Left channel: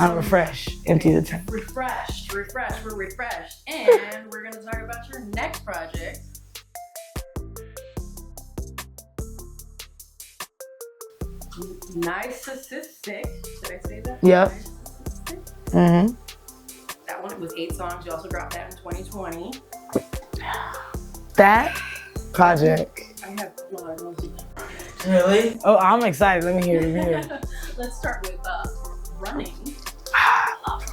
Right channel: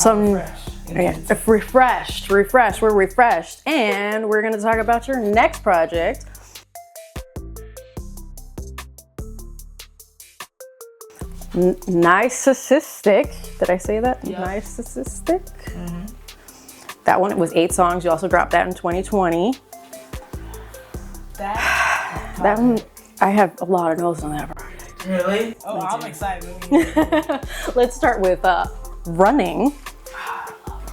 I'm refreshed. We're refreshed. And we're going to talk about your next project. Naithemosthigh. Did I say that? Yeah. Naithemosthigh. Mm-hmm. That one, it was 8 songs. You also dropped that in 2020. That project. I have a lot of notes on that project. Really? Oh, I'm excited. Let me hear it. Let's start with Running. I love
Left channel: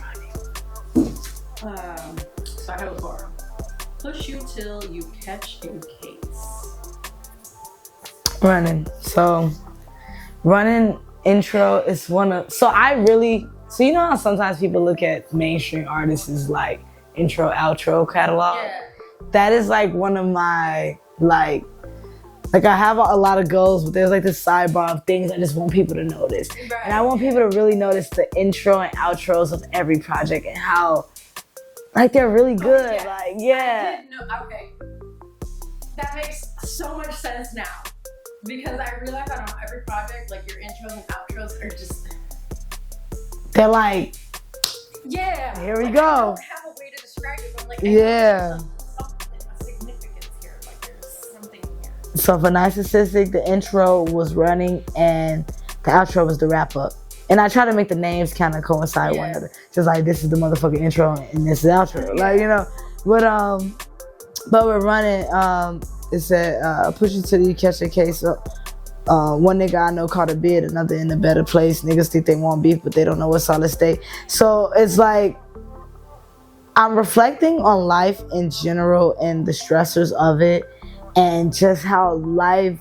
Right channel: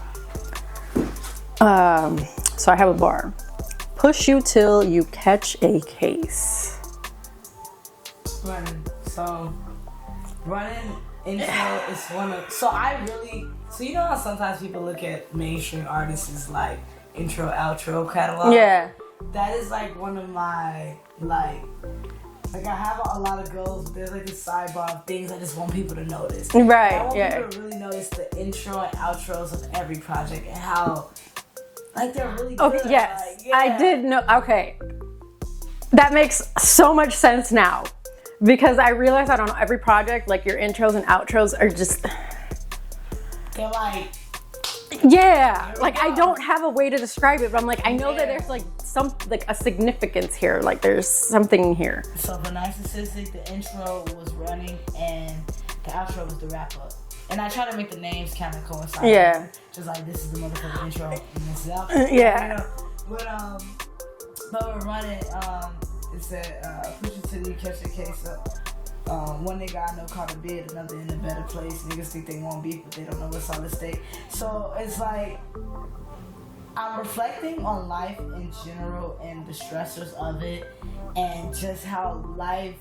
Running. So I have a bar. Push you till you catch a case. Running. So, Running intro is one of, so you know how sometimes people look at mainstream artists as like intro, outro catalog? Yeah. That is like one of my, like I have a lot of goals, but there's like this sidebar of things I just want people to notice. Right. And I want people to really notice the intro and outros of every project and how, like, they're really good. Okay, yes. Like, yeah. I did know. Okay. That makes so much sense now. Because I realize that on every project, like your intros and outros are just... They're like... Yeah. Here we like go. I don't have a way to describe it, but I'm like, I know that there's a significance here. Like there's something here. So for Naithemosthigh, the intro was Running and the outro was the wrap up. And I try to make the names kind of coincide with it. Just like, this is the motherfucking intro and this is the outro. Yeah. Like, you know. But we're Running, it said, push you till you catch a case. One nigga I know caught a bid, another in a better place. Niggas think they want beef, but they don't know what's solid state. So it's like, I'm reflecting on life in general and the stressors of it and just how life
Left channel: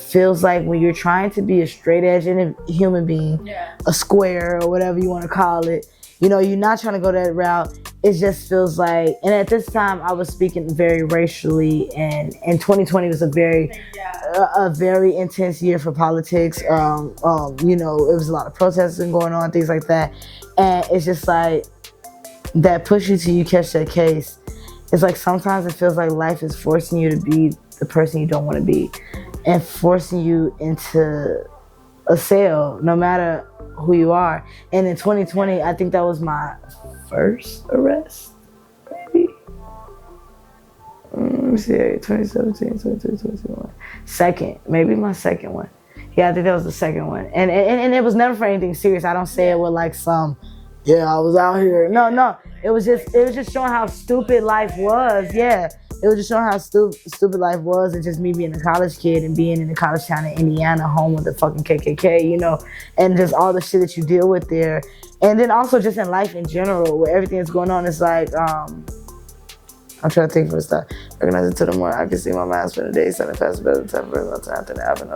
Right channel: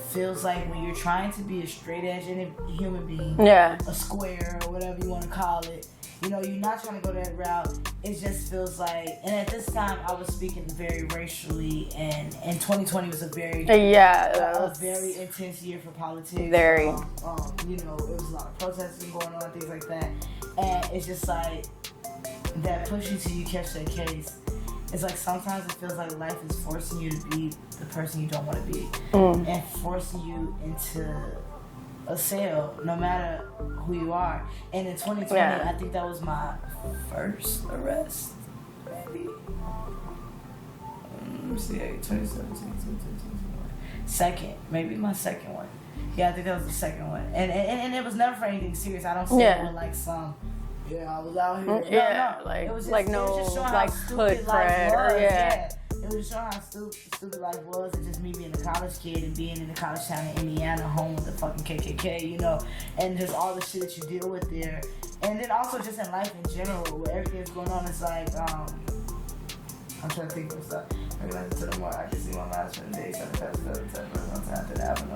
feels like when you're trying to be a straight edge human being, a square or whatever you want to call it. You know, you're not trying to go that route. It just feels like, and at this time I was speaking very racially, and 2020 was a very intense year for politics. You know, it was a lot of protesting going on, things like that. And it's just like, that push you till you catch that case. It's like sometimes it feels like life is forcing you to be the person you don't want to be, and forcing you into a cell, no matter who you are. And in 2020, I think that was my first arrest, maybe. Let me see, 2017, 2021. Second, maybe my second one. Yeah, I think that was the second one. And it was never for anything serious. I don't say it with like some, I was out here. No. Like, it was just showing how stupid life was. It was just showing how stupid life was, and just me being a college kid and being in a college town in Indiana, home with the fucking KKK, you know, and just all the shit that you deal with there. And then also just in life in general, where everything that's going on, it's like, I'm trying to think for stuff. Recognize it to the more I can see my mask for the day, sending past better than 10 minutes after it happened.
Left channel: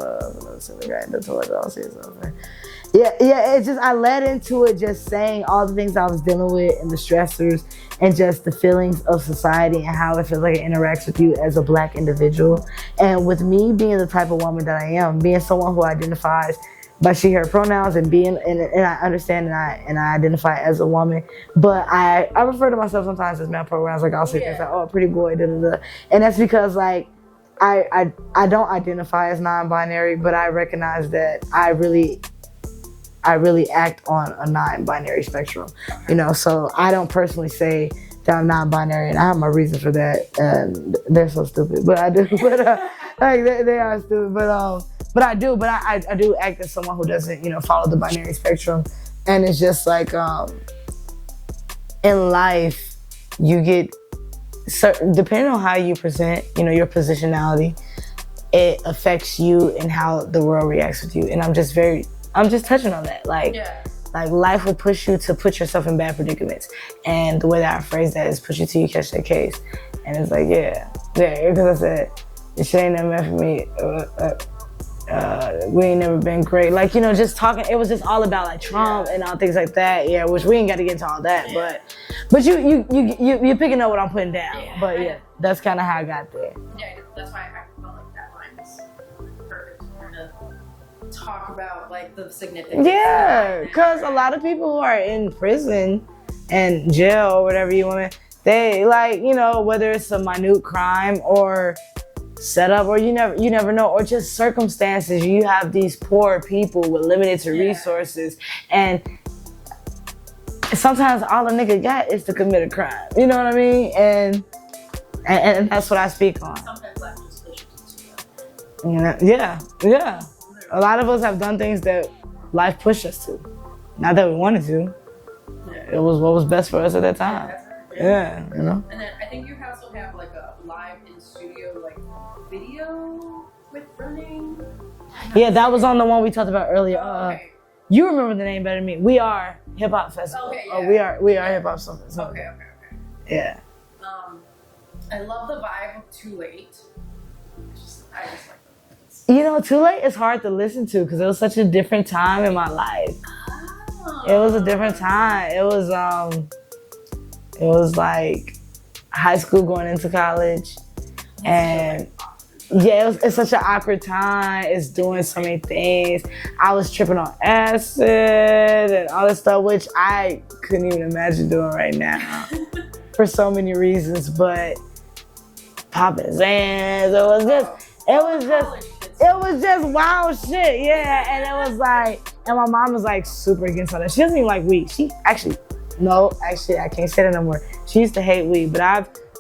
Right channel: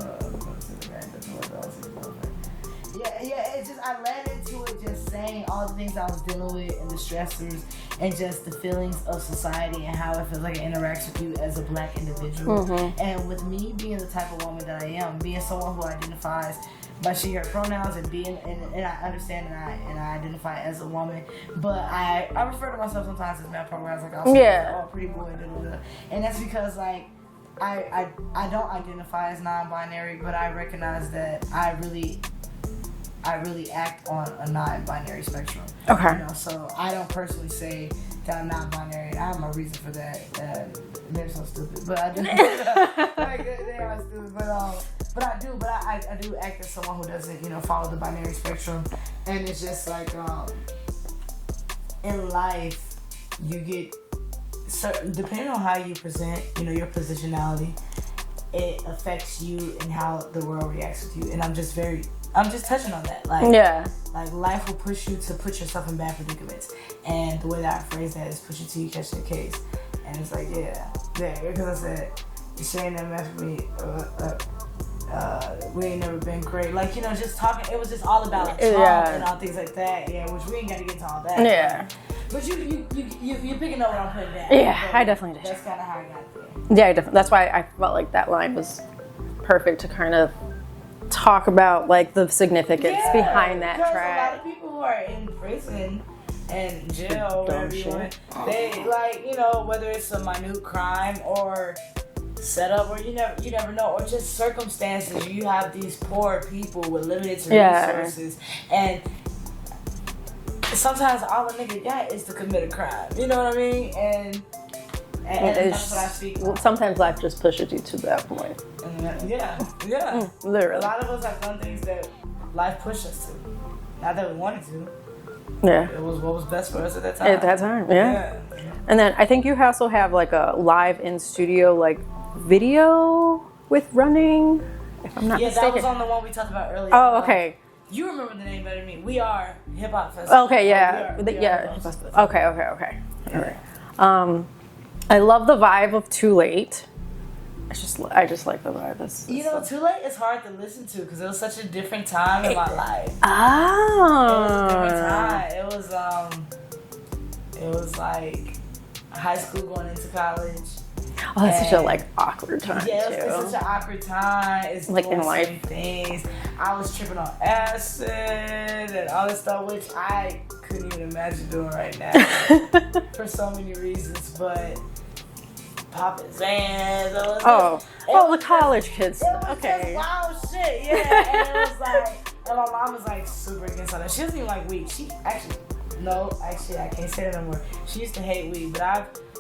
It's just, I led into it just saying all the things I was dealing with and the stressors and just the feelings of society and how it feels like it interacts with you as a Black individual. And with me being the type of woman that I am, being someone who identifies by she, her pronouns, and I understand and I identify as a woman, but I refer to myself sometimes as man programs, like I'll say like, oh, pretty boy, da-da-da. And that's because like, I don't identify as non-binary, but I recognize that I really act on a non-binary spectrum. Okay. You know, so I don't personally say that I'm non-binary, and I have my reasons for that, and they're so stupid. But I do, like they are stupid. But I do act as someone who doesn't, you know, follow the binary spectrum. And it's just like, in life, you get certain, depending on how you present, you know, your positionality, it affects you and how the world reacts with you. And I'm just touching on that. Like, like life will push you to put yourself in bad predicaments. And the way that I phrase that is push you till you catch that case. And it's like, because I said, this shit ain't never meant for me. We ain't never been great. Like, you know, just talking, it was just all about like Trump and all things like that. Yeah, which we ain't got to get into all that. But you're picking up what I'm putting down. Yeah, but I definitely did. That's kind of how I got there. Yeah, definitely. That's why I felt like that line was perfect to kind of talk about like the significance behind that. Because a lot of people who are in prison and jail or whatever you want to, they like, you know, whether it's a minute crime or setup, or you never know, or just circumstances. You have these poor people with limited resources, and sometimes all a nigga got is to commit a crime. You know what I mean? And that's what I speak on. Sometimes life just pushes you to that point. Yeah. Literally. A lot of us have done things that life pushed us to. Not that we wanted to. Yeah. It was what was best for us at that time. At that time, yeah. You know? And then I think you also have like a live in studio like video with running. If I'm not Yeah, that mistaken. was on the one we talked about earlier. Oh, okay. You remember the name better than me. We Are Hip Hop Festival. Okay, yeah. We are Hip Hop Festival. Okay. Yeah. I love the vibe of Too Late. I just like the vibe. You know, Too Late is hard to listen to because it was such a different time in my life. Oh. It was a different time. It was like high school going into college. Oh, that's such a like awkward time. Yeah, it's such an awkward time. It's like doing so many things. I was tripping on acid and all this stuff, which I couldn't even imagine doing right now for so many reasons. But popping Zans, it was college kids. It was just wild shit, yeah. And it was like, and my mom was like super against all that. She doesn't even like weed. I can't say that no more. She used to hate weed, but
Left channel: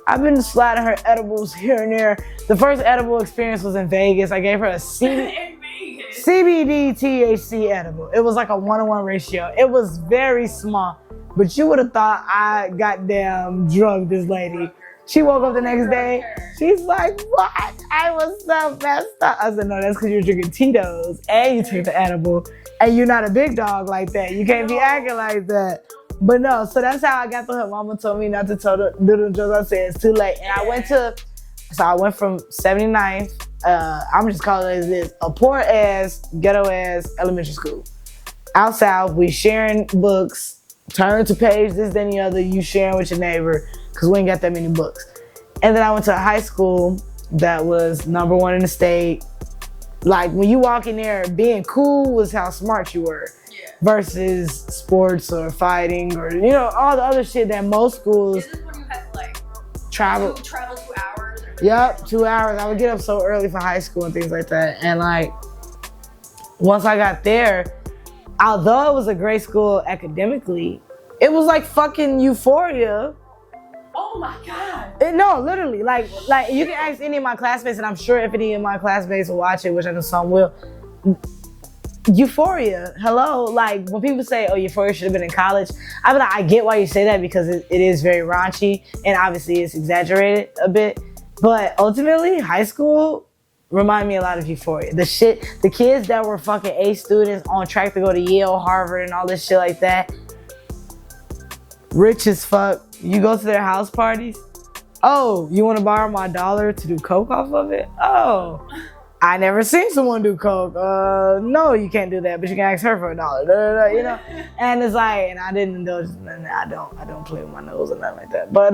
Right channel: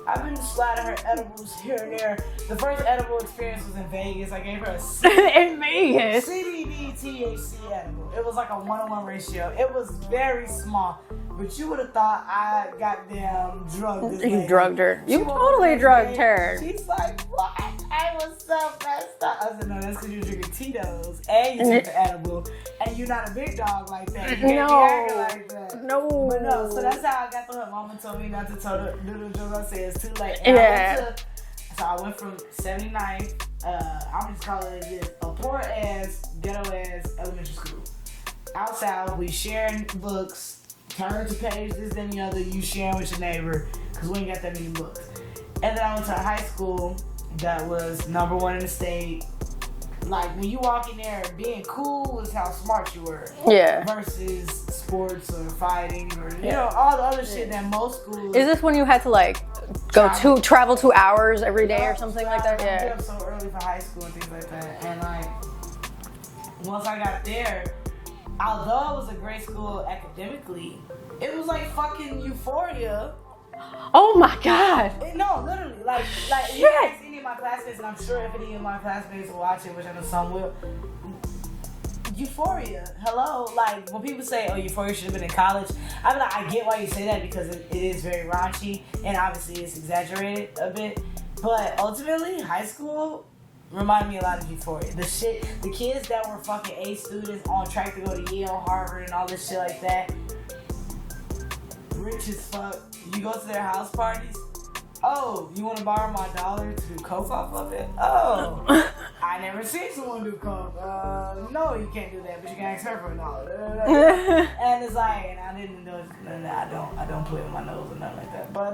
I've been sliding her edibles here and there. The first edible experience was in Vegas. I gave her a in Vegas. CBD THC edible. It was like a 1-to-1 ratio. It was very small. But you would have thought I goddamn drugged this lady. You drugged her. She woke up the Totally next drugged day. her. She's like, what? I was so messed up. I said, no, that's because you're drinking Tito's and you took the edible. And you're not a big dog like that. You can't be acting like that. No. But no, so that's how I got to her. Mama told me not to do the drugs. I said, it's too late. And I went from 79th, I'm just calling it as this, a poor ass, ghetto ass elementary school. Out south, we sharing books, turn to page, this, then the other, you sharing with your neighbor, because we ain't got that many books. And then I went to a high school that was #1 in the state. Like, when you walk in there, being cool was how smart you were. Yeah. Versus sports or fighting or, you know, all the other shit that most schools. Is this when you had to like travel 2 hours every day or something? 2 hours. Like that? I would get up so early for high school and things like that. And like, once I got there, although it was a great school academically, it was like fucking Euphoria. Oh my God. No, literally. Like you can ask any of my classmates, and I'm sure if any of my classmates will watch it, which I know some will. Euphoria, hello. Like when people say, oh, Euphoria should have been in college, I mean, I get why you say that because it is very raunchy and obviously it's exaggerated a bit. But ultimately, high school remind me a lot of Euphoria. The kids that were fucking A students on track to go to Yale, Harvard, and all this shit like that. Rich as fuck. You go to their house parties. Oh, you want to borrow my $1 to do coke off of it? Oh, I never seen someone do coke. No, you can't do that, but you can ask her for $1. You know? And it's like, and I didn't indulge. I don't play with my nose or nothing like that. But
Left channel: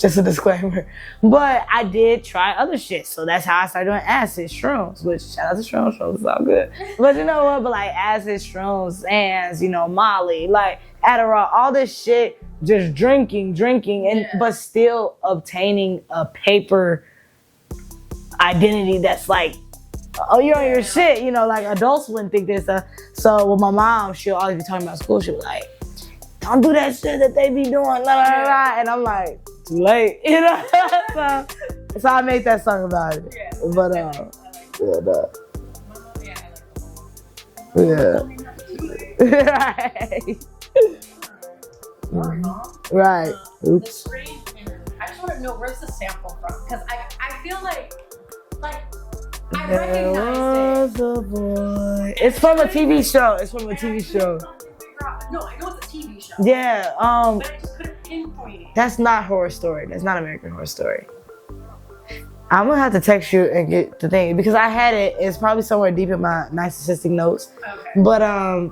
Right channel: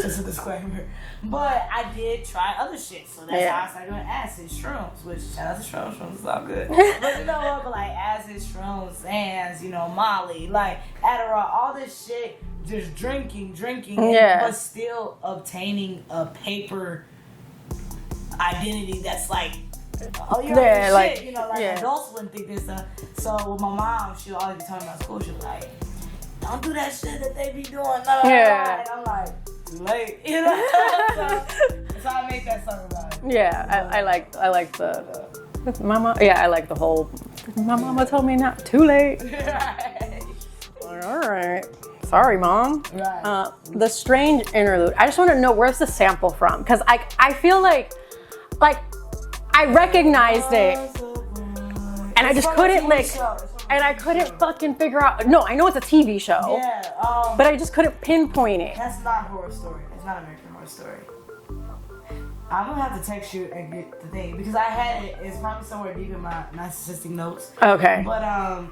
just a disclaimer. But I did try other shit, so that's how I started doing acid, shrooms. Which shout out to shrooms, it's all good. But you know what? But like acid, shrooms, Zans, you know, Molly, like Adderall, all this shit. Just drinking, but still obtaining a paper identity that's like, oh, you're on your shit, you know, like adults wouldn't think this stuff. So with my mom, she'll always be talking about school. She'll be like, don't do that shit that they be doing, and I'm like, too late, you know. so I made that song about it. Yeah, but, I like the mama. Yeah, I like the whole. My mama told me not too late. Right. All right. Sorry, Mom. Right. The strange interlude. I just want to know, where's the sample from? Because I feel like I recognized it. And it's from a TV show. It's from a TV show. And I couldn't fucking figure out. No, I know it's a TV show. Yeah. But I just couldn't pinpoint it. That's not Horror Story. That's not American Horror Story. I'm gonna have to text you and get the thing because I had it. It's probably somewhere deep in my narcissistic notes. Okay. But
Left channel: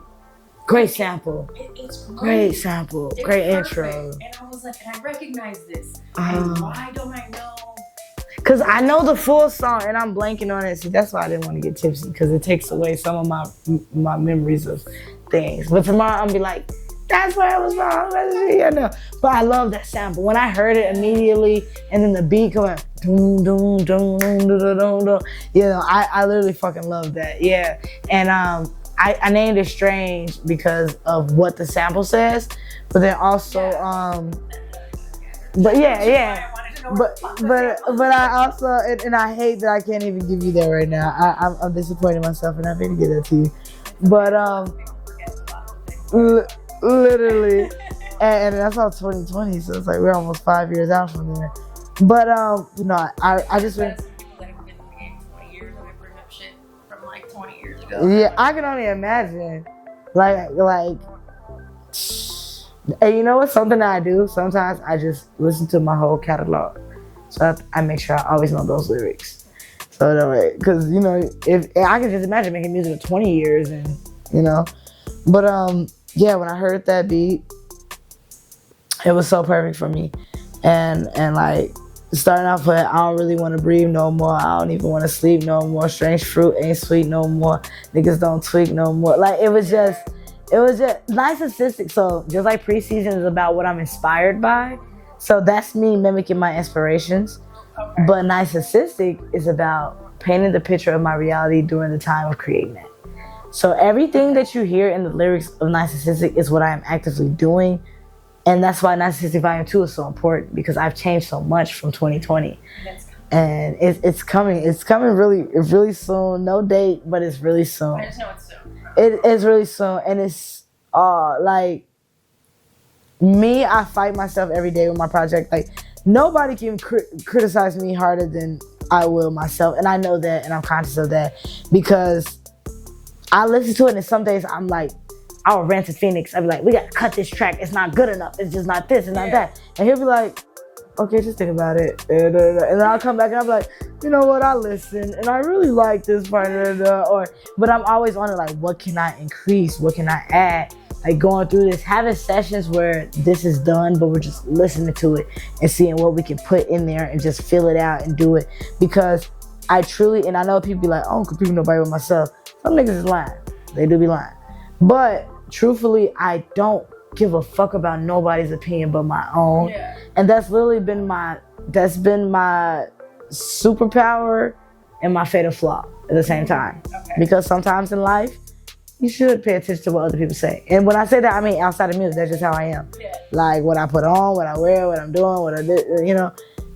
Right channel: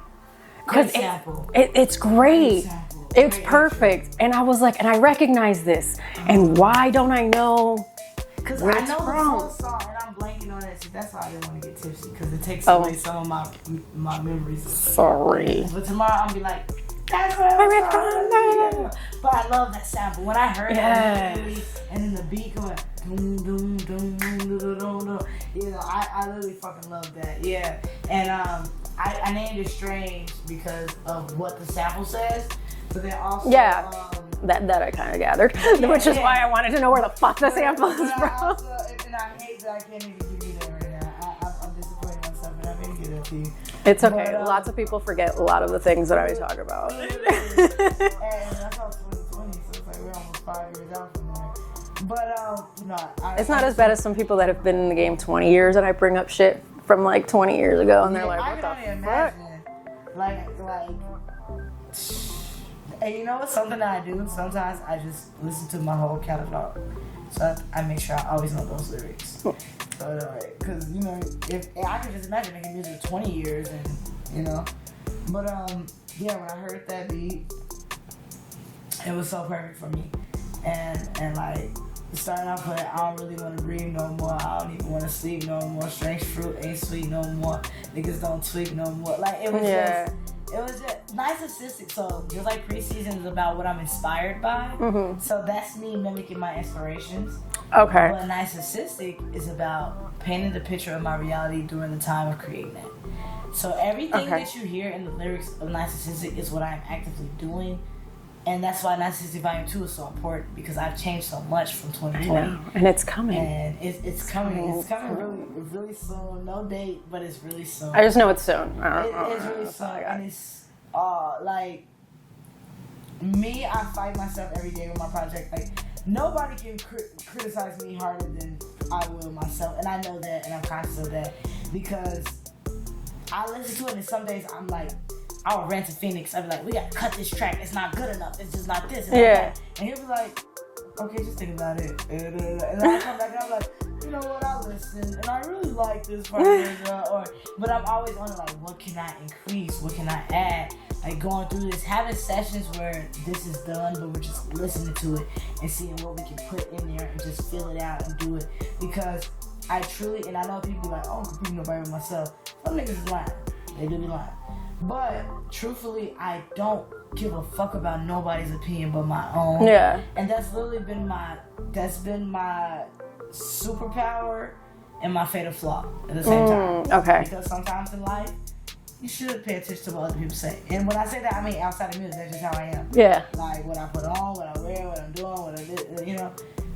great sample. It's great. Great sample. It's great perfect. Intro. And I was like, and I recognize this. And why don't I know? Because I know the full song and I'm blanking on it. See, that's why I didn't want to get tipsy because it takes away some of my memories of things. But tomorrow I'll be like, that's what it was from. Yeah, no. But I love that sample. When I heard it immediately and then the beat coming, doom, doom, doom, doom, doom, doom, doom. You know, I literally fucking love that. Yeah. And I named it Strange because of what the sample says, But then also, that I kind of gathered. But which is why I wanted to know where the fuck the sample is. But I also, and I hate that I can't even give you that right now. I'm disappointed in myself, and I need to get that to you. It's okay. But, lots of people forget a lot of the things that I talk about. Literally. and that's all 2020, so it's like we're almost 5 years out from there. But, it's not as bad as some people that have been in the game 20 years, and I bring up shit from like 20 years ago. Yeah, like, I can only imagine. Like, and you know what's something that I do? Sometimes I just listen to my whole catalog. So I make sure I always know those lyrics. So that way, because, you know, if I can just imagine making music for 20 years and, you know. But, yeah, when I heard that beat, it was so perfect for me. And like, starting off with, I don't really want to breathe no more. I don't even want to sleep no more. Strange fruit ain't sweet no more. Niggas don't tweak no more. Like, it was just narcissistic. So just like Preseason is about what I'm inspired by. Mm-hmm. So that's me mimicking my inspirations. Okay. But Narcissistic is about painting the picture of my reality during the time of creating it. So everything that you hear in the lyrics of Narcissistic is what I am actively doing. And that's why Narcissistic Volume 2 is so important, because I've changed so much from 2020. And it's coming. And it's coming. It's coming really soon. No date, but it's really soon. I just know it's soon. It's really soon. And it's like me, I fight myself every day with my project. Like, nobody can criticize me harder than I will myself. And I know that, and I'm conscious of that, because I listen to it, and some days I'm like, I'll rant to Phoenix. I'll be like, we gotta cut this track. It's not good enough. It's just not this, it's not that. And he'll be like, okay, just think about it. And then I'll come back and I'm like, you know what, I listen and I really like this part. But I'm always on it, like, what can I increase? What can I add? Like, going through this, having sessions where this is done, but we're just listening to it and seeing what we can put in there and just fill it out and do it. Because I truly, and I know people be like, I don't compete with nobody but myself. Some niggas is lying. They do be lying. But truthfully, I don't give a fuck about nobody's opinion but my own. Yeah. And that's literally been my superpower and my fatal flaw at the same time. Okay. Because sometimes in life, you should pay attention to what other people say. And when I say that, I mean outside of music. That's just how I am. Yeah. Like, what I put on, what I wear, what I'm doing, what I do, you know.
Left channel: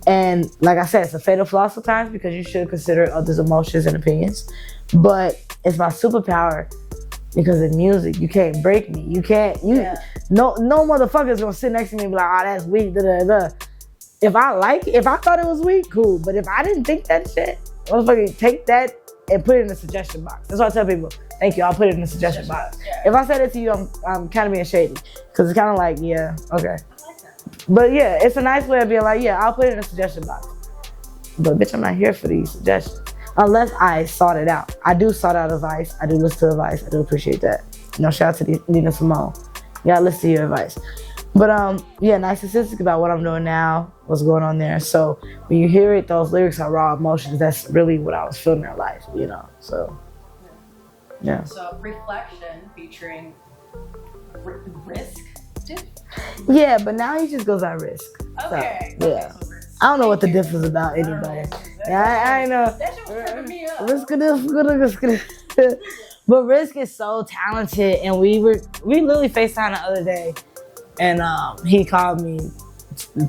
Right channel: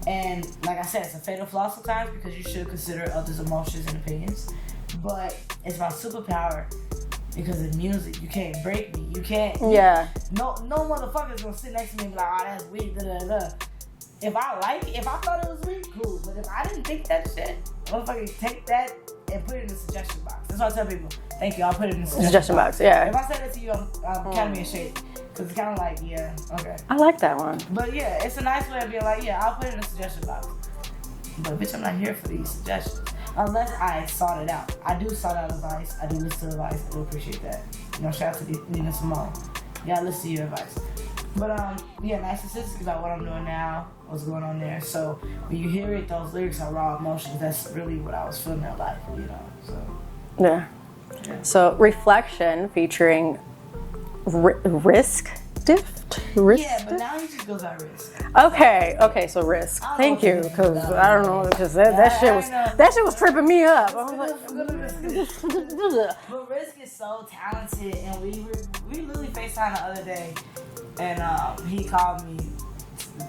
And like I said, it's a fatal flaw sometimes, because you should consider others' emotions and opinions. But it's my superpower. Because in music, you can't break me. You can't. No motherfucker's gonna sit next to me and be like, oh, that's weak. Da, da, da. If I thought it was weak, cool. But if I didn't think that shit, motherfucker, take that and put it in the suggestion box. That's why I tell people, thank you, I'll put it in the suggestion box. Yeah. If I said it to you, I'm kind of being shady. Because it's kind of like, yeah, okay. I like that one. But yeah, it's a nice way of being like, yeah, I'll put it in the suggestion box. But bitch, I'm not here for these suggestions. Unless I sought it out. I do sought out advice. I do listen to advice. I do appreciate that. You know, shout out to Nina Simone. You gotta listen to your advice. But yeah, Narcissistic about what I'm doing now, what's going on there. So when you hear it, those lyrics are raw emotions. That's really what I was feeling in life, you know. So yeah. So Reflection featuring Risk. Yeah, but now he just goes on Risk. Okay, so Risk. I don't know what the difference is about. I don't know what it is. That shit was tripping me up. But Risk is so talented, and we literally FaceTimed the other day, and he called me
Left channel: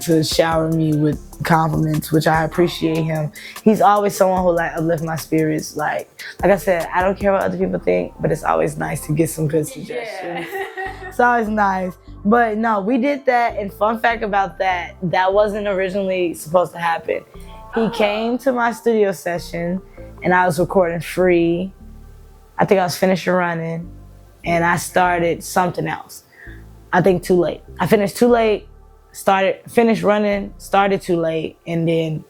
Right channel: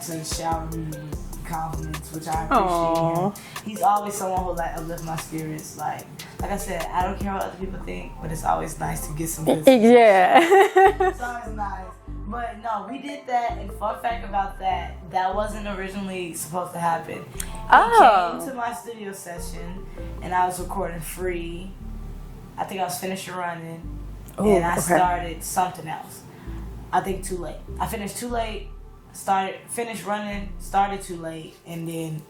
to shower me with compliments, which I appreciate him. He's always someone who like uplift my spirits. Like I said, I don't care what other people think, but it's always nice to get some good suggestions. Yeah. It's always nice. But no, we did that, and fun fact about that wasn't originally supposed to happen. He came to my studio session, and I was recording free. I think I was finishing running, and I started something else. I think too late. I finished too late, finished running, started too late, and then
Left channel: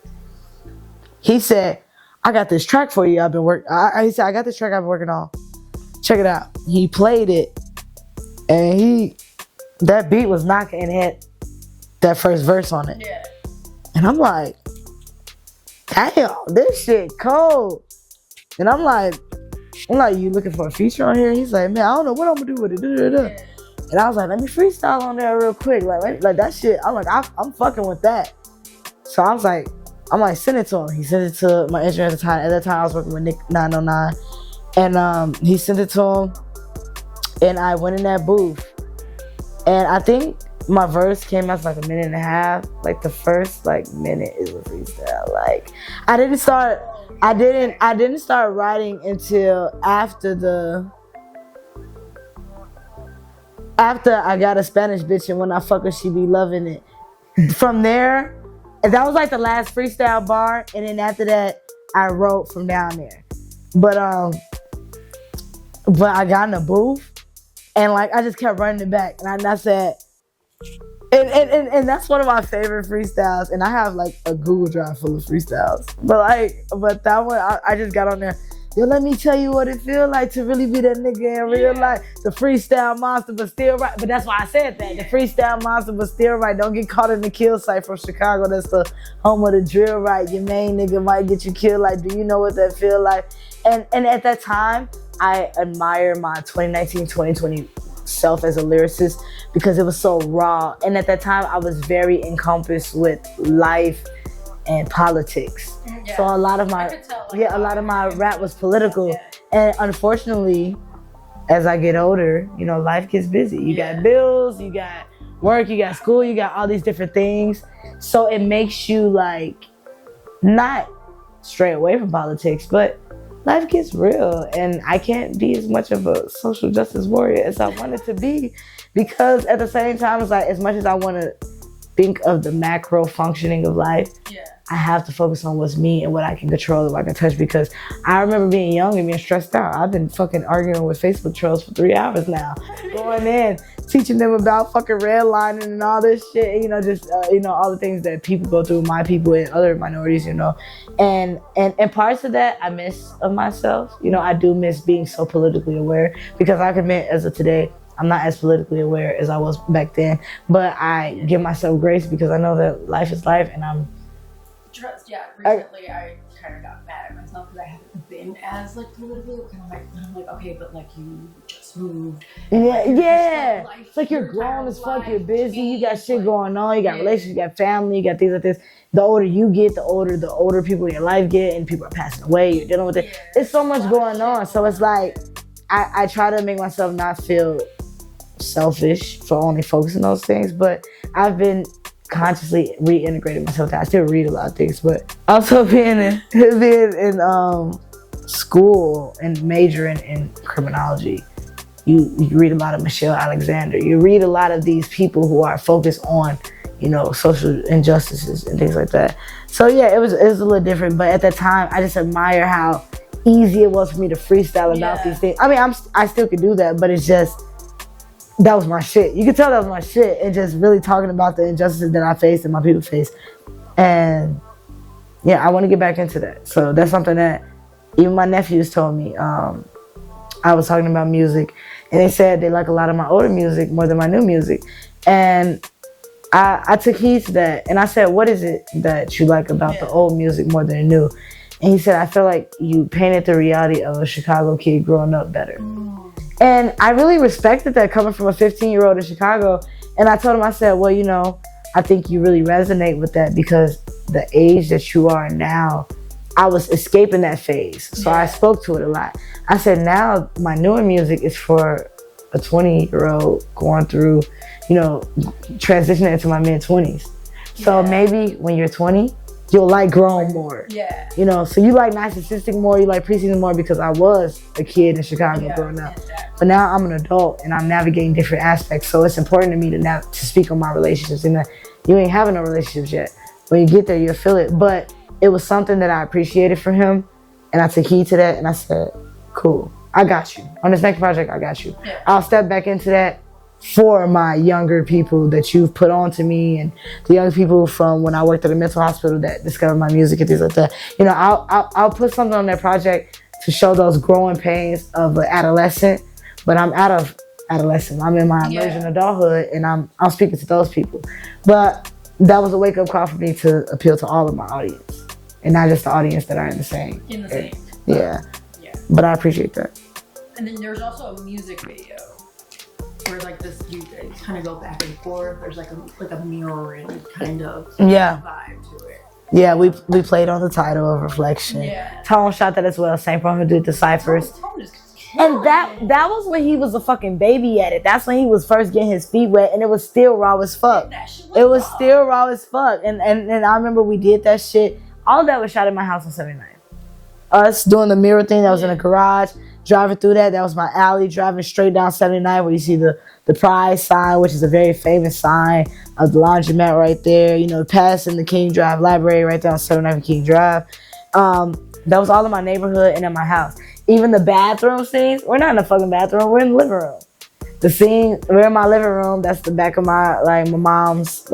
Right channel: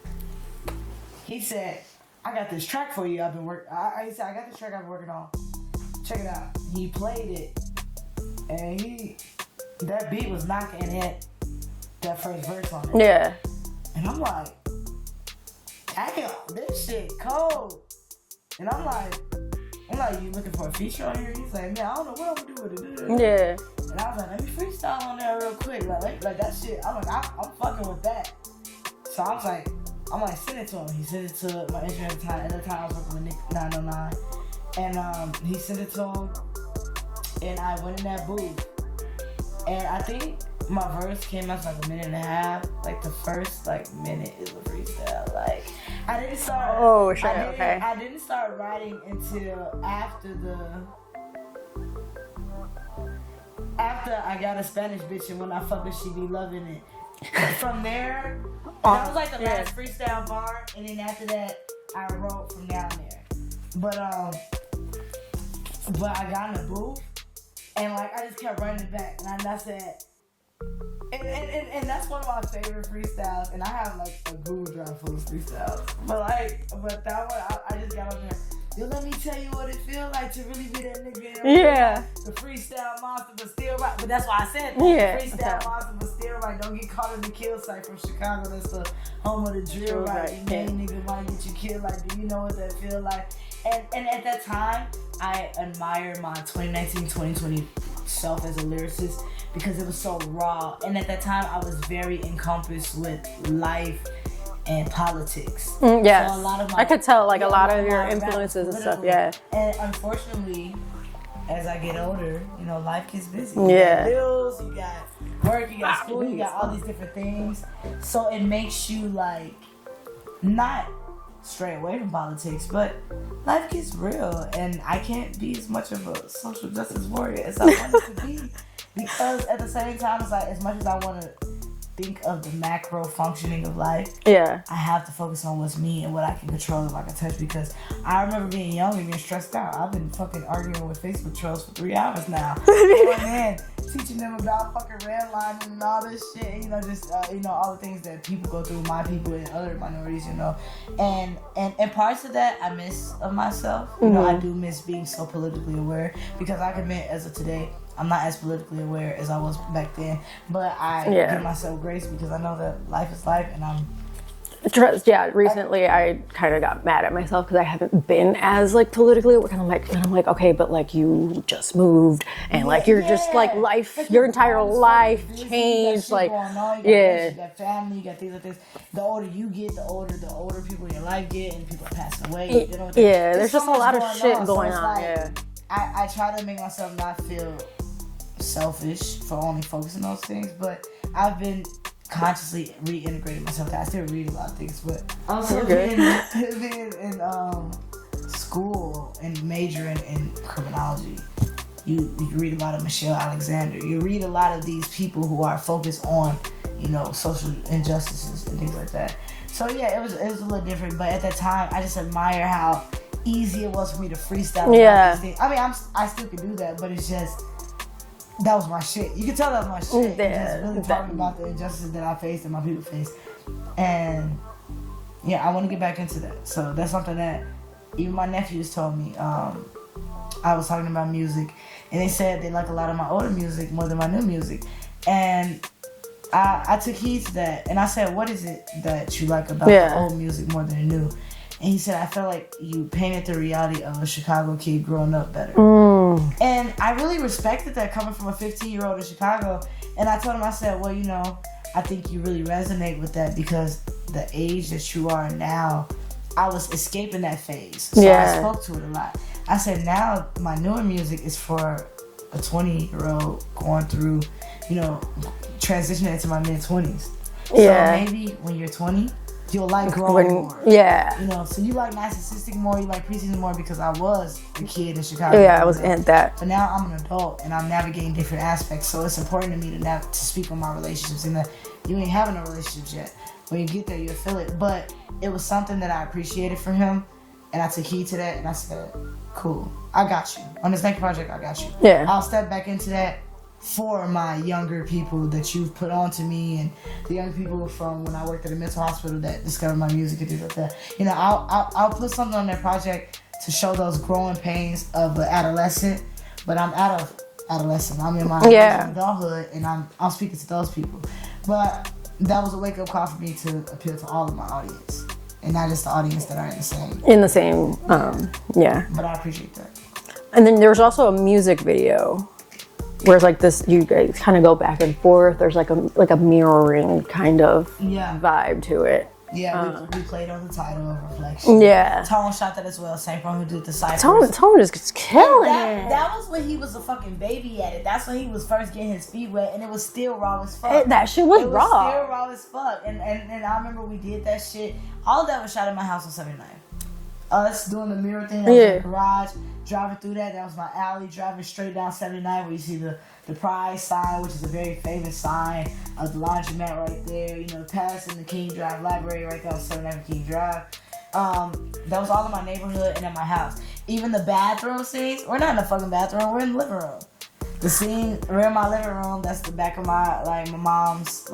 he said, I got this track for you I've been working. He said, I got this track I've been working on. Check it out. He played it, and that beat was knocking, and it had that first verse on it. Yeah. And I'm like, damn, this shit cold. And I'm like, you looking for a feature on here? And he's like, man, I don't know what I'm gonna do with it. Yeah. And I was like, let me freestyle on there real quick. Like that shit, I'm like, I'm fucking with that. So I was like, send it to him. He sent it to my engineer at the time. At that time, I was working with Nick 909. And he sent it to him. And I went in that booth. And I think my verse came out like a minute and a half. Like the first like minute is a freestyle. Like I didn't start. Oh, shit, I didn't start writing until after I got a Spanish bitch, and when I fuck her, she be loving it. From there, that was like the last freestyle bar, and then after that, I wrote from down there. But I got in the booth, and like I just kept running it back, and I said, and that's one of my favorite freestyles, and I have like a Google Drive full of freestyles. But that one, I just got on there. Yo, let me tell you what it feel like to really be that nigga in real life. The freestyle monster, but still right. But that's why I said that. The freestyle monster, but still right. Don't get caught in the kill site from Chicago. That's the home of the drill, right? Your main nigga might get you killed. Like, do you know what that feel like? And at that time, I admire my 2019, 2020 self as a lyricist because it was so raw. And at that time, I was very encompassed with life and politics. Yeah. So a lot of my, I could tell like a a lot of my rap was political. And unfortunately, as I get older, you know, life gets busy. You got bills, you got work, you got school, you got all these different things. So it makes you like not stray away from politics, but life gets real, and I can't be as much of a social justice warrior as I wanted to be, because at the same time, it's like as much as I want to think of the macro functioning of life, I have to focus on what's me and what I can control and what I can touch, because I remember being young and being stressed out. I've been fucking arguing with Facebook trolls for 3 hours now. Going in, teaching them about fucking redlining and all this shit, you know, just, you know, all the things that people go through, my people and other minorities, you know. And parts of that I miss of myself. You know, I do miss being so politically aware, because I can admit as of today, I'm not as politically aware as I was back then, but I give myself grace because I know that life is life, and I'm... Recently I kind of got mad at myself because I haven't been as like politically aware. And I'm like, okay, but like you just moved, and like you're just like life, like your entire life changed. You got shit like, going on. You got relationships, you got family, you got things like this. The older you get, the older people in your life get, and people are passing away. You're dealing with it. There's so much going on. So it's like I try to make myself not feel selfish for only focusing on those things, but I've been consciously reintegrating myself. I still read a lot of things, but also being in school and majoring in criminology, you read a lot of Michelle Alexander. You read a lot of these people who are focused on, you know, social injustices and things like that. So yeah, it was a little different, but at that time, I just admire how easy it was for me to freestyle about these things. I mean, I still could do that, but it's just, that was my shit. You could tell that was my shit. And just really talking about the injustices that I faced and my people faced. And yeah, I want to get back into that. So that's something that even my nephews told me. I was talking about music, and they said they like a lot of my older music more than my new music. And I took heed to that. And I said, what is it that you like about the old music more than the new? And he said, I feel like you painted the reality of a Chicago kid growing up better. And I really respected that coming from a 15-year-old in Chicago. And I told him, I said, well, you know, I think you really resonate with that because the age that you are now, I was escaping that phase. So I spoke to it a lot. I said, now my newer music is for a 20-year-old going through, you know, transitioning into my mid-20s. So maybe when you're 20, you'll like growing more. You know, so you like Naithemosthigh more, you like Preseason more because I was a kid in Chicago. I was in that. But now I'm an adult and I'm navigating different aspects. So it's important to me to speak on my relationships, and that you ain't having no relationships yet. When you get there, you'll feel it. But it was something that I appreciated for him, and I took heed to that, and I said, cool, I got you. On this next project, I got you. I'll step back into that for my younger people that you've put on to me, and the young people from when I worked at a mental hospital that discovered my music and things like that. You know, I'll put something on that project to show those growing pains of an adolescent, but I'm out of adolescent. I'm in my emerging adulthood, and I'm speaking to those people. But that was a wake-up call for me to appeal to all of my audience, and not just the audience that are in the same. But I appreciate that. And then there's also a music video where it's like this, you guys kind of go back and forth. There's like a mirroring kind of vibe to it. Yeah, we played on the title of Reflection. Yeah. Tone shot that as well. Same problem did the Cyphers. Tone just gets killing. And that was when he was a fucking baby at it. That's when he was first getting his feet wet, and it was still raw as fuck. That shit was It was raw. still raw as fuck. And I remember we did that shit. All of that was shot in my house on 79. Us doing the mirror thing that was in the garage, driving through that was my alley, driving straight down 79 where you see the Pride sign, which is a very famous sign of the laundromat right there. You know, passing the King Drive Library right there on 79 King Drive. That was all in my neighborhood and in my house. Even the bathroom scenes, we're not in the fucking bathroom, we're in the living room. The scene, we're in my living room, that's the back of my mom's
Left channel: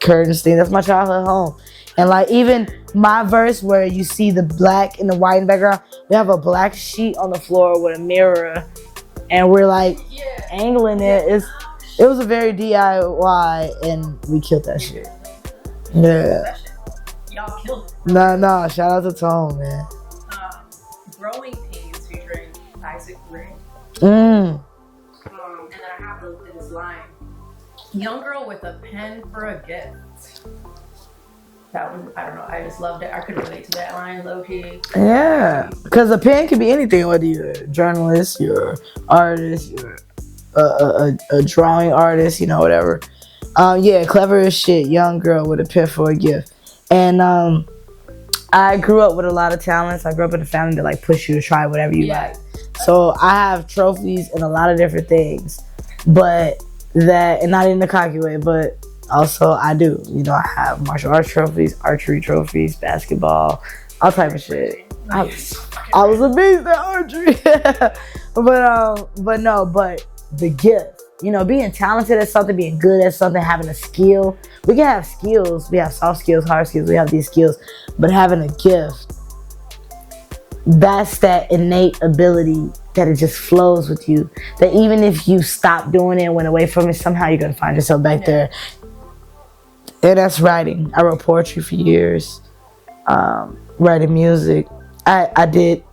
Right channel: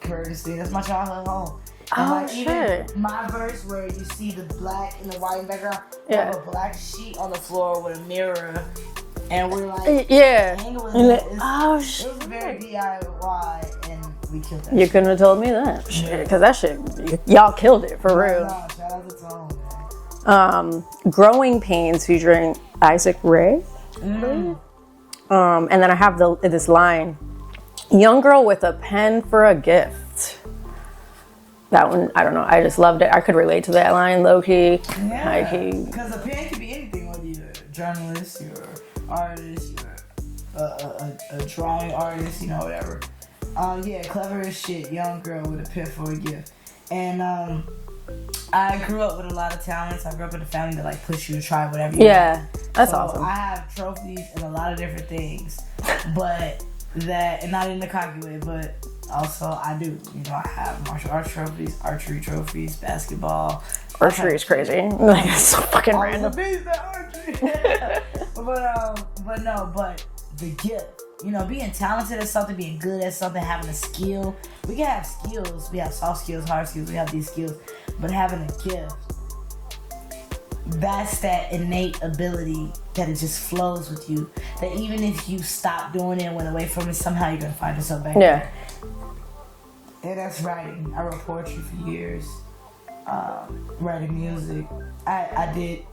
curtains thing. That's my childhood home. And even my verse where you see the black and the white in the background, we have a black sheet on the floor with a mirror, and we're angling it. It was a very DIY, and we killed that shit. You couldn't have told me that. Yeah. That shit, y'all killed it for real. No, shout out to Tone, man. Growing Pains featuring Isaac Ray. And then I have this line, young girl with a pen for a gift. That one, I don't know. I just loved it. I could relate to that line, low-key. Yeah, because a pen can be anything, whether you're a journalist, you're an artist, you're a drawing artist, whatever. Clever as shit, young girl with a pen for a gift. And I grew up with a lot of talents. I grew up in a family that push you to try whatever you like. So awesome. I have trophies in a lot of different things, and not in the cocky way, but also I do. I have martial arts trophies, archery trophies, basketball. Archery is crazy. It's so fucking I was a beast at archery. but the gift, being talented at something, being good at something, having a skill. We can have skills. We have soft skills, hard skills. We have these skills, but having a gift, that's that innate ability that it just flows with you. That even if you stop doing it and went away from it, somehow you're gonna find yourself back there. And that's writing. I wrote poetry for years, writing music. I did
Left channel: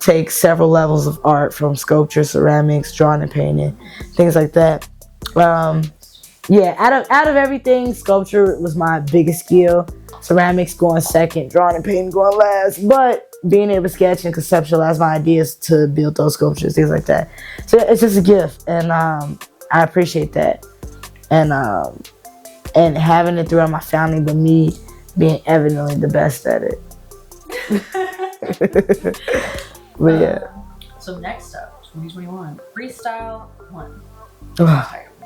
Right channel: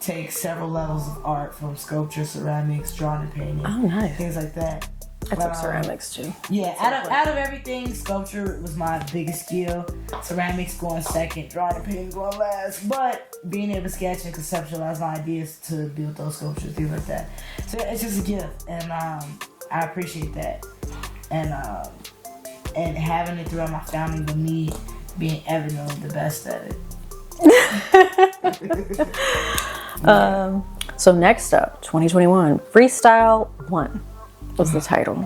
take several levels of art, from sculpture, ceramics, drawing and painting, things like that. Ceramics too. Yeah, out of everything, sculpture was my biggest skill. Ceramics going second, drawing and painting going last. But being able to sketch and conceptualize my ideas to build those sculptures, things like that. So it's just a gift, and I appreciate that. And having it throughout my family, but me being evidently the best at it. So next up, 2021, Freestyle One is the title.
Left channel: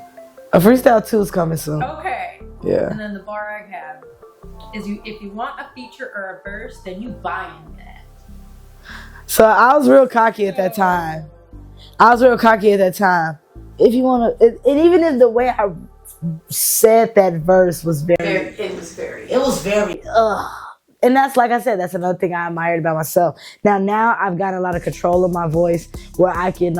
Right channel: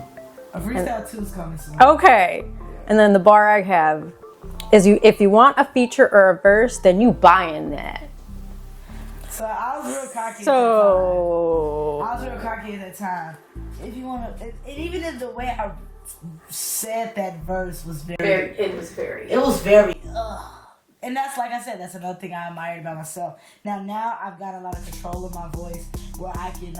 A Freestyle 2 is coming soon. Okay. Yeah. And then the bar I have is if you want a feature or a verse, then you buying that. So I was real cocky at that time. If you want to, and even in the way I said that verse was very. And that's, like I said, that's another thing I admired about myself. Now I've got a lot of control of my voice, where I can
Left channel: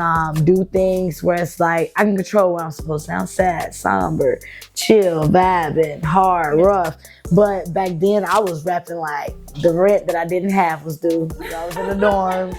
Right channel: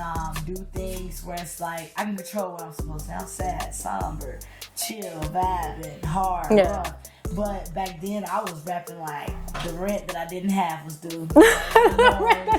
do things where it's I can control what I'm supposed to sound: sad, somber, chill, vibing, hard, rough. But back then I was rapping like the rent that I didn't have was due. I was in the dorm.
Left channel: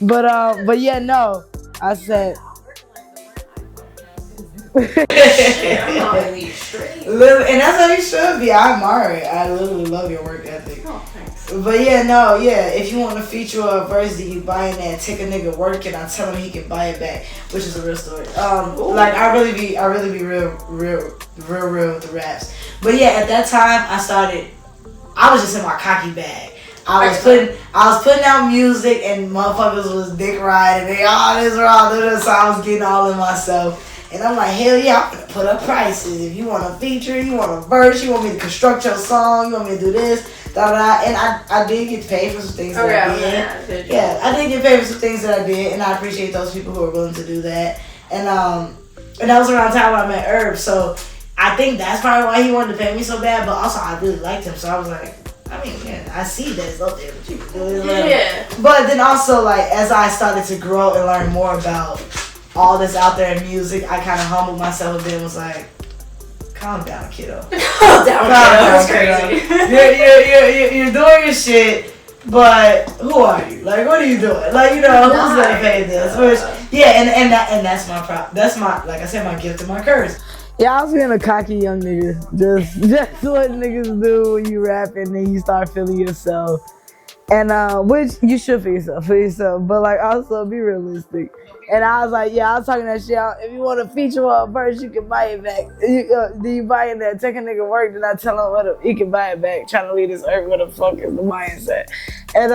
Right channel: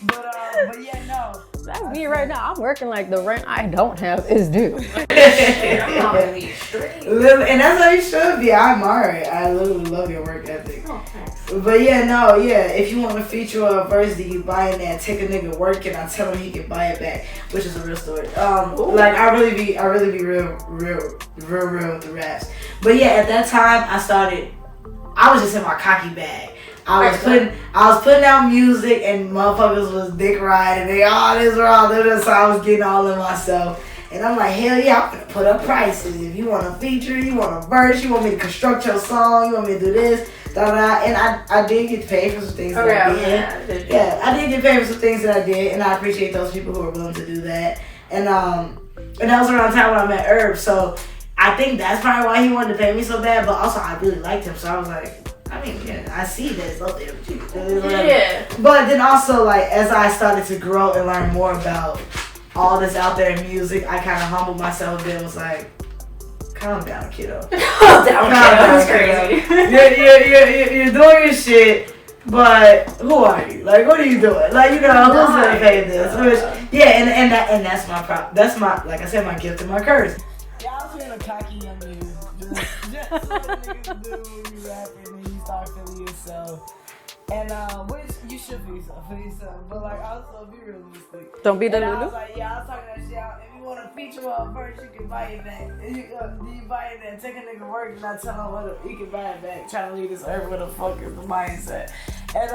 But yeah, no. Right now, I'm working like the rent I don't have is due. I'm on these streets. And that's how you should be. I admire it. I literally love your work ethic. Oh, thanks. But if you want to feature a verse that you buy in there, take a nigga work and I tell him he can buy it back, which is a real story. I really be real with the raps. But yeah, at that time I was just in my cocky bag. I was putting out music and motherfuckers was dick riding. They all this wrong. So I was getting all in myself. And I'm like, hell yeah, I'm gonna put up prices. If you want a feature, you want a verse, you want me to construct your song, you want me to do this, da. And I did get paid for some things that I did. Yeah, I did get paid for some things that I did, and I appreciate those people who are willing to do that. And that was around the time when I met Herb. So I think that's probably why he wanted to pay me so bad. But also I really liked him, so I was like, I see that it's up there, but you can do it. Yeah. But then also, as I started to grow and learn more about all this out there in music, I kind of humbled myself a bit and was like, calm down, kiddo. Calm down, it's crazy. You're doing your shit, but who are you? What are you doing? Who's gonna pay this? Yeah, and that's my that's my, like I said, my gift and my curse. Yeah, I was being a cocky young nigga. Just what niggas do when you rap and then you start feeling yourself. And which you should feel yourself, but like also be realistic. Don't be. And I was like, yeah, I was talking that shit out. If you want to feature on a verse, you can buy it back. Do you buy it that? Take a nigga work, then I tell him he can buy it back. Trying to leave this earth, where the fuck is the mindset? And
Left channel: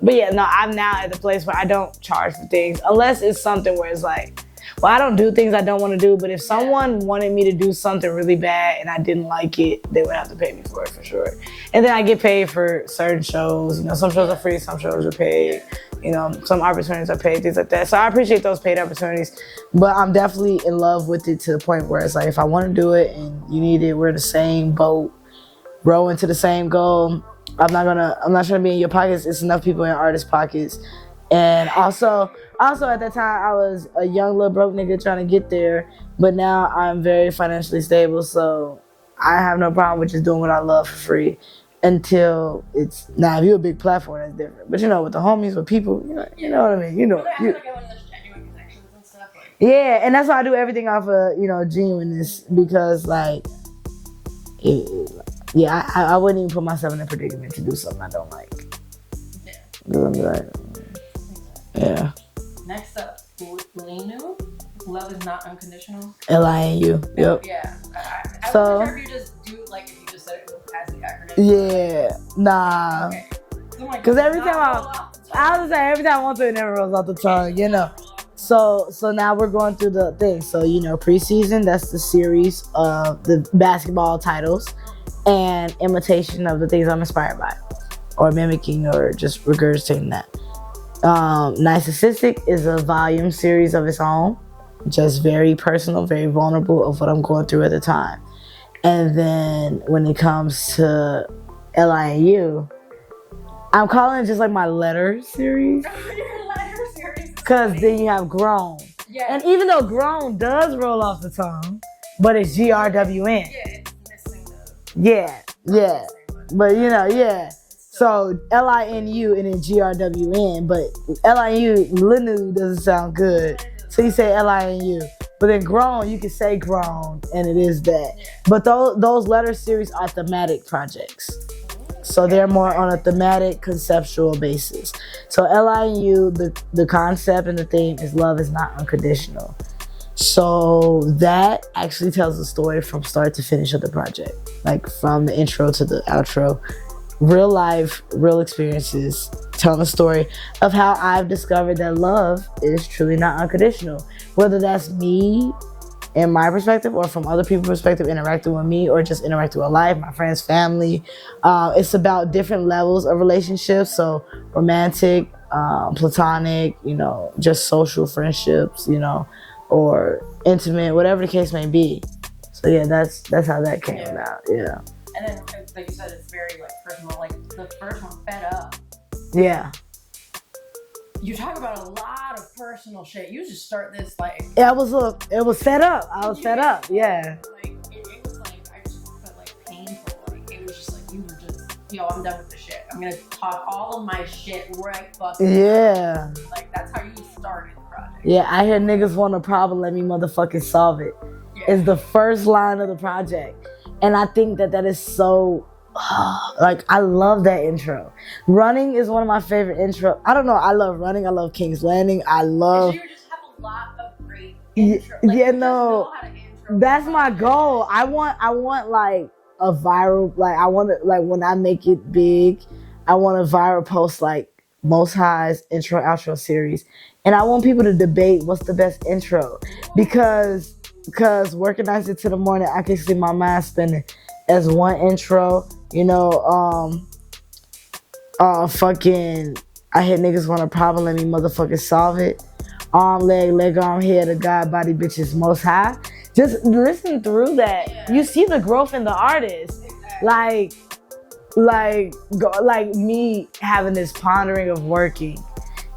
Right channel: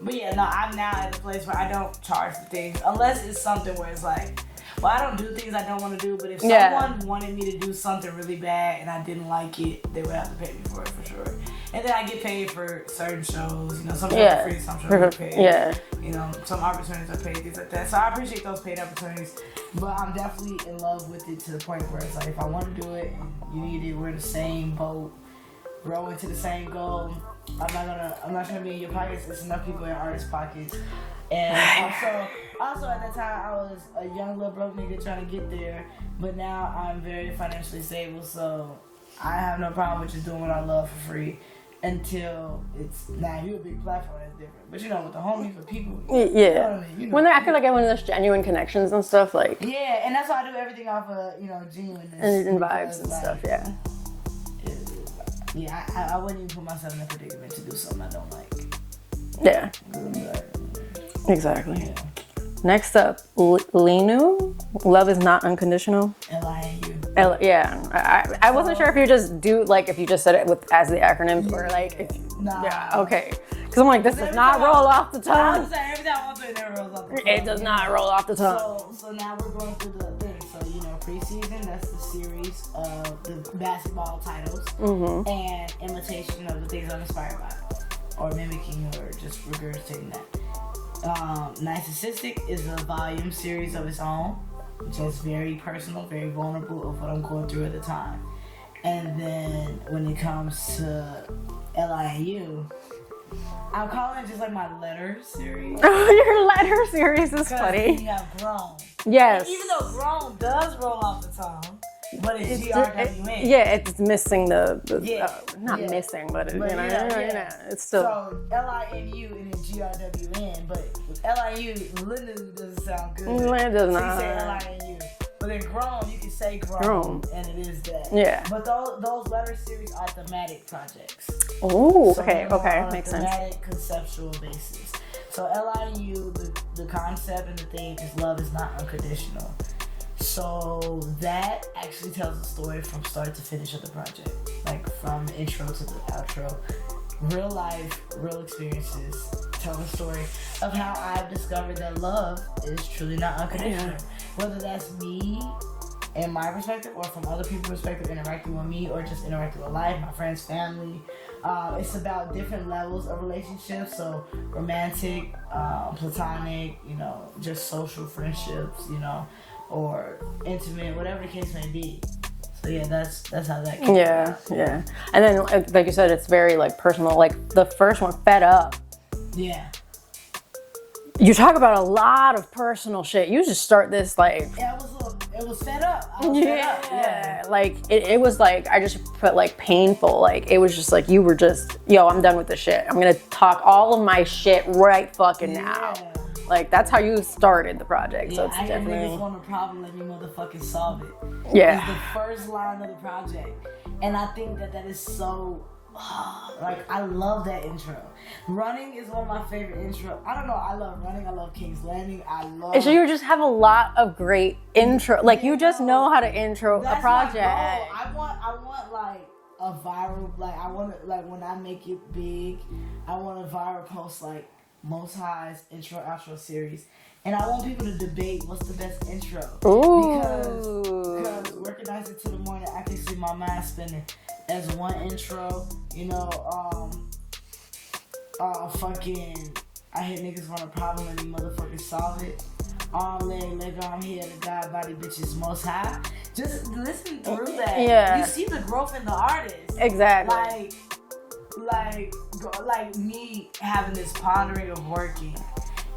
but yeah, no, I'm now at the place where I don't charge for things unless it's something where it's like, well, I don't do things I don't want to do, but if someone wanted me to do something really bad and I didn't like it, they would have to pay me for it for sure. And then I get paid for certain shows. Some shows are free, some shows are paid. Yeah. Some opportunities are paid, things like that. So I appreciate those paid opportunities, but I'm definitely in love with it to the point where it's like, if I want to do it and you need it, we're in the same boat, rowing to the same goal. I'm not trying to be in your pockets. It's enough people in artists' pockets. And also at that time, I was a young little broke nigga trying to get there, but now I'm very financially stable, so I have no problem with just doing what I love for free until it's, if you're a big platform, that's different. But with the homies, with people, you know what I mean? I feel like I went in those genuine connections and stuff, like. Yeah, and that's why I do everything off of, genuineness, because like, I wouldn't even put myself in a predicament to do something I don't like. Yeah. Exactly. Yeah. Next up, L.I.N.U. Love is not unconditional. L.I.N.U. Yeah. I wasn't sure if you just if you just said it as the acronym. Nah. Okay. Because I'm like, does it not roll off the tongue? I was saying every time I want to, it never rolls off the tongue. It does not roll off the tongue. So now we're going through the thing. So preseason, that's the series of the basketball titles and imitation of the things I'm inspired by, or mimicking, or just regurgitating that. Naithemosthigh is a volume series of its own, just very personal, very vulnerable of what I'm going through at the time. And then when it comes to L.I.N.U, I'm calling it just like my letter series. Your letter series is funny. Because then you have grown. Yes. And even though grown does roll off the tongue, but it's GRWN. It's missing the missing, but it's still. So L.I.N.U and then GRWN, but L.I.N.U doesn't sound good. So you say L.I.N.U. But then grown, you can say grown, and it is that. Yeah. But those letter series are thematic projects. Ooh, so they're more on a thematic, conceptual basis. So L.I.N.U, the concept and the theme is love is not unconditional. So that actually tells the story from start to finish of the project. Like from the intro to the outro. Real life, real experiences, telling a story of how I've discovered that love is truly not unconditional. Whether that's me in my perspective or from other people's perspective interacting with me or just interacting with life, my friends, family. It's about different levels of relationships. So romantic, platonic, just social friendships, or intimate, whatever the case may be. So that's how that came out. Yeah. And then, like you said, it's very personal. Like the first one, Fed Up. Yeah. You talk about a lot of personal shit. You just start this it was fed up. I was fed up. Yeah. It was I just put painful. It was just you were just, I'm done with this shit. I'm gonna talk all of my shit right fucking now. That's how you started the project. Yeah, I hear niggas want a problem, let me motherfucking solve it. Yeah. It's the first line of the project. And I think that is so, I love that intro. Running is one of my favorite intro. I don't know. I love Running. I love King's Landing. I love. So you just have a lot of great intro. Just know how to intro. That's my goal. I want a viral. I want to when I make it big, I want a viral post Most High's intro outro series, and I want people to debate what's the best intro. Ooh. Because working nights into the morning, I can see my mind spinning. As one intro, I hit niggas want a problem, let me motherfucking solve it. Arm, leg, arm, head, a God, body, bitches, Most High. Just listen through that. Yeah. You see the growth in the artist. Exactly. Like me having this pondering of working,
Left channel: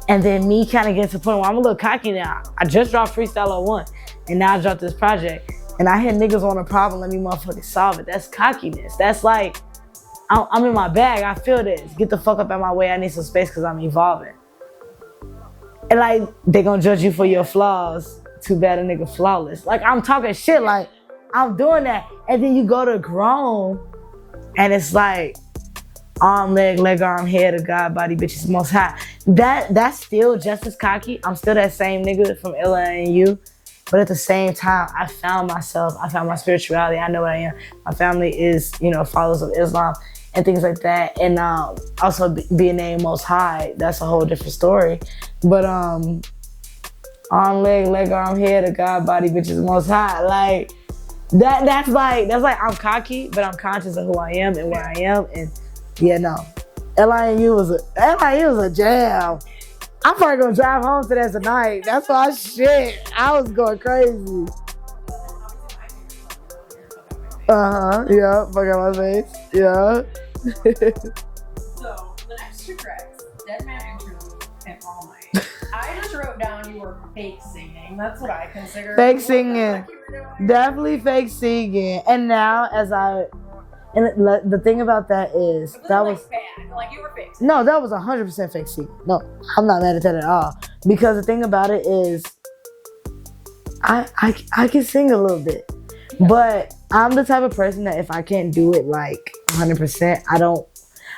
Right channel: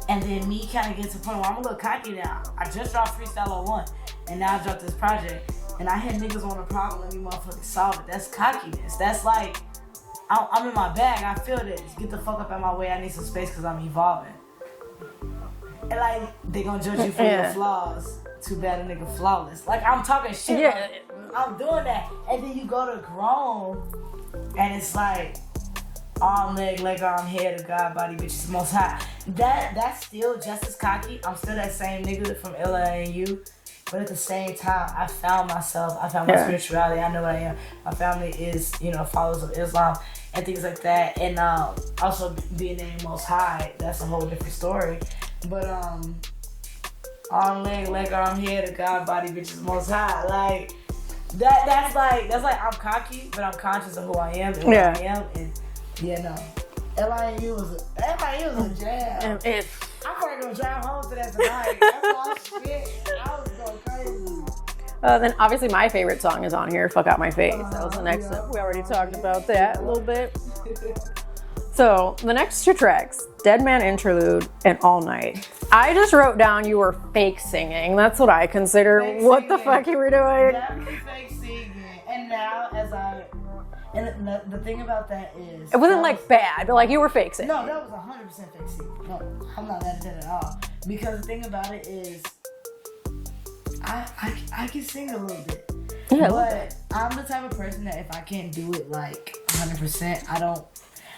and then me kind of getting to the point where I'm a little cocky now. I just dropped Freestyle One, and now I dropped this project. And I hear niggas want a problem, let me motherfucking solve it. That's cockiness. That's I'm in my bag, I feel this. Get the fuck up out my way, I need some space because I'm evolving. And like, they gonna judge you for your flaws. Too bad a nigga flawless. Like, I'm talking shit, like, I'm doing that. And then you go to grown, and it's like, arm, leg, arm, head of God, body, bitches, most high. That's still just as cocky. I'm still that same nigga from L.I.N.U. But at the same time, I found myself. I found my spirituality. I know what I am. My family is, followers of Islam and things like that. And also being named Most High, that's a whole different story. But arm, leg, arm, head of God, body, bitches, Most High. Like that's like I'm cocky, but I'm conscious of who I am and where I am. And L.I.N.U. was a jam. I'm probably gonna drive home to that tonight. That's my shit. I was going crazy. Then obviously my favorite song is on here, Fuck Out My Face. Yeah, Fuck Out My Face. About that a little bit. So the next two tracks, Dead Man Interlude and All Night. I just wrote down you were fake singing. That's what I consider. Fake singing. What the fuck you were doing? Definitely fake singing. And now and the thing about that is... It wasn't bad, but like you were fake singing. No, that was 100% fake singing. No, I'm not mad at that at all. Because the thing about it is, I can sing a little bit. Yeah. But I'm the type of person that if I can't do it like 100%,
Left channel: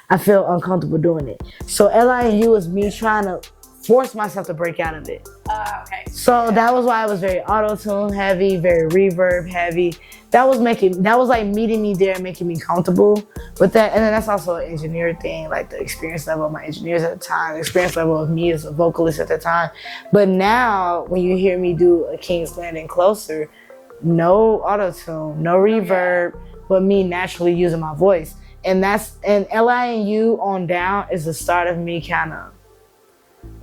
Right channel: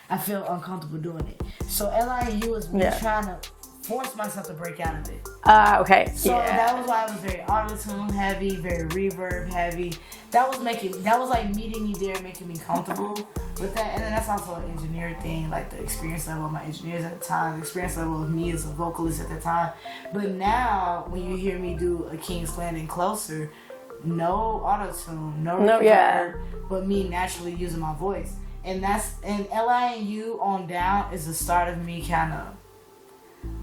I feel uncomfortable doing it. So L.I.N.U. was me trying to force myself to break out of it. Okay. So that was why it was very auto-tune heavy, very reverb heavy. That was like meeting me there and making me comfortable with that. And then that's also an engineer thing, like the experience level of my engineers at the time, the experience level of me as a vocalist at the time. But now, when you hear me do a King's Landing Closer, no auto-tune, no reverb, but me naturally using my voice. And L.I.N.U. on down is the start of me kind of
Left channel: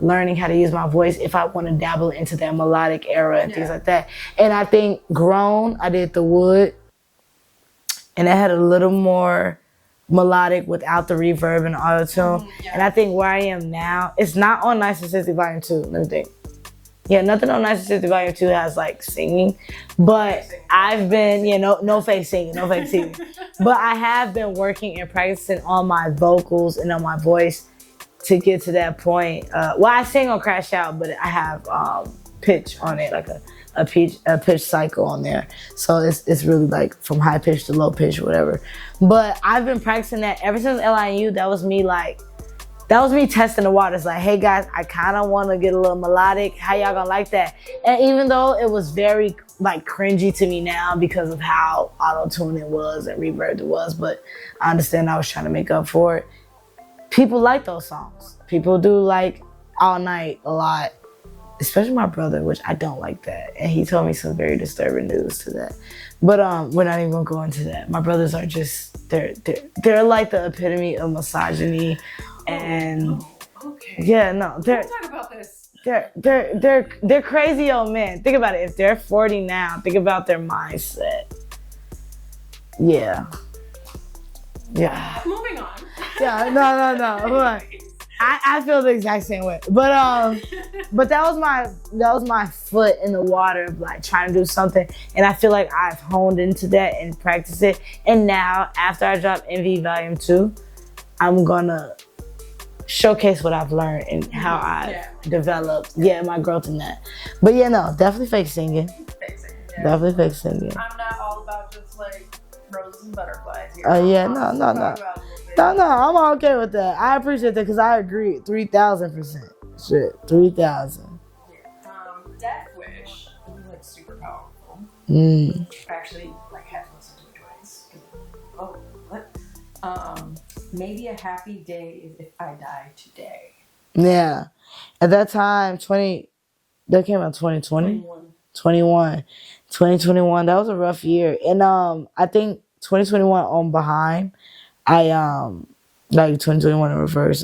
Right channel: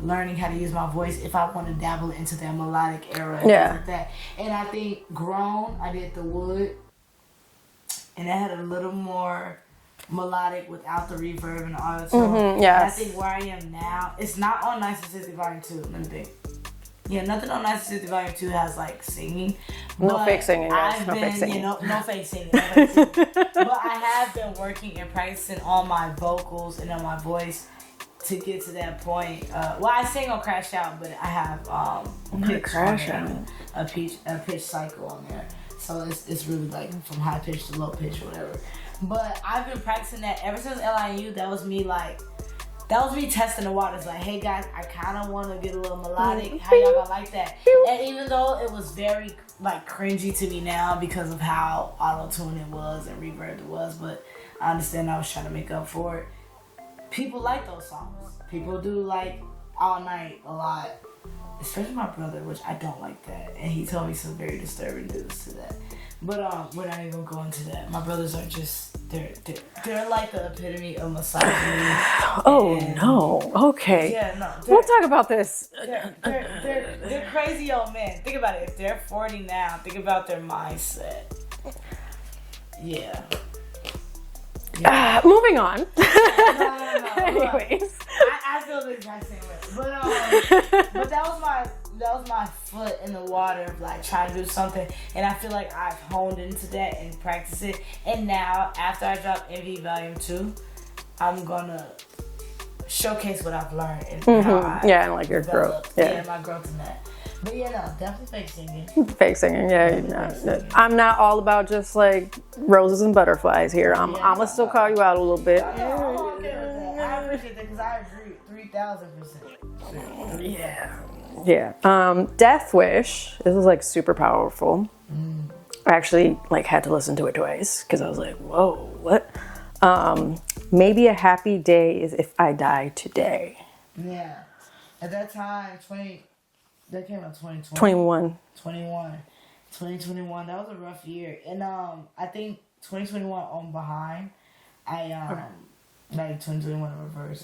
learning how to use my voice if I want to dabble into that melodic era and things like that. And I think Grown, I did the wood, and it had a little more melodic without the reverb and auto-tune. And I think where I am now, it's not on Naithemosthigh Volume 2, let me think. Yeah, nothing on Naithemosthigh Volume 2 has like singing. But fake singing. I've been, no fake singing, no fake singing. But I have been working and practicing on my vocals and on my voice to get to that point. I sing on Crash Out, but I have pitch on there, like a pitch cycle on there. So it's really like from high pitch to low pitch, whatever. But I've been practicing that ever since L.I.N.U. That was me testing the waters. Like, hey guys, I kind of want to get a little melodic. How y'all gonna like that? And even though it was very like cringy to me now because of how auto-tune it was and reverb it was, but I understand I was trying to make up for it. People like those songs. People do like All Night a lot, especially my brother, which I don't like that. And he told me some very disturbing news to that. But we're not even gonna go into that. My brothers are just, they're like the epitome of misogyny. No. Okay. Yeah, no. We'll talk about this. They're crazy old men. Think about it. If they're 40 now, think about their mindset. Yeah. Moving on. Yeah, no. Anyways. I feel the exact same way. But that was my foot in the water of like trying to do something, and I feel like I've honed into that and practiced it. And now after I drop Envy Volume 2, I'm gonna showcase what I've learned and how I developed. My growth in that. But definitely fake singing. Fake singing, Definitely fake singing. I'm not all about just like roses and butterflies here. I'm gonna still call you out a little bit. No, I'm okay with that. I appreciate that because I agree 3,000%. Shit, 3,000. Yeah. Death Wish. This was like super powerful. I actually like had to listen to it twice because I was like, whoa, what? Maybe a happy day is if I die today. Yeah. At that time, that came out 2020. 2021. That was a rough year. And I think 2021 on behind, like 2021 in reverse,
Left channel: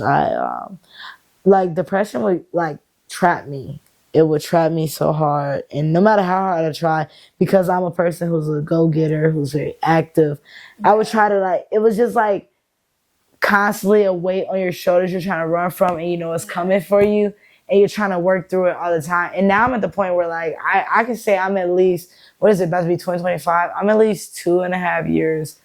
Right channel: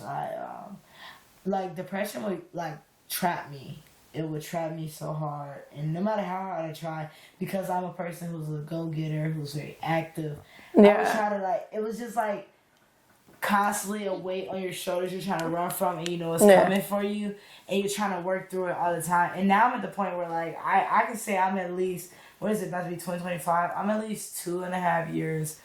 like depression would like trap me. It would trap me so hard. And no matter how hard I try, because I'm a person who's a go-getter, who's very active, I would try to it was just like constantly a weight on your shoulders you're trying to run from, and it's coming for you, and you're trying to work through it all the time. And now I'm at the point where like I can say I'm at least, what is it, about to be 2025? I'm at least 2.5 years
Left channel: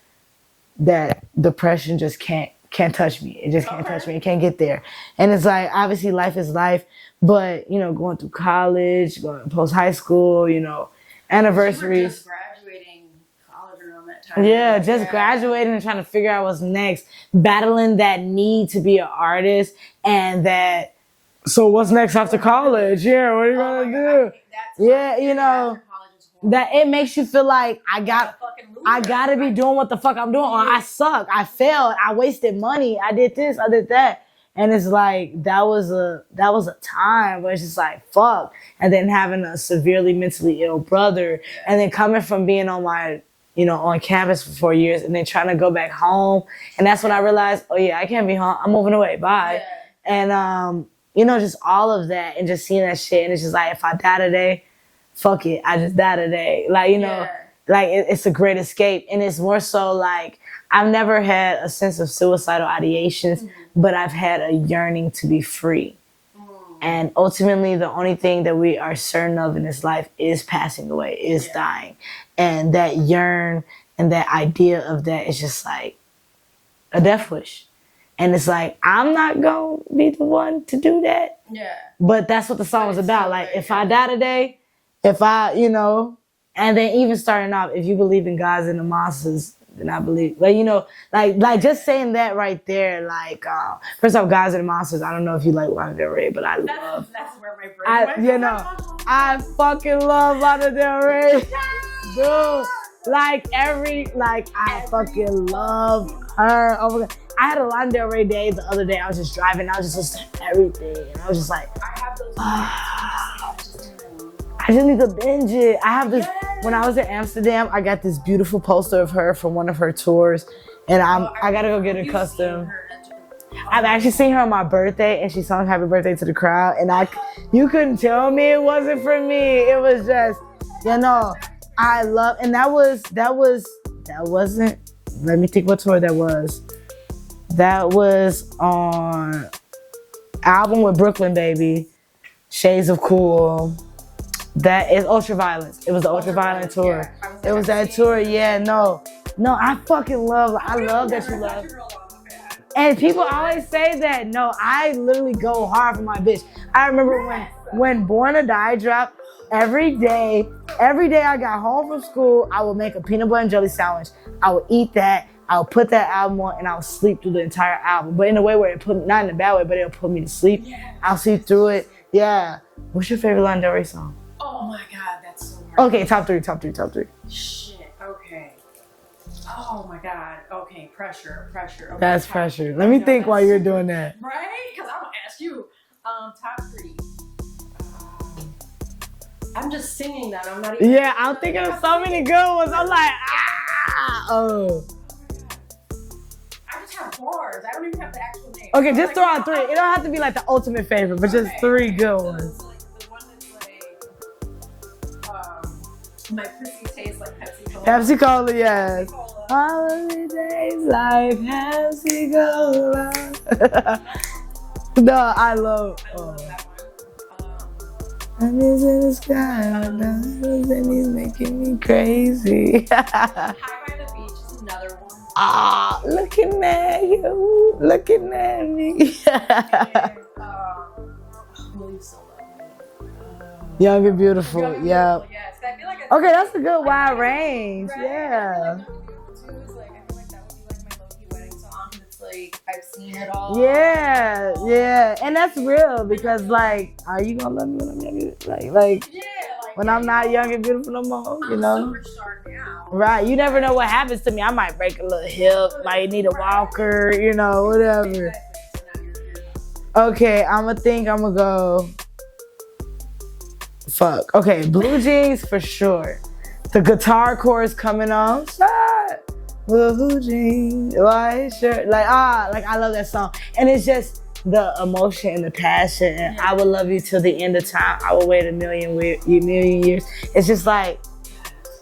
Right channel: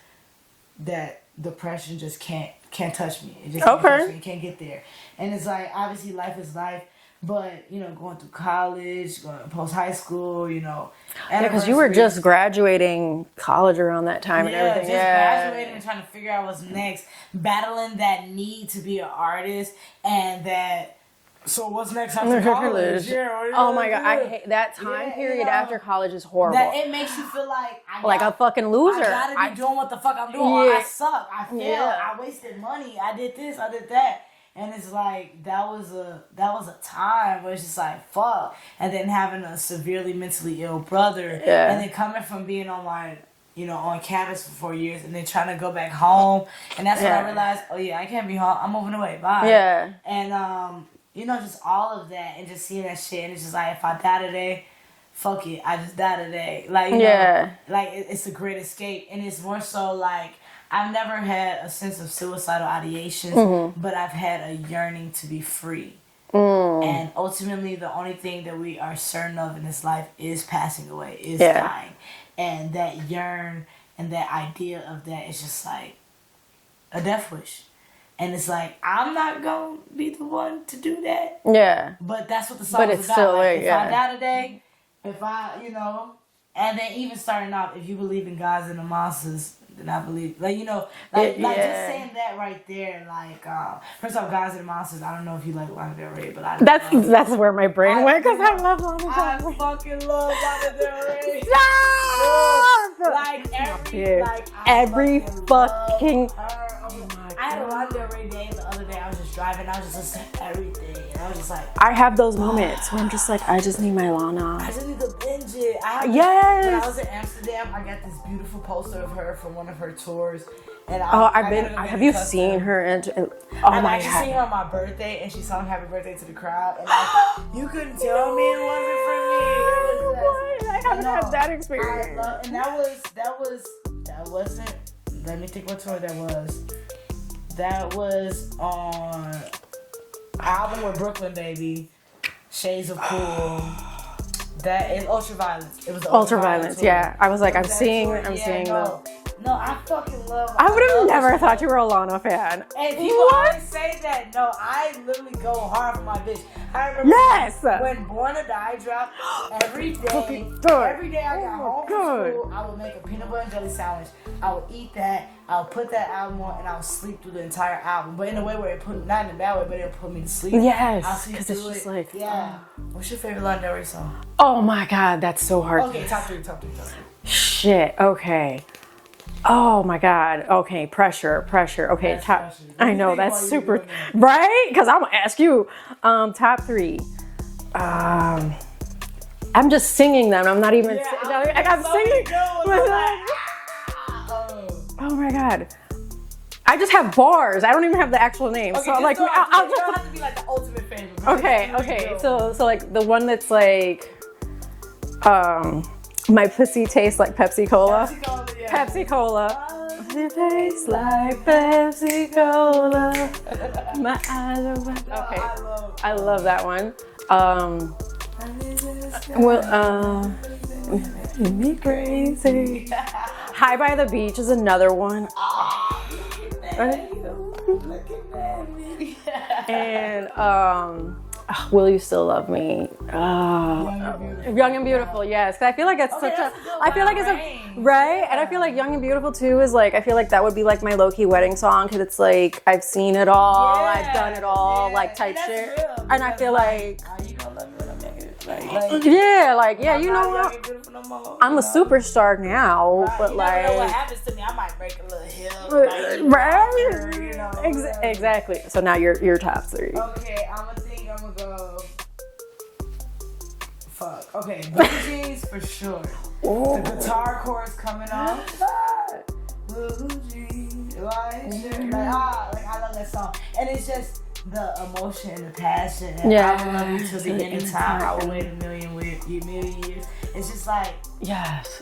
that depression just can't touch me. It just can't touch me. It can't get there. And it's like, obviously life is life, But, going through college, going post high school, anniversary. You were just graduating college around that time. Yeah, graduating and trying to figure out what's next. Battling that need to be an artist and that, so what's next after college? Yeah, what are you my God, I hate that time period after college is horrible. That it makes you feel like like a fucking loser. I gotta be doing what the fuck I'm doing. Or I suck. I failed. I wasted money. I did this. I did that. And it's like that was a time where it's just like fuck. And then having a severely mentally ill brother, and then coming from being on my on campus for 4 years, and then trying to go back home, and that's when I realized, oh yeah, I can't be home. I'm moving away. Bye. Yeah. And just all of that, and just seeing that shit, and it's just like if I die today, fuck it, I just die today. Like like it's a great escape, and it's more so like. I've never had a sense of suicidal ideations, but I've had a yearning to be free. And ultimately, the only thing that we are certain of in this life is passing away, is dying. And that yearn and that idea of that is just like a death wish. And it's like, I'm not going to be the one to do that. Yeah. But that's what the song is about. Like, if I die today, if I, and then even starting off, if you believe in gods and the monsters, and I believe, like just saying that right there, like, first off, Guys and the Monsters, I don't know if you like Lana Del Rey, but that's where my brain went. I fucking love Lana Del Rey. Like every fucking her. I had a Lana Del Rey day the other day. I was just driving. I was just listening to everything. And I was just like, I have those moments when I'm just like, I just need my Lana. I just need to binge it. I have this, when I was in Amsterdam, I got this beautiful poster of her from one of her tours. And I gotta go get a custom. Have you seen her? I've actually seen her on my birthday, and she sung "Happy Birthday" to the crowd, and you couldn't tell me it wasn't for me. It was just, I love, and that wasn't. Let me think what tour that was. That was on album with Brooklyn Baby, Shades of Cool. That is Ultraviolet. It was the Ultraviolet tour. Yeah, I was like, I'm seeing tour. No, I fucking love. I would have never thought you were a Lana fan. And people always say that. No, I literally go hard for my bitch. I remember when Born to Die dropped. Every day I got home from school, I would make a peanut butter and jelly sandwich. I would eat that. I would put that album on, and I would sleep through the entire album. But in a way where not in a bad way, but it'll put me to sleep. Yes. I'll sleep through it. What's your favorite Lana Del Rey song? Oh my God, that's so hard. Okay, top three. Shit, okay. Oh my God. Okay, pressure. Okay, that's pressure. Let me think while you're doing that. Right? Because I'm gonna ask you. Top three. I'm just singing them. I'm not even. Yeah, I'm thinking of so many good ones. I'm like, Oh my God. I just have bars. I don't even have the actual name. Okay, so just throw out three. It don't have to be like the ultimate favorite, but just three good ones. So like the one that's like, my pussy tastes like Pepsi Cola. Pepsi Cola, yeah. Pepsi Cola. My pussy tastes like Pepsi Cola. My eyes are No, I love that one. It's making me crazy. High by the Beach is another one. Looking at you, looking at me. And Will You Still Love Me? Young and Beautiful. Young and Beautiful, yes. Cause I feel like it's that's a good wide range. Right? Yeah. And I feel like Young and Beautiful too is like, I feel like that would be like my low-key wedding song because it's like, I've seen it all. I've done it all. Like, and that's real because and I feel like, are you gonna love me when I'm young? When I'm not young and beautiful no more. I'm a superstar now. Right. You never know what happens to me. I might break a little hip, might need a walker, whatever. Exactly. So now your top three. Okay, I'm gonna go. Fuck. Okay, Blue Jeans for sure. Ooh. The guitar chorus coming on. Blue Jeans, white shirt. Like I love that song. And it's just the emotion and the passion. And I will love you till the end of time. I will wait a million years. It's just like,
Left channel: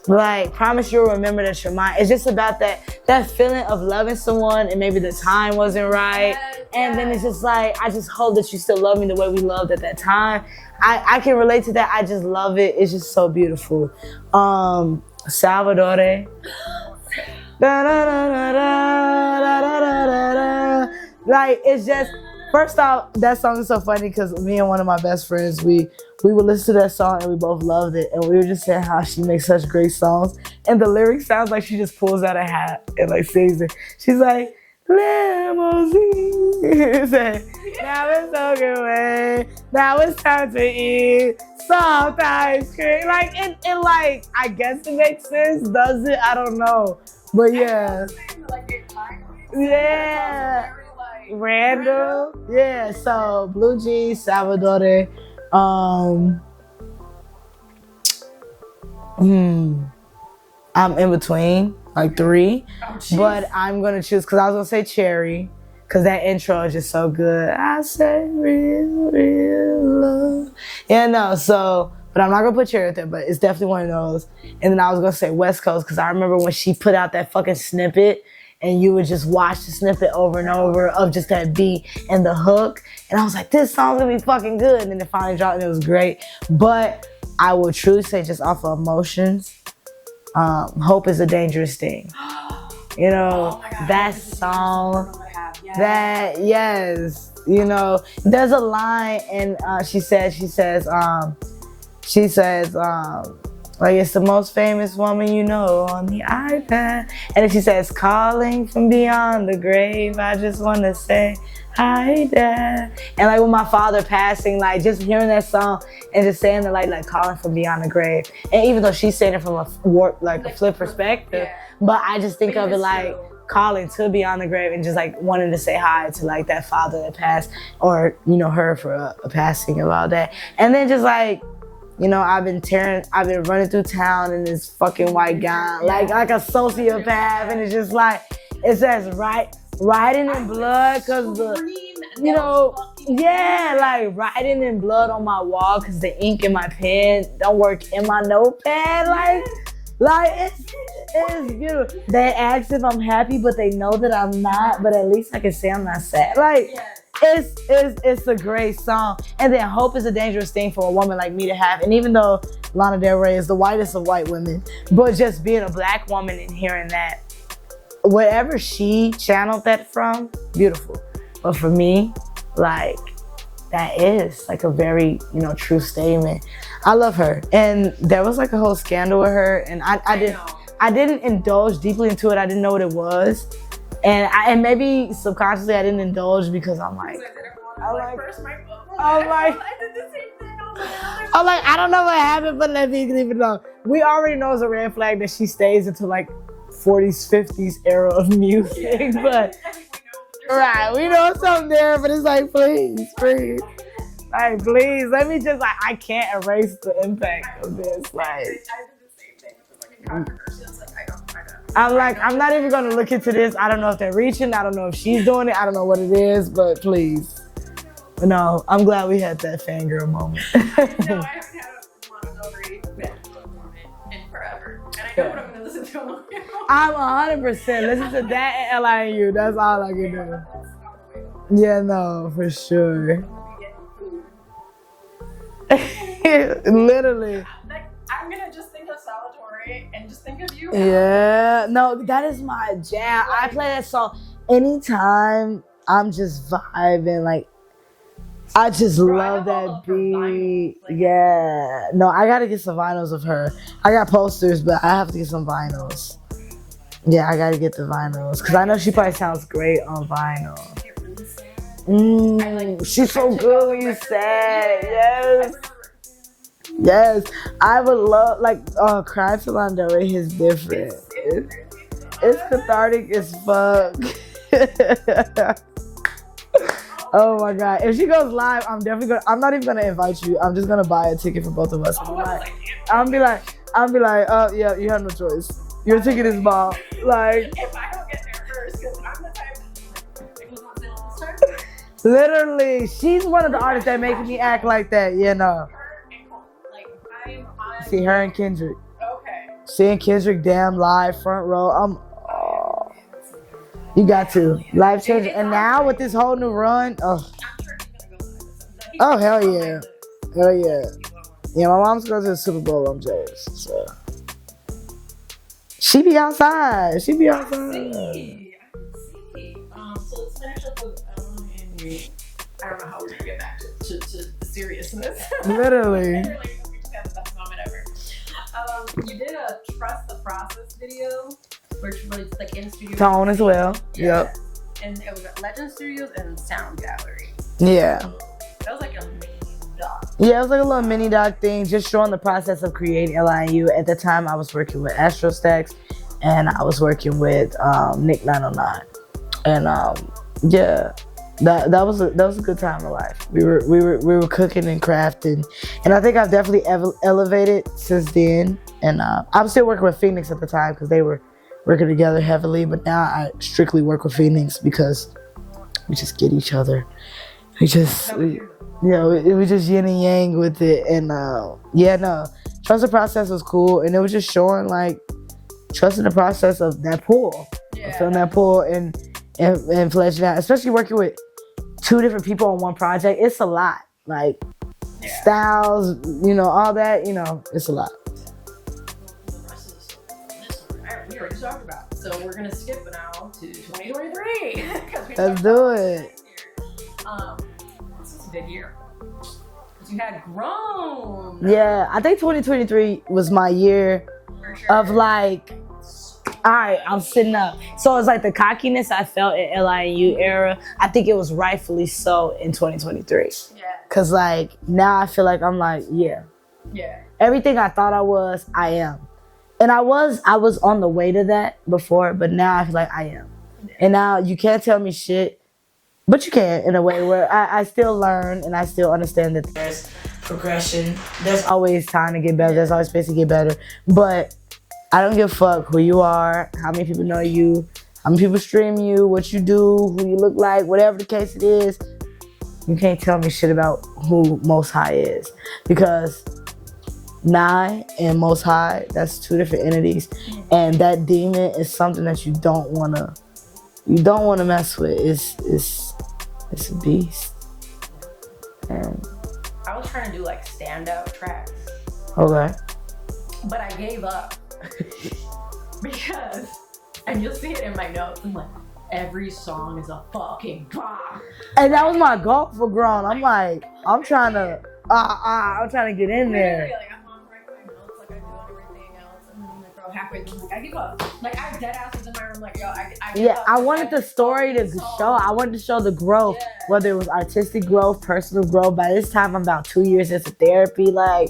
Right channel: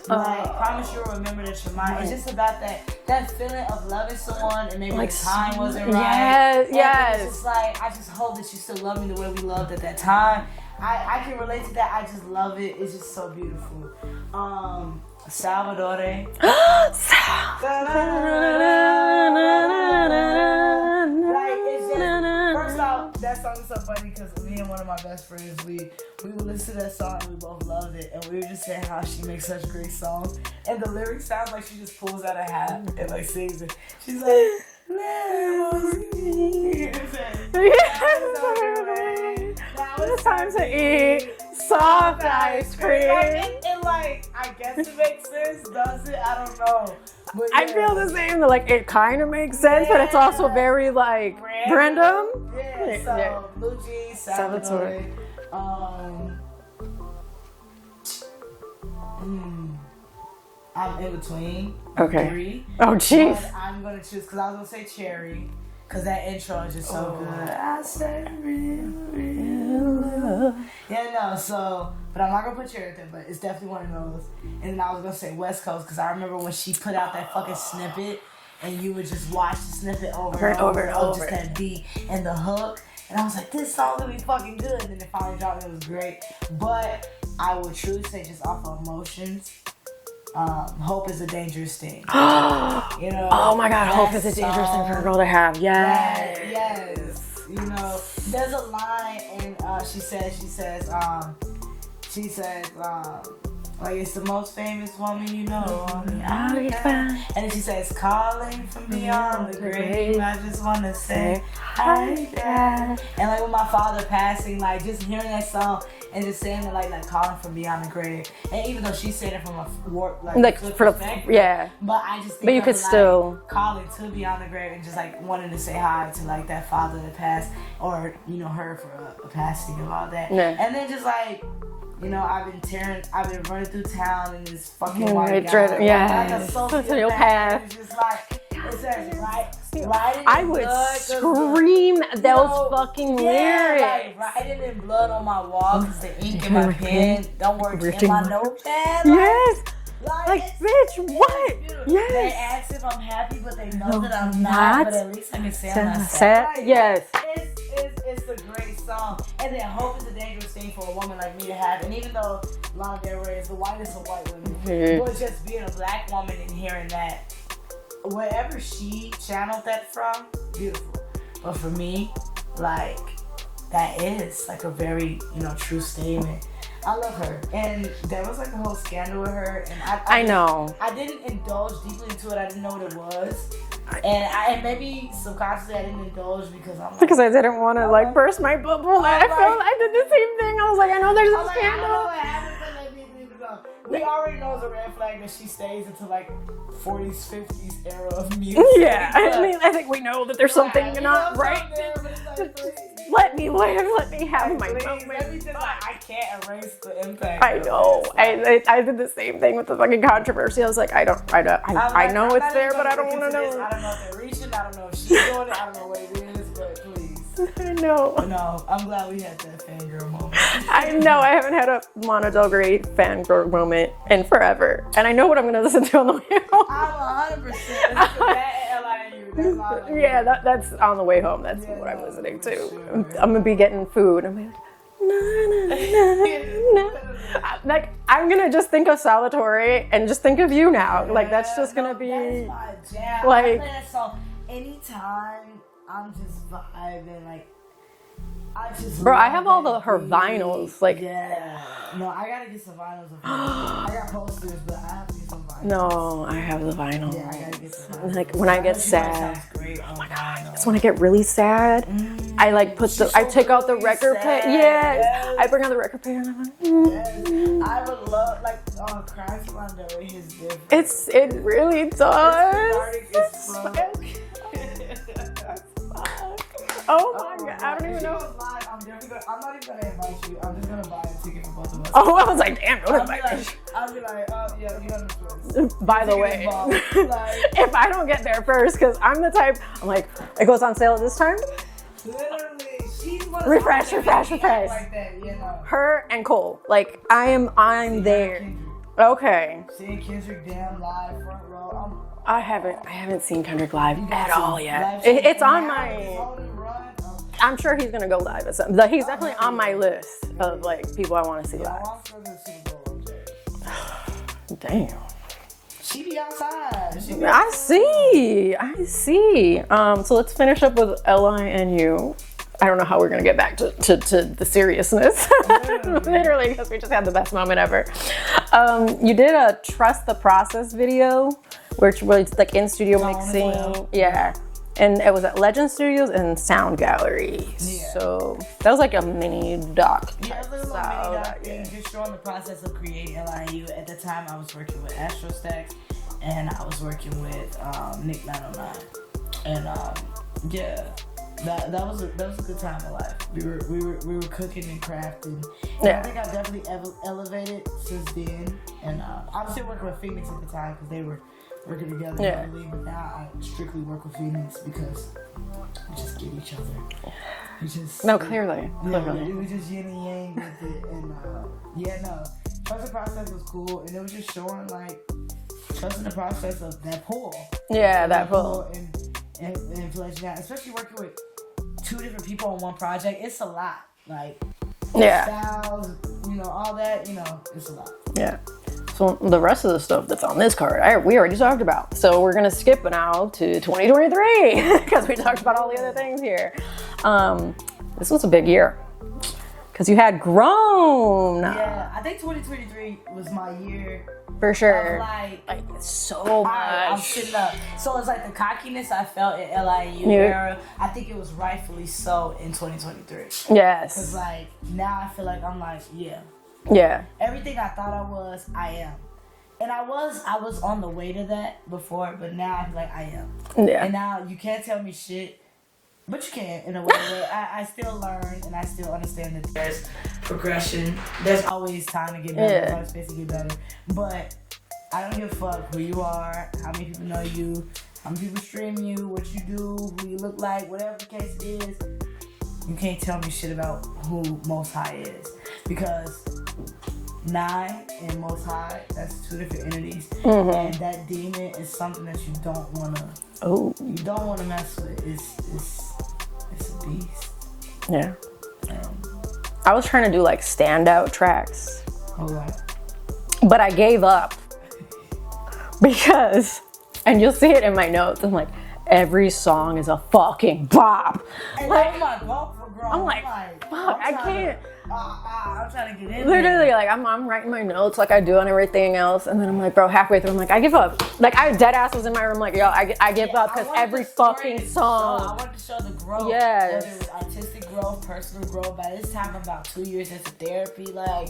like, promise you'll remember that you're mine. It's just about that feeling of loving someone and maybe the time wasn't right. And then it's just like, I just hope that you still love me the way we loved at that time. I can relate to that. I just love it. It's just so beautiful. Salvador. Like, it's just, First off, that song is so funny because me and one of my best friends, we would listen to that song and we both loved it. And we were just saying how she makes such great songs. And the lyrics sounds like she just pulls out a hat and like sings it. She's like, limousine. Now it's okay. Now it's time to eat soft ice cream. Like, it like, I guess it makes sense. Does it? I don't know. But yeah. I feel the same. Like, it kind of makes sense, but it's also very like random. Yeah. So Blue Jeans, Salvatore. I'm in between, like 3. Oh, jeez. But I'm gonna choose because I was gonna say Cherry, because that intro is just so good. I say real love. Yeah, no. So, but I'm not gonna put Cherry with it, but it's definitely one of those. And then I was gonna say West Coast because I remember when she put out that fucking snippet, and you would just watch the snippet over and over of just that beat and the hook. And I was like, this song's gonna be fucking good. And then it finally dropped and it was great. But I will truly say, just off of emotions, Hope is a Dangerous Thing. You know, oh my God, Hope is a Dangerous Thing for a girl to have. Yeah. Yes. You know, there's a line and she says, like, it's the most famous woman you know on the iPad. And then she says, calling from beyond the grave, I just want to say, hi, Dad. And like with my father passing, like just hearing that song and just saying that, like calling from beyond the grave. And even though she's saying it from a warped, like flip perspective. Yeah. But I just think of it like calling to beyond the grave and just like wanting to say hi to like that father that passed, or, you know, her for a passing of all that. Yeah. And then just like, you know, I've been running through town in this fucking white gown, like a sociopath, and it's just like, it says writing in blood. Scream those fucking words. Like writing in blood on my wall because the ink in my pen don't work in my notepad. Like, bitch, what? Yes. They ask if I'm happy, but they know that I'm not. But at least I can say I'm not sad. Like, yes, it's a great song. And then Hope is a Dangerous Thing for a woman like me to have. And even though Lana Del Rey is the whitest of white women, but just being a black woman and hearing that, whatever she channeled that from, beautiful. But for me, like, that is like a very, you know, true statement. I love her. And there was like a whole scandal with her, and I didn't indulge deeply into it. I didn't know what it was. And maybe subconsciously I didn't indulge because I'm like, because I didn't want to like burst my bubble. I did the same thing. I was like, I know there's I don't know what happened, but let me leave it alone. We already know it's a red flag that she stays until like 40s, 50s era of music. Yeah, I think we know that there's something. We know something there, but it's like, please, let me have please, let me just, like, I can't erase the impact. I know. I did the same thing with the fucking controversy. I was like, I'm not even gonna look into this. I don't know if they're reaching. I don't know if she's doing it. I don't know what it is, but please. I know. No, I'm glad we had that fangirl moment. I know. I haven't had a Lana Del Rey fangirl moment in forever, and I know what I'm gonna listen to on the way home. I'm 100% listen to that and L.I.N.U. That's all I get. Yeah, that's on the way home. That's for sure. I'm gonna be getting food. I'm like, literally. Like, I'm gonna just think of Salvatore and just think of you now. Yeah. Like, that's that is my jam. Like, I play that song anytime I'm just vibing. Like, I just love I have all her vinyls. Like, yeah. No, I gotta get some vinyls of her. I got posters, but I have to get some vinyls. No, I have the vinyls. Yeah, I gotta get the vinyls. Because I know she probably sounds great on vinyl. So when I get really take out the record player. Yeah. Yes. I bring out the record player and I'm like, yes. I would love, like, Crying for Lana Del Rey is different. It really does. It's cathartic as fuck. Oh my God. If she goes live, I'm not even gonna invite you. I'm just gonna buy a ticket for both of us. Oh, I was like, damn. I'll be like, oh yeah, you have no choice. Your ticket is bomb. Like, if I don't get there first, because I'm the type, I'm like, it goes on sale at this time. Literally, she's one of the artists that makes me act like that, you know. Her and Cole. Like, I'm there. Her and Kendrick. Okay. Seeing Kendrick damn live, front row. I haven't seen Kendrick live. You got to. Live stream. It's and now with this whole new run, I'm sure he's gonna go live at something. Like, he's on my list of like people I want to see. Yeah, my mom's going to the Super Bowl. I'm jealous. So. Damn. She be outside. I see. So let's finish up with L.I.N.U. I don't know how we're gonna get back to the seriousness. Literally, because we just had the best moment ever. You did a Trust the Process video, which was like in studio Tone as well. Yeah. And it was at Legend Studios and Sound Gallery. Yeah. So that was like a mini doc. Yeah, it was like a little mini doc thing, just showing the process of creating L.I.N.U. At the time, I was working with Astro Stacks, and I was working with Nick 909, and yeah. That was a good time of life. We were cooking and crafting, and I think I've definitely elevated since then. And I'm still working with Phoenix at the time because they were working together heavily. But now I strictly work with Phoenix because we just get each other. We just clearly. Yeah, it was just yin and yang with it, and trust the process was cool, and it was just showing like trusting the process of that pull. Yeah, that pull and fleshing out, especially working with 2 different people on one project. It's a lot, like styles, all that, it's a lot. Yeah. So the rest of the stuff that's on this card, we already talked about. So we're gonna skip now to 2023 because we talked about all the other things here. This was a big year because you had grown. Yeah, I think 2023 was my year. For sure. Of like so all right, I'm sitting up. So it's like the cockiness I felt in L.I.N.U. era, I think it was rightfully so in 2023. Yes. Cause like now I feel like I'm like, yeah. Everything I thought I was, I am. And I was on the way to that before, but now I feel like I am. Yeah. And now you can't tell me shit, but you can in a way where I still learn and I still understand that there's progression. There's always time to get better. There's always space to get better. But I don't give a fuck who you are, how many people know you, how many people stream you, what you do, who you look like, whatever the case it is. You can't tell me shit about who Most High is. Because Nye and Most High, that's 2 different entities. Mm-hmm. And that demon is something that you don't wanna mess with. It's a beast. Yeah. I was trying to do like standout tracks. Okay. But I gave up because, and you'll see it in my notes, I'm like, every song is a fucking bop. And that was my goal for grown. I'm trying to get in there. Literally, like I'm writing my notes like I do on everything else, and then I'm like, bro, halfway through, I'm like, I give up. Like I dead ass was in my room, like, yo, I give up. I wanted the story to show. I wanted to show the growth, whether it was artistic growth, personal growth. By this time, I'm about 2 years into therapy, like.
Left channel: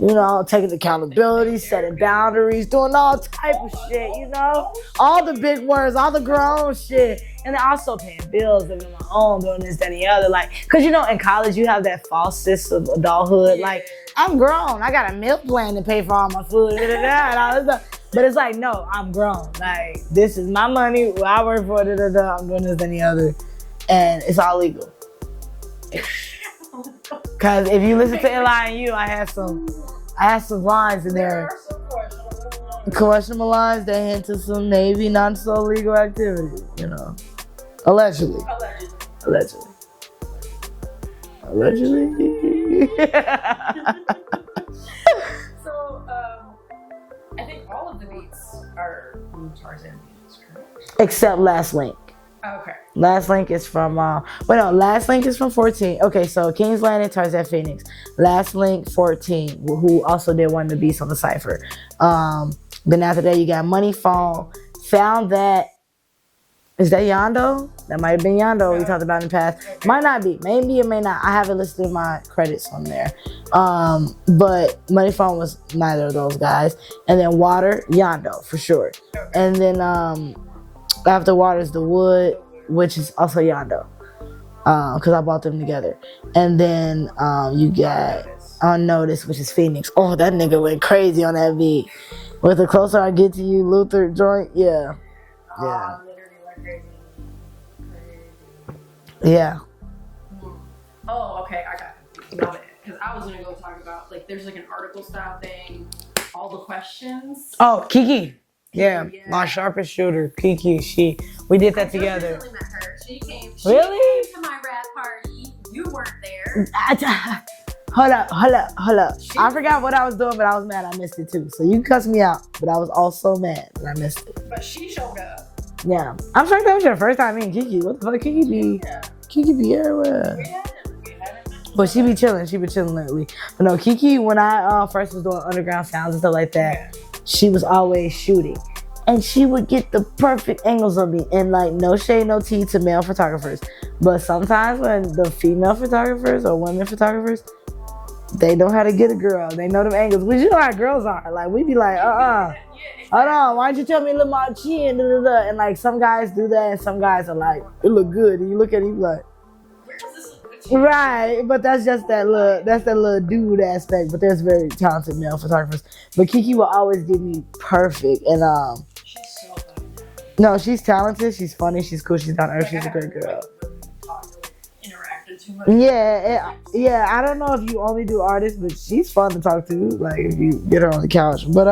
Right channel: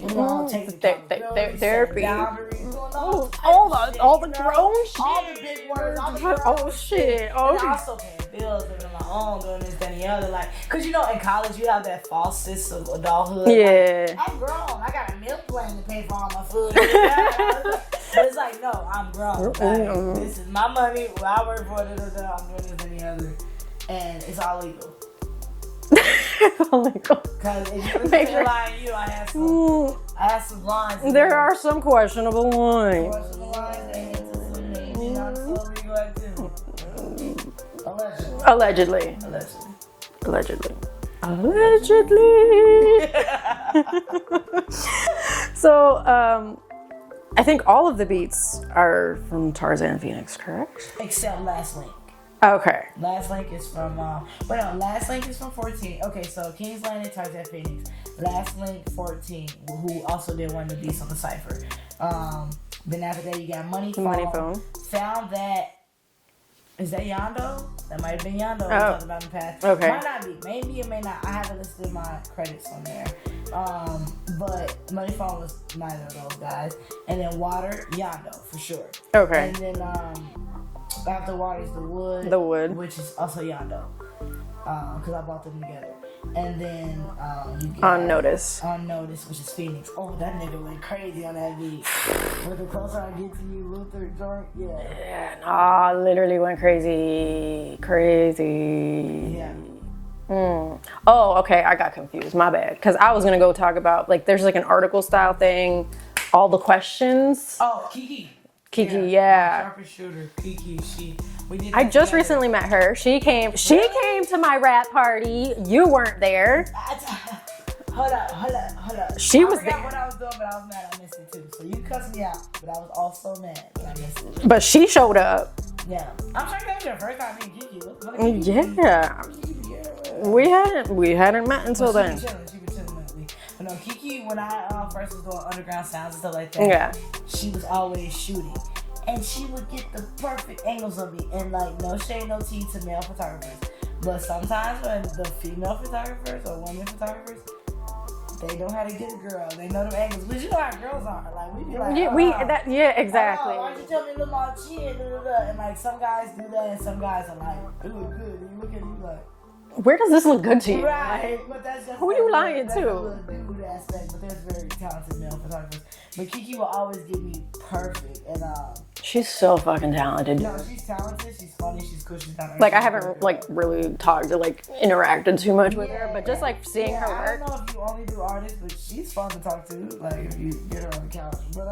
Taking accountability, setting boundaries, doing all type of shit. All the grown shit. All the big words, all the grown shit. And also paying bills, living on my own, doing this, that, and the other. Like, cause in college you have that false sense of adulthood. Yeah. Like, I'm grown. I got a meal plan to pay for all my food. But it's like, no, I'm grown. Like, this is my money. I work for it. I'm doing this, and the other. And it's all legal. Because if you listen to L.I.N.U, I have some lines in there. There are some questionable lines. Questionable lines that hint to some maybe not so legal activity. Allegedly. So, I think all of the beats are from Tarzan Phoenix, correct? Except Last Link. Okay. Last Link is from, Last Link is from 14. Okay, so King's Landing, Tarzan Phoenix. Last Link, 14, who also did one of the beats on the Cypher. Then after that, you got Money Phone. Found that, is that Yondo? That might have been Yondo we talked about in the past. Okay. Might not be, maybe it may not. I haven't listed my credits on there. But Money Phone was neither of those guys. And then Water, Yondo, for sure. Okay. And then, after Water is The Wood, which is also Yondo, because I bought them together. And then you got Unnoticed, which is Phoenix. Oh, that nigga went crazy on that beat. With The Closer I Get to You, Luther joint, I literally went crazy. Yeah. Oh, okay, I got confused. My bad. Because I was gonna go talk about there's an article style thing, all the questions. Oh, Kiki, yeah. My sharpest shooter, Kiki. We did that I just together. recently met her. She came to my rap party. You weren't there. Hold up. I forgot what I was doing, but I was mad I missed it too. So you can cuss me out, but I was also mad that I missed it. But she showed up. Yeah. I'm sorry that was your first time meeting Kiki. What the fuck, Kiki? Yeah. Kiki be everywhere. We hadn't met until But then. she be chilling lately. But no, Kiki, when I first was doing underground sounds and stuff like that, she was always shooting. And she would get the perfect angles of me. And like, no shade, no tea to male photographers. But sometimes when the female photographers or women photographers, they know how to get a girl. They know them angles. But you know how girls are. Like, we be like, exactly. Hold on, why don't you tell me to look my chin? Da, da, da. And like, some guys do that, and some guys are like, it look good. And you look at it, you be like, where does this look good to you? Right, but that's just that little dude aspect. But there's very talented male photographers. But Kiki will always give me perfect, and she's so fucking talented. No, she's talented. She's funny. She's cool. She's down to earth. Like, I haven't like really talked or like interacted too much. Yeah, I don't know if you only do artists, but she's fun to talk to. Like, if you get her on the couch, but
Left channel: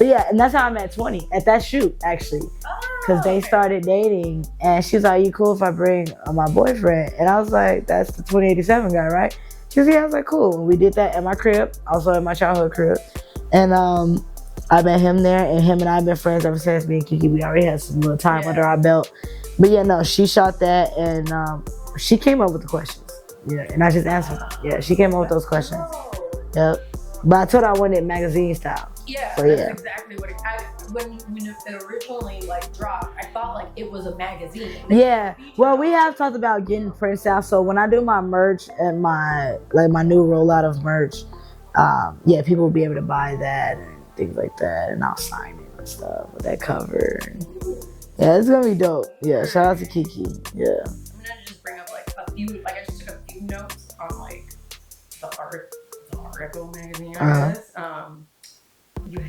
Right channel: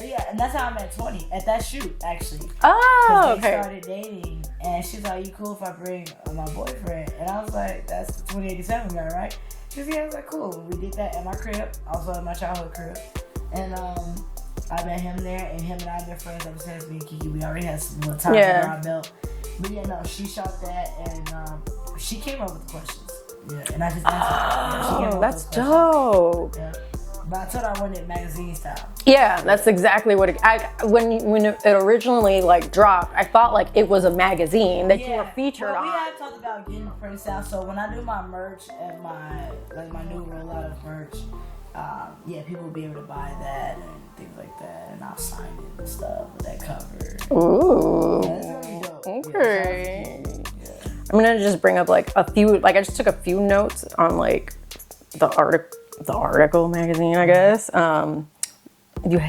yeah, and that's how I met 20 at that shoot actually. Oh, because they started dating, and she's like, "You cool if I bring my boyfriend?" And I was like, "That's the 2087 guy, right?" She was, yeah. I was like, "Cool." And we did that at my crib, also at my childhood crib, and I met him there, and him and I have been friends ever since. Me and Kiki, we already had some little time under our belt. But yeah, no, she shot that, and she came up with the questions. Yeah, and I just answered. Yeah, she came up with those questions. Dope. Yep. But I told her I wanted it magazine style. Yeah, so, that's exactly what when it originally like dropped, I thought like it was a magazine. Well, we have talked about getting prints out. So when I do my merch and my new rollout of merch, people will be able to buy that and things like that, and I'll sign it and stuff with that cover. Ooh. Yeah, it's gonna be dope. Okay. Yeah, shout out to Kiki. Yeah. I'm gonna just bring up like a few. Like I just took a few notes on like the article magazine, I guess.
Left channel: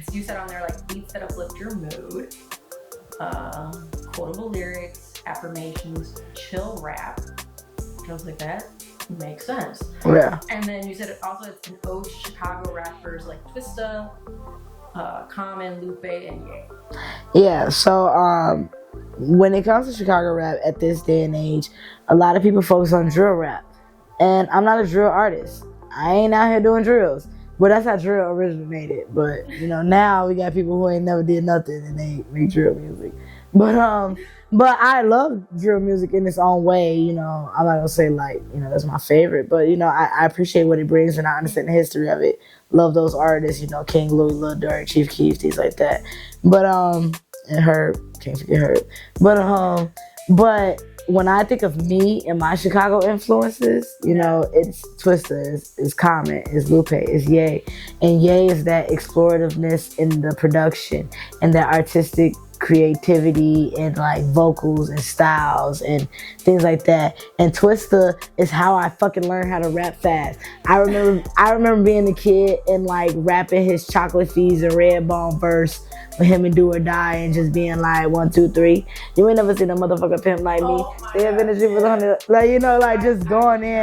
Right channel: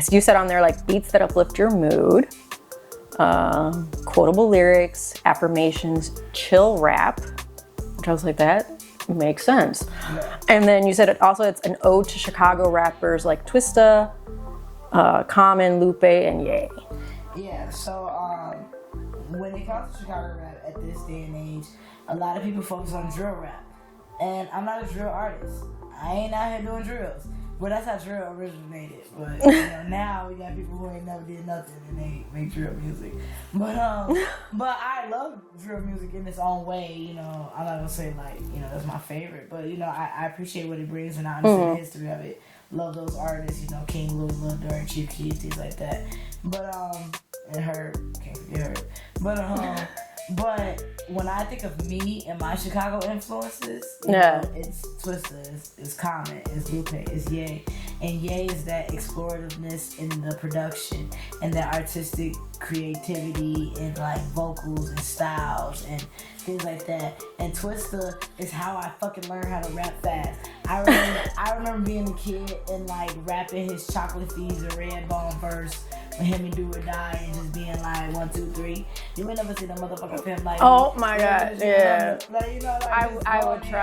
You said on there like beats that uplift your mood, quotable lyrics, affirmations, chill rap, which I was like, that makes sense. Yeah. And then you said it's an ode to Chicago rappers like Twista, Common, Lupe, and Ye. Yeah. So when it comes to Chicago rap at this day and age, a lot of people focus on drill rap, and I'm not a drill artist. I ain't out here doing drills. Well, that's how drill originated. But, now we got people who ain't never did nothing and they make drill music. But I love drill music in its own way. I'm not going to say like, that's my favorite. But, I appreciate what it brings and I understand the history of it. Love those artists, King Louis, Lil Durk, Chief Keef, things like that. But, and Herb, can't forget Herb. But when I think of me and my Chicago influences, it's Twista, it's Common, it's Lupe, it's Ye. And Ye is that explorativeness in the production and that artistic creativity and like vocals and styles and things like that. And Twista is how I fucking learned how to rap fast. I remember being a kid and like rapping his Chocolate Fees and Redbone verse with him and Do or Die and just being like 1, 2, 3. You ain't never seen a motherfucker pimp like me. Oh my god. Yeah. Like just going in.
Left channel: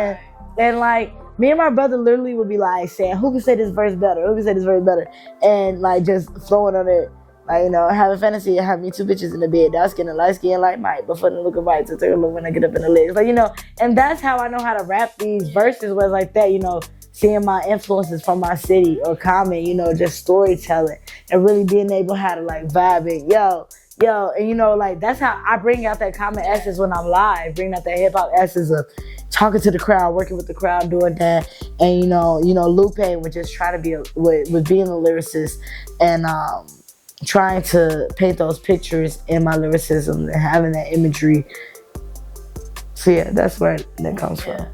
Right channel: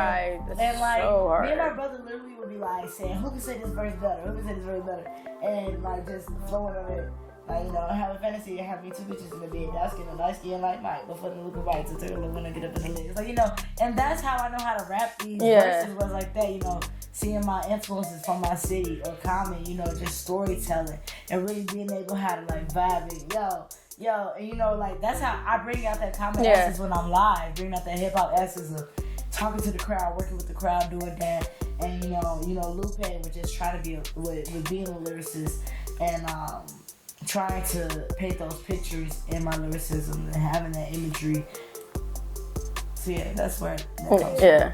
And like so me and my brother literally would be like saying, who can say this verse better? Who can say this verse better? And like just flowing on it. Like, having fantasy and have me 2 bitches in the bed, dark skin and light skin like Mike, but for the look of white to take a look when I get up in the legs. Like, and that's how I know how to rap these verses was like that, seeing my influences from my city or Common, just storytelling and really being able how to like vibe it. Yo, and like that's how I bring out that Common essence when I'm live, bring out that hip hop essence of talking to the crowd, working with the crowd, doing that. And Lupe was just trying to be with being a lyricist and trying to paint those pictures in my lyricism and having that imagery. So yeah, that's where that comes from.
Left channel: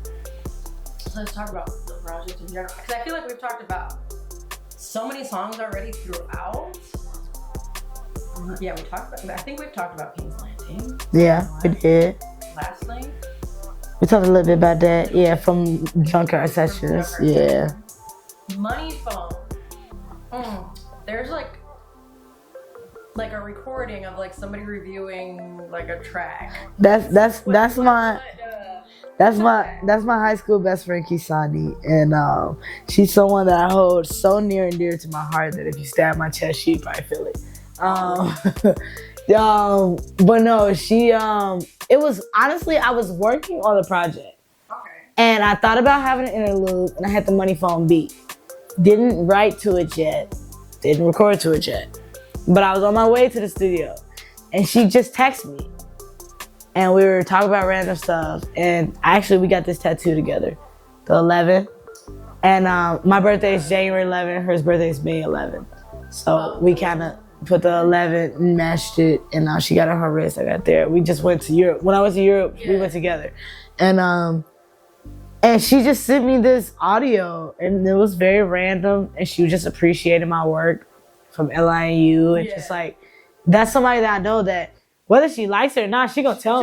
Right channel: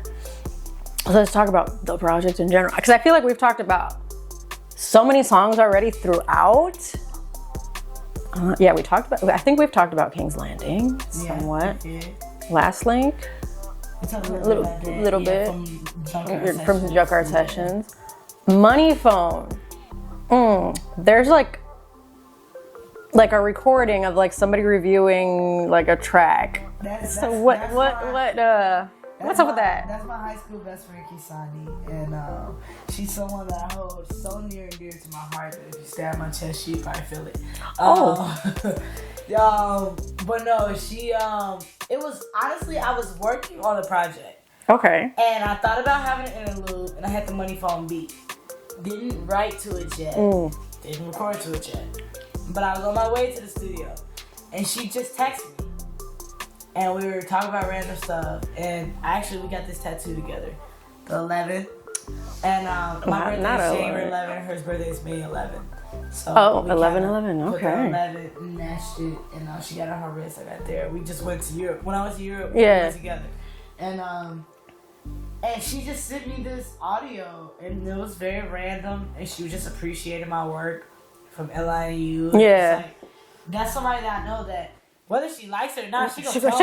So let's talk about the project in general, because I feel like we've talked about so many songs already throughout. I think we've talked about King's Landing. Yeah, somewhat. we did. Last Link. We talked a little bit about that. From Junkyard Sessions. From Junkyard Sessions. Money Phone. There's like a recording of like somebody reviewing like a track. That's my high school best friend Kisani, and she's someone that I hold so near and dear to my heart that if you stab my chest, she'd probably feel it. But no, she it was honestly I was working on the project. Okay. And I thought about having an interlude, and I had the Money Phone beat. Didn't write to it yet. Didn't record to it yet. But I was on my way to the studio. and she just texted me. And we were talking about random stuff. And actually, we got this tattoo together, the 11th. And my birthday is January 11th. Her birthday is May 11th. So we kind of put the 11 and matched it. And now she got it on her wrist. I got there. We just went to Europe. When I went to Europe, we went together. And she just sent me this audio. And it was very random. And she was just appreciating my work from L.I.N.U. And just like, that's somebody that I know that whether she likes it or not, she gonna tell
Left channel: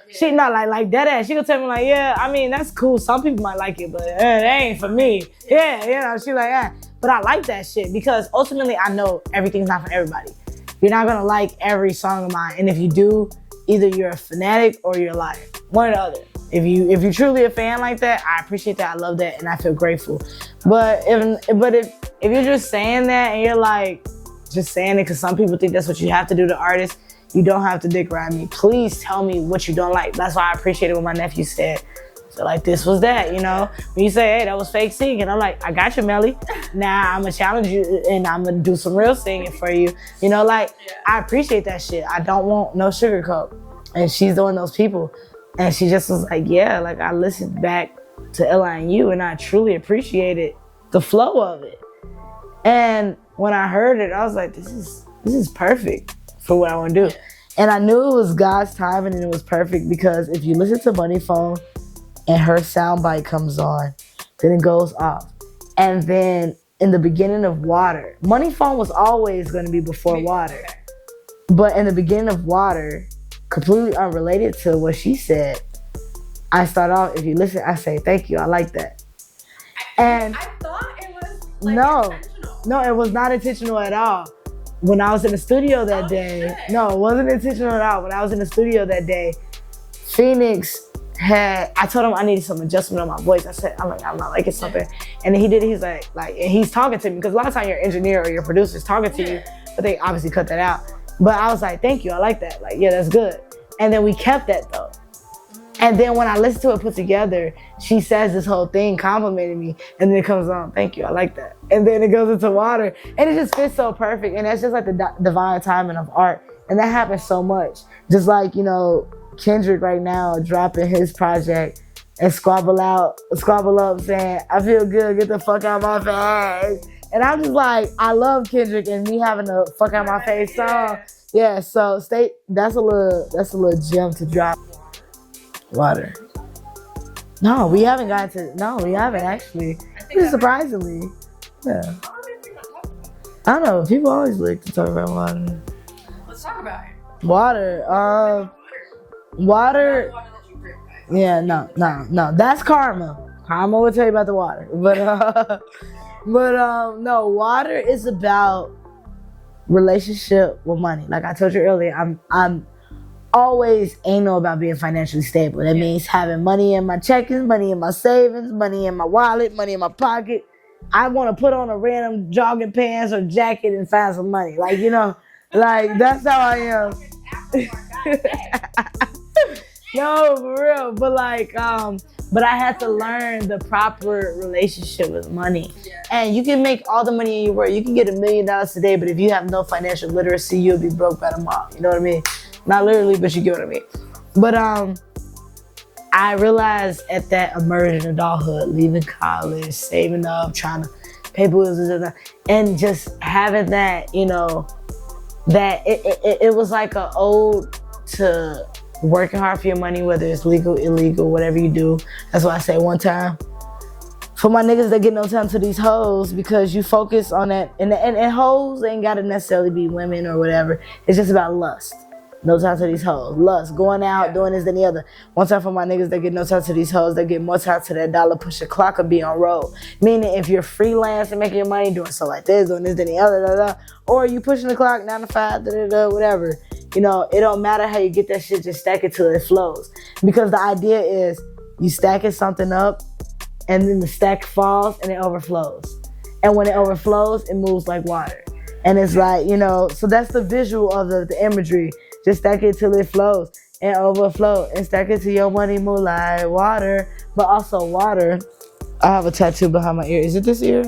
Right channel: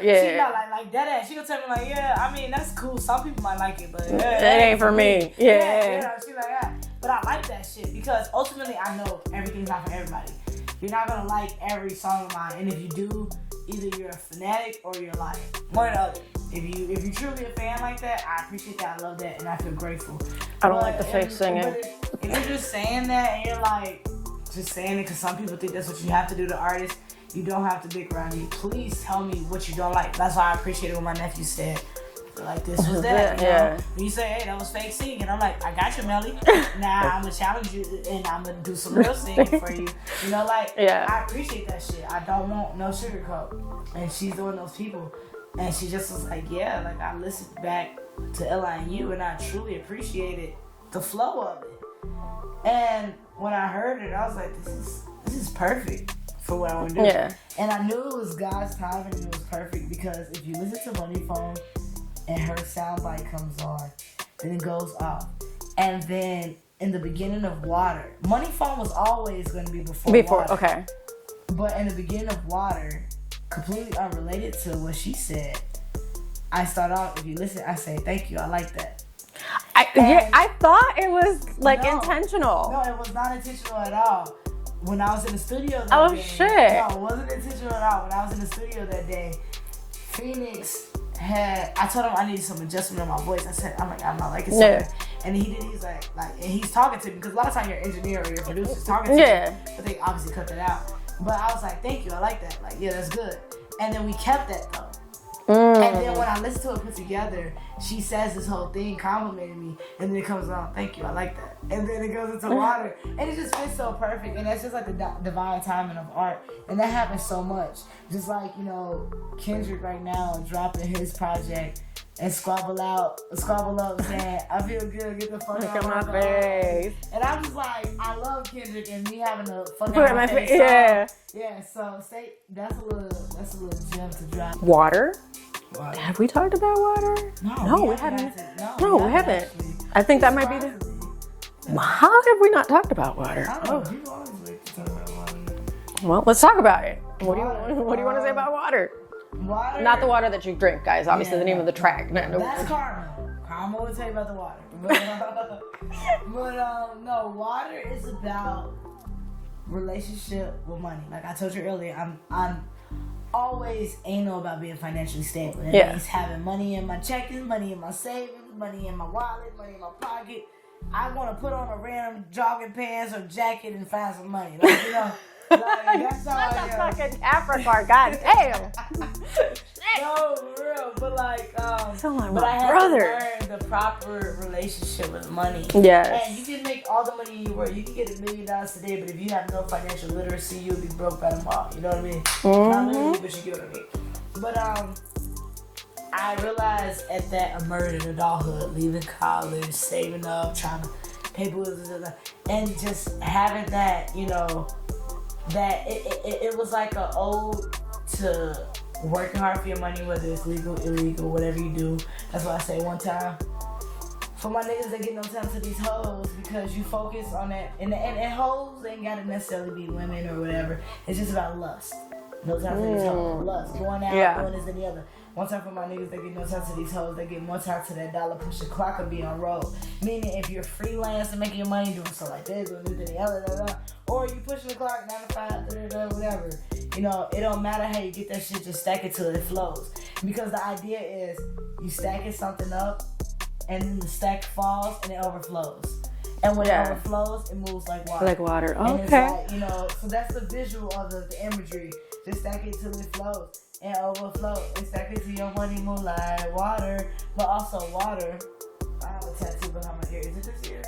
me. She not like that ass. She gonna tell me like, yeah, I mean, that's cool. Some people might like it, but that ain't for me. Yeah, you know, she like that. But I like that shit because ultimately I know everything's not for everybody. You're not gonna like every song of mine. And if you do, either you're a fanatic or you're a liar. One or the other. If you're truly a fan like that, I appreciate that. I love that and I feel grateful. But if you're just saying that and you're like, just saying it because some people think that's what you have to do to artists, you don't have to dick ride me. Please tell me what you don't like. That's why I appreciate it when my nephew said, so like this was that, you know? When you say, hey, that was fake singing, I'm like, I got you, Melly. Now I'm gonna challenge you and I'm gonna do some real singing for you. You know, like, I appreciate that shit. I don't want no sugarcoat. And she's one of those people. And she just was like, yeah, like I listened back to L.I.N.U and I truly appreciated the flow of it. And when I heard it, I was like, this is perfect for what I want to do. Yeah. And I knew it was God's timing and it was perfect because if you listen to Money Phone and her soundbite comes on, then it goes off. And then in the beginning of Water, Money Phone was always going to be before Water. Okay. But in the beginning of Water, completely unrelated to what she said, I start off, if you listen, I say, thank you, I like that. I thought it was like intentional. No, it was not intentional at all. When I was in the studio that day, no, it wasn't intentional at all. When I was in the studio that day, Phoenix I told him I needed some adjustment on my voice. I'm not liking something. And then he did, he's like, and he's talking to me, because a lot of times your engineer or your producer's talking to you, but they obviously cut that out. But I was like, thank you, I like that. Like, yeah, that's good. And then we kept that though. And then when I listened to it put together, she says this whole thing complimenting me, and then it comes on, thank you, I like that. And then it goes into Water, and it just fits so perfect. And that's just like the divine timing of art. And that happens so much. Just like, you know, Kendrick right now dropping his project and squabble up saying, I feel good, get the fuck out of my face. And I'm just like, I love Kendrick and me having a fuck out my face song. Yeah, so that's a little gem to drop. Water. Have we talked about Water? No, we haven't gotten to. No, we haven't actually. I think that surprisingly. How have we not talked about Water? I don't know. People always like to talk about Water. Well, let's talk about it. Water. What do you want to say about Water? Water. Not the water that you drink, guys. Obviously, the name of the track. No, that's Karma. Karma will tell you about the water. But no, Water is about relationship with money. Like I told you earlier, I'm always anal about being financially stable. That means having money in my checkings, money in my savings, money in my wallet, money in my pocket. I want to put on a random jogging pants or jacket and find some money. Like, you know, like that's how I am. Like an African, goddamn. No, for real. But like, but I had to learn the proper relationship with money. Yeah. And you can make all the money in your world. You can get $1 million today, but if you have no financial literacy, you'll be broke by tomorrow. You know what I mean? Mm-hmm. Not literally, but you get what I mean. But I realized at that emerging adulthood, leaving college, saving up, trying to pay bills and just having that, you know, that it was like an ode to working hard for your money, whether it's legal, illegal, whatever you do. That's why I say one time, for my niggas that get no time to these hoes, because you focus on that, and hoes ain't gotta necessarily be women or whatever. It's just about lust. No time to these hoes. Lust, going out, doing this, then the other. One time for my niggas that get no time to these hoes, that get more time to that dollar, push the clock, or be on road. Meaning if you're freelance and making your money, doing stuff like this, doing this, then the other, or you pushing the clock 9 to 5, whatever. You know, it don't matter how you get that shit, just stack it till it flows. Because the idea is you stacking something up and then the stack falls and it overflows. And when it overflows, it moves like water. Like water. Oh, and it's like, you know, so that's the visual of the imagery. Just stack it till it flows and overflow. And stack it till your money move like water. But also Water, I have a tattoo behind my ear. Is it this ear?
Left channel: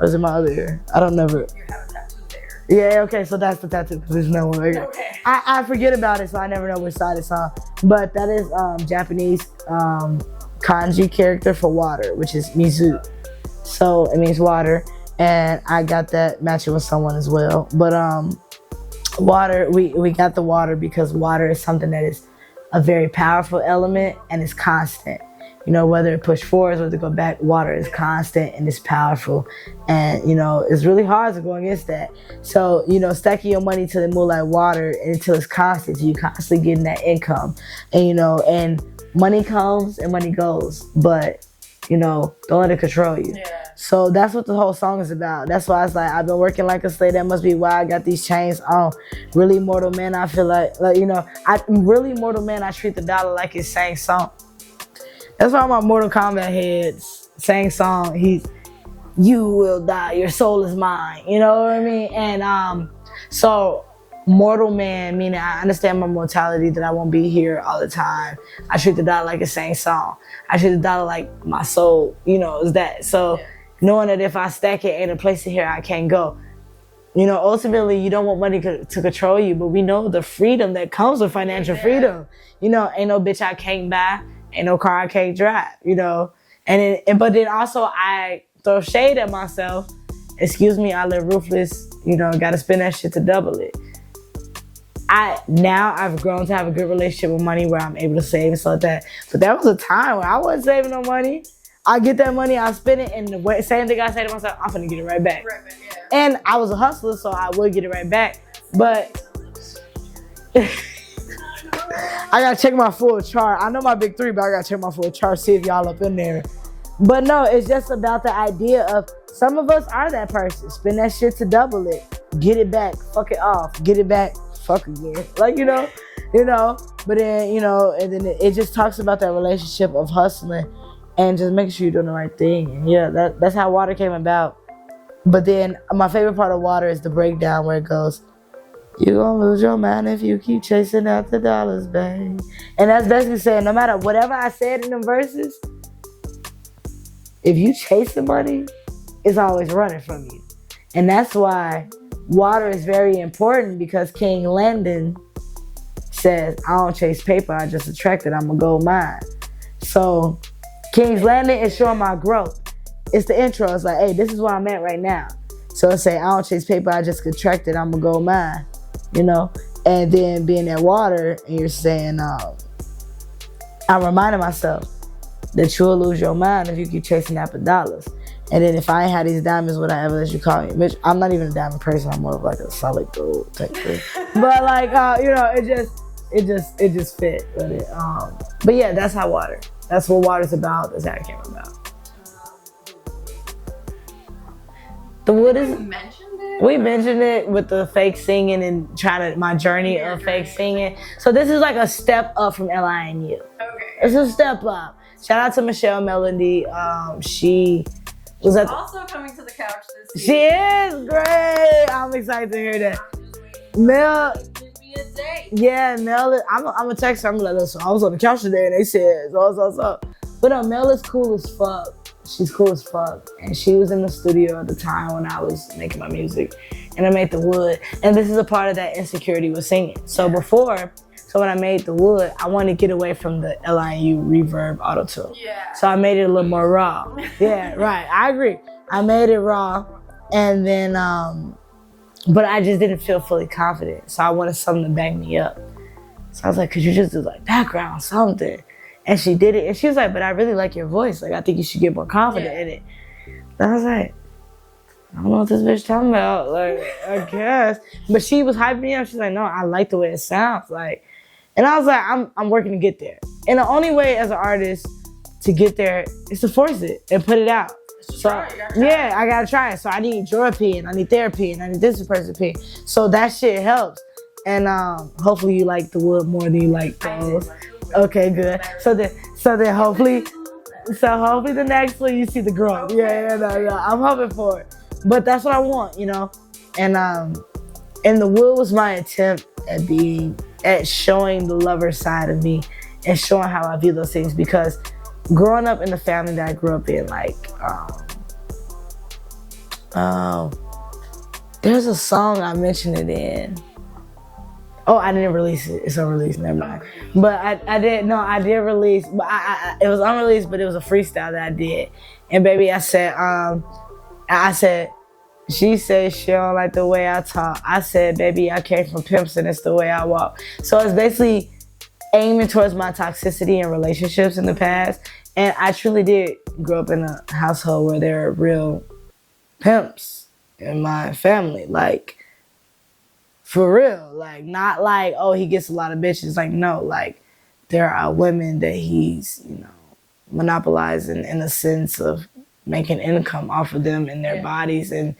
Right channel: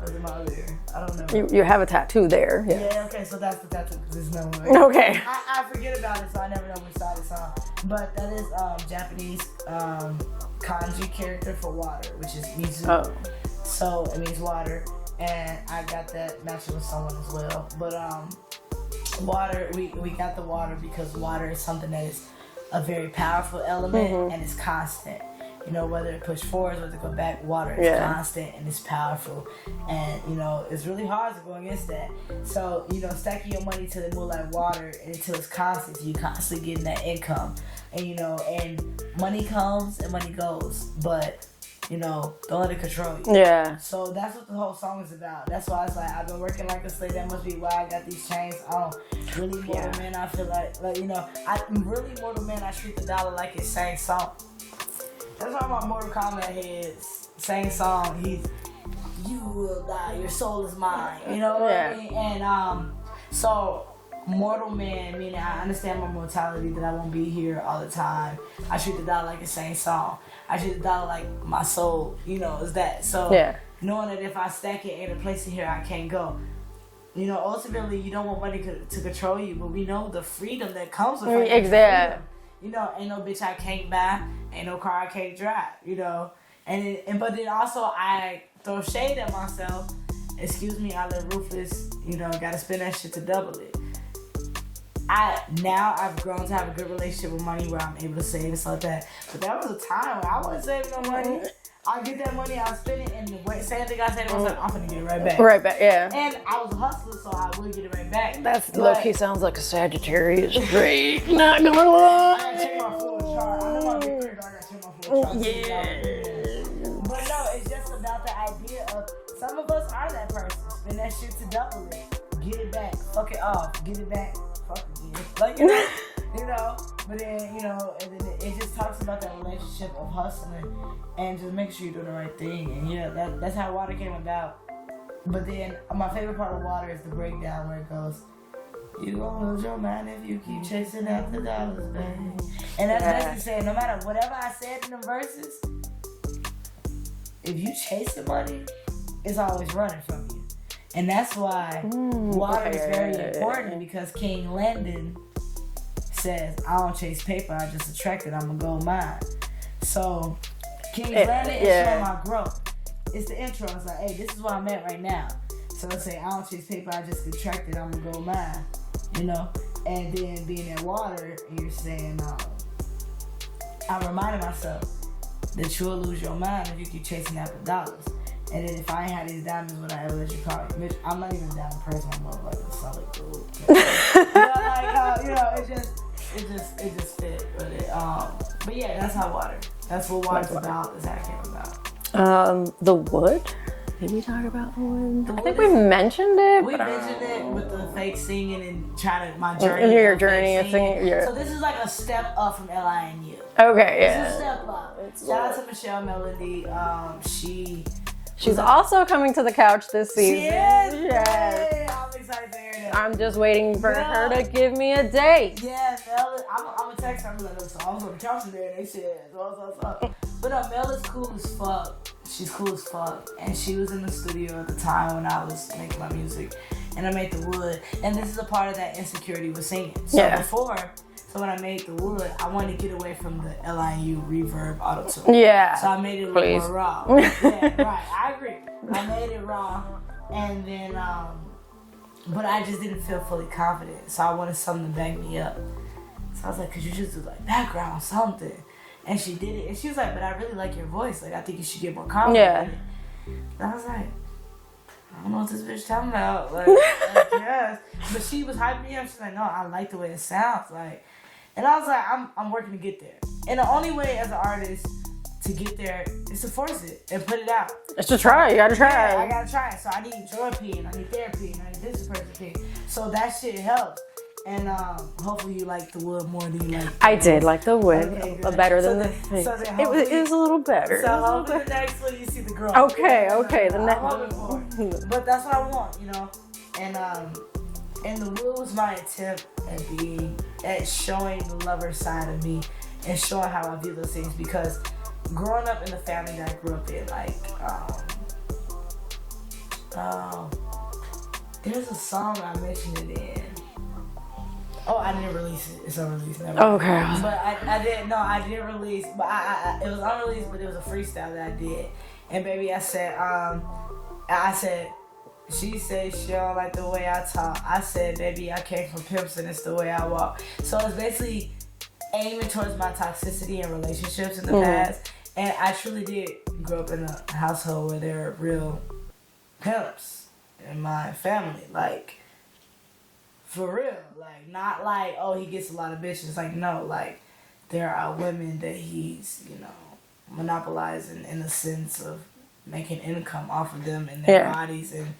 Or is it my other ear? I don't know. You have a tattoo there. Yeah, okay, so that's the tattoo, because there's no one. Okay. I forget about it, so I never know which side it's on. But that is Japanese kanji character for water, which is mizu. Oh. So it means water. And I got that matching with someone as well. But water, we got the water because water is something that is a very powerful element and it's constant. You know, whether it push forwards or to go back, water is constant and it's powerful. And, you know, it's really hard to go against that. So, you know, stacking your money till it move like water until it's constant, so you constantly getting that income. And, you know, and money comes and money goes, but, you know, don't let it control you. Yeah. So that's what the whole song is about. That's why I was like, I've been working like a slave. That must be why I got these chains on. Really Mortal Man, I feel like, you know, really Mortal Man, I treat the dollar like it's same song. That's why my Mortal Kombat heads same song. You will die, your soul is mine. You know what I mean? And so Mortal Man, meaning I understand my mortality, that I won't be here all the time. I treat the dollar like a same song. I treat the dollar like my soul, you know, is that. So knowing that if I stack it, ain't a place in here I can't go. You know, ultimately you don't want money to control you, but we know the freedom that comes with financial freedom. You know, ain't no bitch I can't buy. Ain't no car I can't drive, you know. But then also I throw shade at myself. Excuse me, I live ruthless, you know, gotta spend that shit to double it. Now I've grown to have a good relationship with money where I'm able to save and stuff like that. But that was a time when I wasn't saving no money. I get that money, I spend it, and the same thing I say to myself, I'm gonna get it right back. Right back, yeah. And I was a hustler, so I would get it right back. He sounds like a Sagittarius trait. Not gonna lie. I gotta check my full chart. I know my big three, but I gotta check my full chart, see if y'all up in there. But no, it's just about the idea of some of us are that person. Spend that shit to double it. Get it back, fuck it off. Get it back, fuck again. Like, you know, you know. But then, you know, and then it just talks about that relationship of hustling and just making sure you're doing the right thing. And yeah, that's how Water came about. But then my favorite part of Water is the breakdown where it goes, you gonna lose your mind if you keep chasing after dollars, babe. And that's basically saying no matter whatever I said in them verses, if you chase the money, it's always running from you. And that's why Water is very important, because King Landon says, I don't chase paper, I just attract it, I'm a gold mine. So King's Landon is showing my growth. It's the intro. It's like, hey, this is where I'm at right now. So it's say, I don't chase paper, I just contract it, I'm a gold mine. You know? And then being at Water, and you're saying, I'm reminding myself that you'll lose your mind if you keep chasing after dollars. And then if I ain't had these diamonds, would I ever let you call me? Bitch, I'm not even a diamond person. I'm more of like a solid gold type thing. But like, you know, it just fit with it. But yeah, that's how Water. That's what Water's about. That's how it came about. The Wood. Did we talk about the Wood? The Wood we mentioned it. We mentioned it with the fake singing and trying to my journey of fake singing. So this is like a step up from L.I.N.U. Okay, it's a step up. Shout out to Michelle Melody. She's also coming to the couch this season. She is great. I'm excited to hear that. I'm just waiting for her to give me a date. Yeah, Mel. I'm gonna text her. I'm gonna be like, listen, I was on the couch today and they said so. But Mel is cool as fuck. She's cool as fuck. And she was in the studio at the time when I was making my music. And I made The Wood. And this is a part of that insecurity with singing. So when I made The Wood, I wanted to get away from the L.I.N.U. reverb auto-tune. Yeah. So I made it a little more raw. Yeah, right. I agree. I made it raw. And then, but I just didn't feel fully confident. So I wanted something to back me up. So I was like, could you just do like background something? And she did it. And she was like, but I really like your voice. Like, I think you should get more confident in it. And I was like, I don't know what this bitch talking about. Like, I guess. But she was hyping me up. She's like, no, I like the way it sounds. Like, and I was like, I'm working to get there. And the only way as an artist to get there is to force it and put it out. It's to try. You gotta try. Yeah, I gotta try it. So I need your opinion. I need their opinion. I need this person's opinion. So that shit helps. And hopefully you like The Wood more than you like I did like The Wood. Okay, good. Better so than then hopefully it's a little better. So hopefully the next one you see the growth. Okay, okay. I'm hoping for it. But that's what I want, you know. And The Wood was my attempt at showing the lover side of me and showing how I view those things, because growing up in the family that I grew up in, like There's a song I mentioned it in. Oh, I didn't release it. It's unreleased. Never mind. Okay. But I did release. But it was unreleased, but it was a freestyle that I did. And baby, I said, she said she don't like the way I talk. I said, baby, I came from pimps and it's the way I walk. So it's basically aiming towards my toxicity in relationships in the past. And I truly did grow up in a household where there are real pimps in my family. Like, for real. Like, not like, oh, he gets a lot of bitches. Like, no, like, there are women that he's, monopolizing in a sense of making income off of them and their bodies and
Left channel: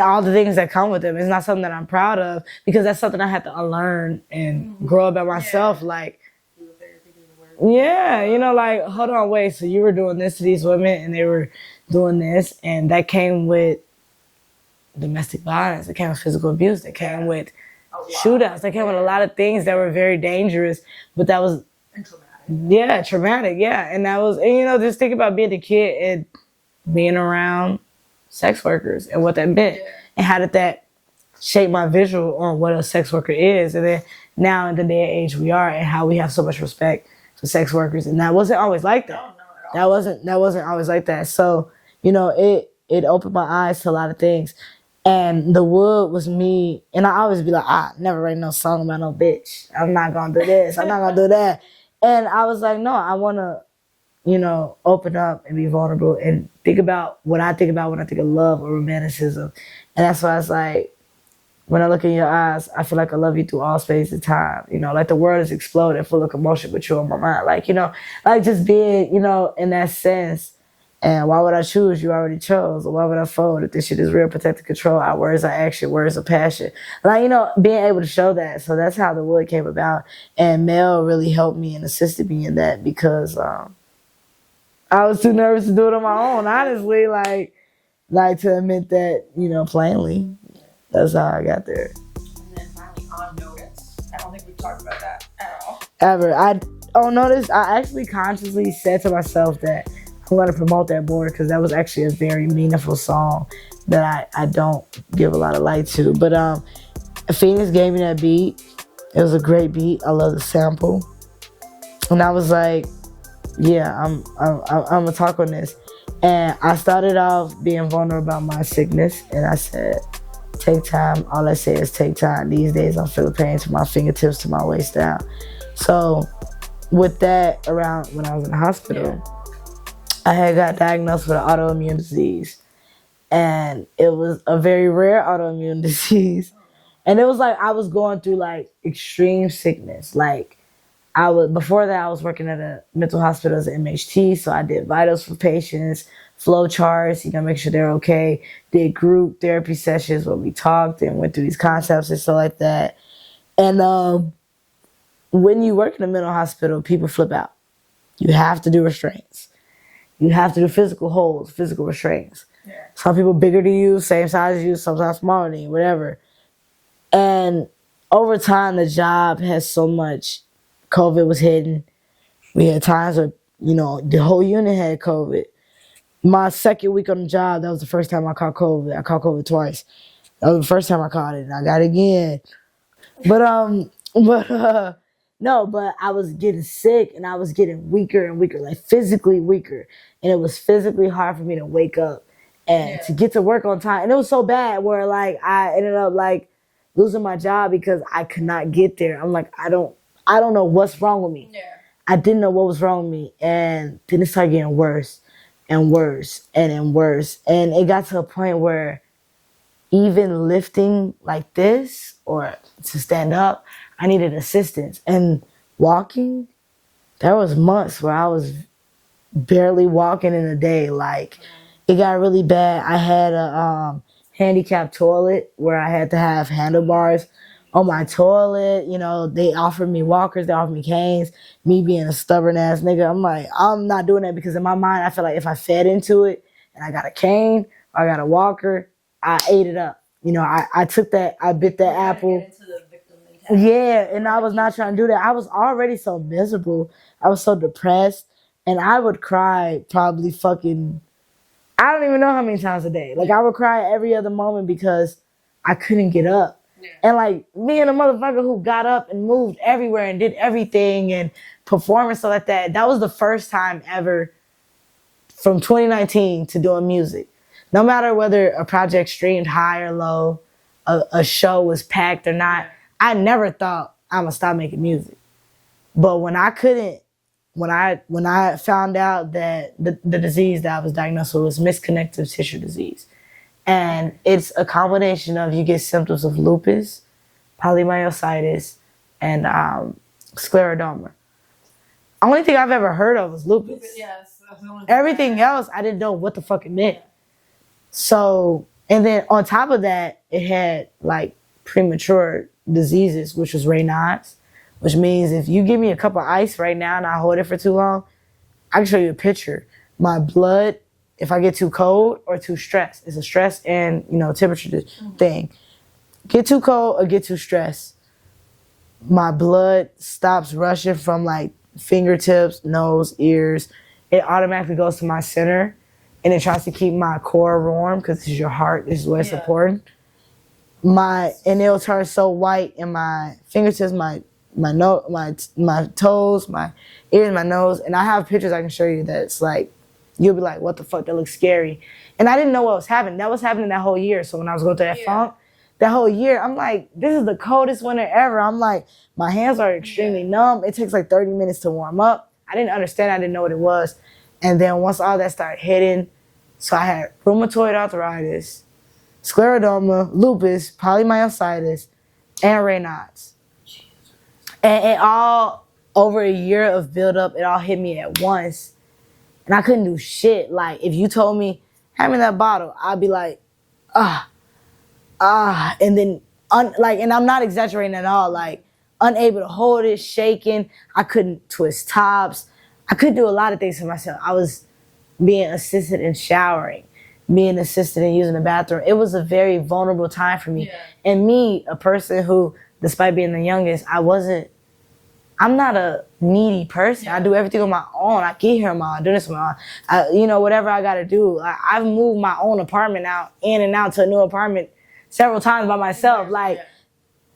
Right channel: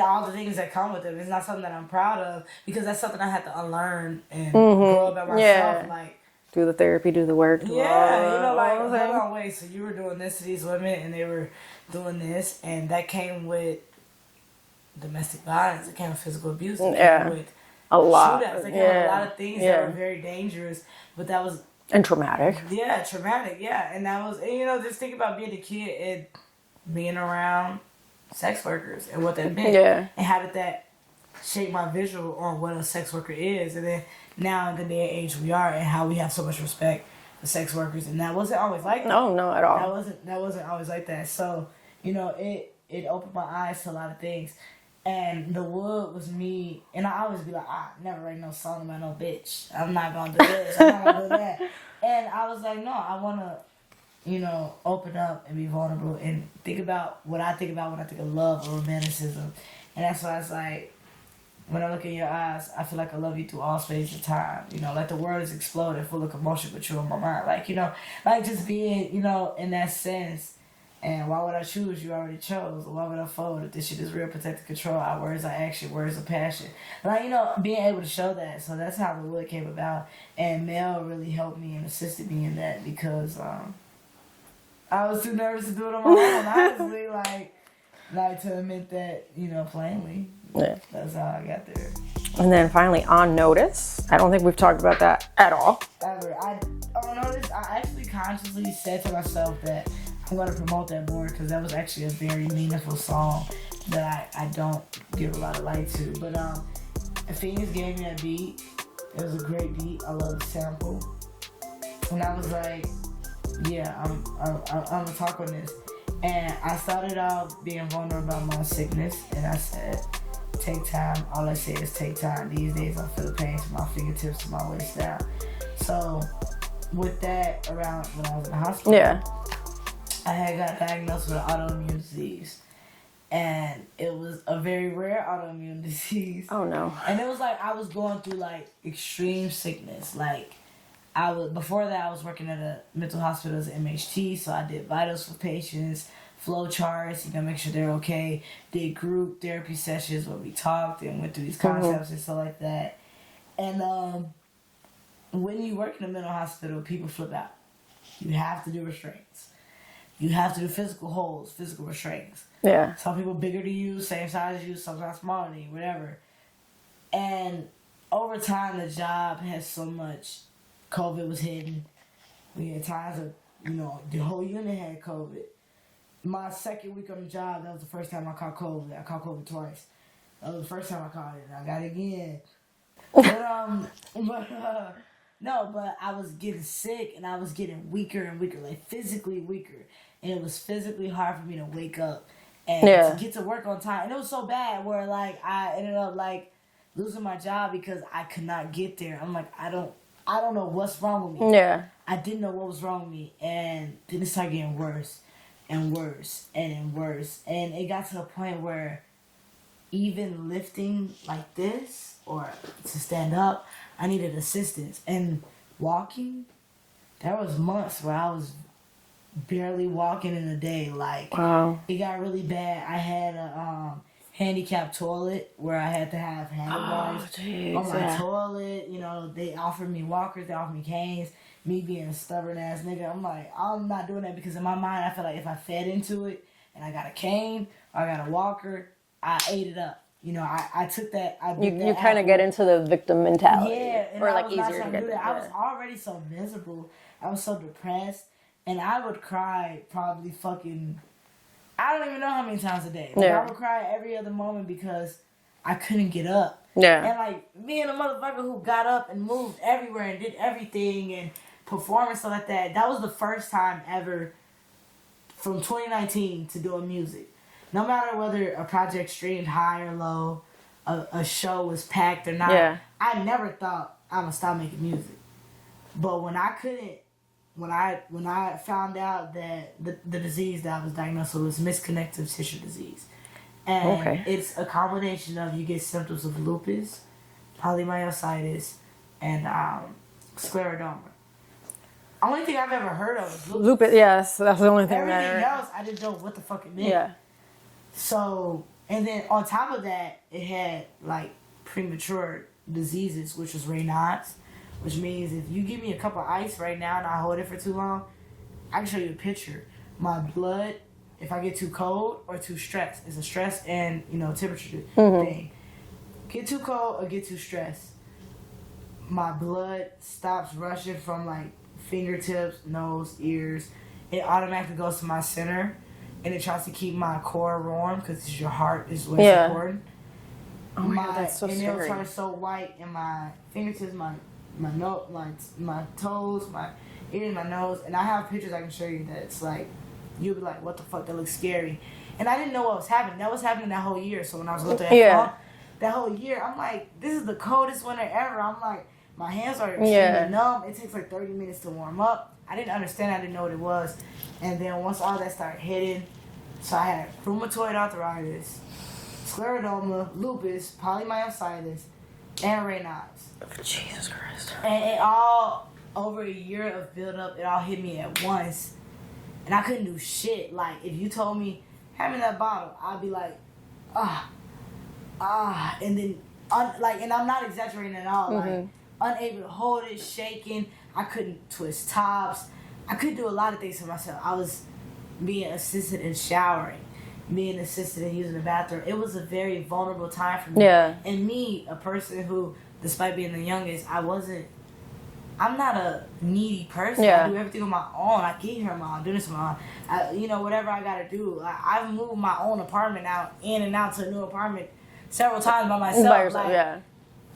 all the things that come with them. It's not something that I'm proud of because that's something I had to unlearn and grow up by myself. Like, do the therapy, do the work. Yeah, hold on, wait. So you were doing this to these women and they were doing this, and that came with domestic violence. It came with physical abuse. It came with shootouts. It came with a lot of things that were very dangerous, but that was... And traumatic. Yeah, traumatic, yeah. And that was, just think about being a kid and being around sex workers and what that meant. Yeah. And how did that shape my visual on what a sex worker is. And then now in the day and age we are and how we have so much respect for sex workers. And that wasn't always like that. No, not at all. That wasn't always like that. So, it opened my eyes to a lot of things. And The Wood was me, and I always be like, I never write no song about no bitch. I'm not gonna do this. I'm not gonna do that. And I was like, no, I wanna, open up and be vulnerable and think about what I think about when I think of love or romanticism. And that's why it's like, when I look in your eyes, I feel like I love you through all space and time. Like the world is exploding, full of commotion, but you're on my mind. Like, like just being, in that sense. And why would I choose? You already chose. Or why would I fold? If this shit is real, protected control, our words are action, words are passion. Like, being able to show that. So that's how The Wood came about. And Mel really helped me and assisted me in that because I was too nervous to do it on my own, honestly. Like to admit that, plainly. Yeah. That's how I got there. And then finally, On Notice. I don't think we've talked about that at all. Ever. On Notice, I actually consciously said to myself that I'm going to promote that more because that was actually a very meaningful song that I don't give a lot of light to. But Phoenix gave me that beat. It was a great beat. I love the sample. And I was like, yeah, I'm gonna talk on this. And I started off being vulnerable about my sickness, and I said, take time. All I say is take time. These days I'm feeling pain to my fingertips, to my waist down. So with that, around when I was in the hospital, I had got diagnosed with an autoimmune disease. And it was a very rare autoimmune disease. Oh no. And it was like I was going through like extreme sickness. Like before that I was working at a mental hospital as an MHT, so I did vitals for patients, flow charts, make sure they're okay. Did group therapy sessions where we talked and went through these concepts and stuff like that. And when you work in a mental hospital, people flip out. You have to do restraints. You have to do physical holds, physical restraints. Yeah. Some people bigger than you, same size as you, sometimes smaller than you, whatever. And over time, the job has so much. COVID was hitting. We had times where, the whole unit had COVID. My second week on the job, that was the first time I caught COVID. I caught COVID twice. That was the first time I caught it, and I got it again. But I was getting sick, and I was getting weaker and weaker, like physically weaker. And it was physically hard for me to wake up and to get to work on time. And it was so bad where like I ended up like losing my job because I could not get there. I'm like, I don't know what's wrong with me. Yeah. I didn't know what was wrong with me. And then it started getting worse and worse and worse. And it got to a point where even lifting like this or to stand up, I needed assistance. And walking, there was months where I was barely walking in a day. Like, wow. It got really bad. I had a handicapped toilet where I had to have handlebars on my toilet. They offered me walkers, they offered me canes. Me being a stubborn ass nigga, I'm like, I'm not doing that because in my mind, I feel like if I fed into it and I got a cane or I got a walker, I ate it up. I took that, I bit that apple. You kind of get into the victim mentality. Yeah, and I was not trying to do that. I was already so miserable. I was so depressed. And I would cry probably fucking I don't even know how many times a day. Like, I would cry every other moment because I couldn't get up. Yeah. And, like, being a motherfucker who got up and moved everywhere and did everything and performing stuff like that, that was the first time ever from 2019 to doing music. No matter whether a project streamed high or low, a show was packed or not, I never thought I'm going to stop making music. But when I couldn't, when I found out that the disease that I was diagnosed with was misconnective tissue disease. And it's a combination of, you get symptoms of lupus, polymyositis, and scleroderma. Only thing I've ever heard of was lupus. Yes, that's the only thing. Everything else, I didn't know what the fuck it meant. Yeah. So, and then on top of that, it had like premature diseases, which was Raynaud's, which means if you give me a cup of ice right now and I hold it for too long, I can show you a picture. My blood, if I get too cold or too stressed, it's a stress and, you know, temperature thing. Get too cold or get too stressed, my blood stops rushing from like fingertips, nose, ears. It automatically goes to my center, and it tries to keep my core warm because it's your heart is what's important. And it'll turn so white in my fingertips, my toes, my ears, my nose, and I have pictures I can show you that it's like, you'll be like, what the fuck, that looks scary. And I didn't know what was happening. That was happening that whole year. So when I was going through that funk, that whole year, I'm like, this is the coldest winter ever. I'm like, my hands are extremely numb. It takes like 30 minutes to warm up. I didn't understand. I didn't know what it was. And then once all that started hitting, so I had rheumatoid arthritis, scleroderma, lupus, polymyositis, and Raynaud's. Jesus Christ. And it all, over a year of build-up, it all hit me at once. And I couldn't do shit. Like, if you told me, hand me that bottle, I'd be like, and then, and I'm not exaggerating at all, like, unable to hold it, shaking. I couldn't twist tops. I couldn't do a lot of things for myself. I was being assisted in showering, being assisted in using the bathroom. It was a very vulnerable time for me. Yeah. And me, a person who, despite being the youngest, I'm not a needy person. I do everything on my own. I get here on my own, do this on my own. Whatever I gotta do. I've moved my own apartment out, in and out to a new apartment several times by myself.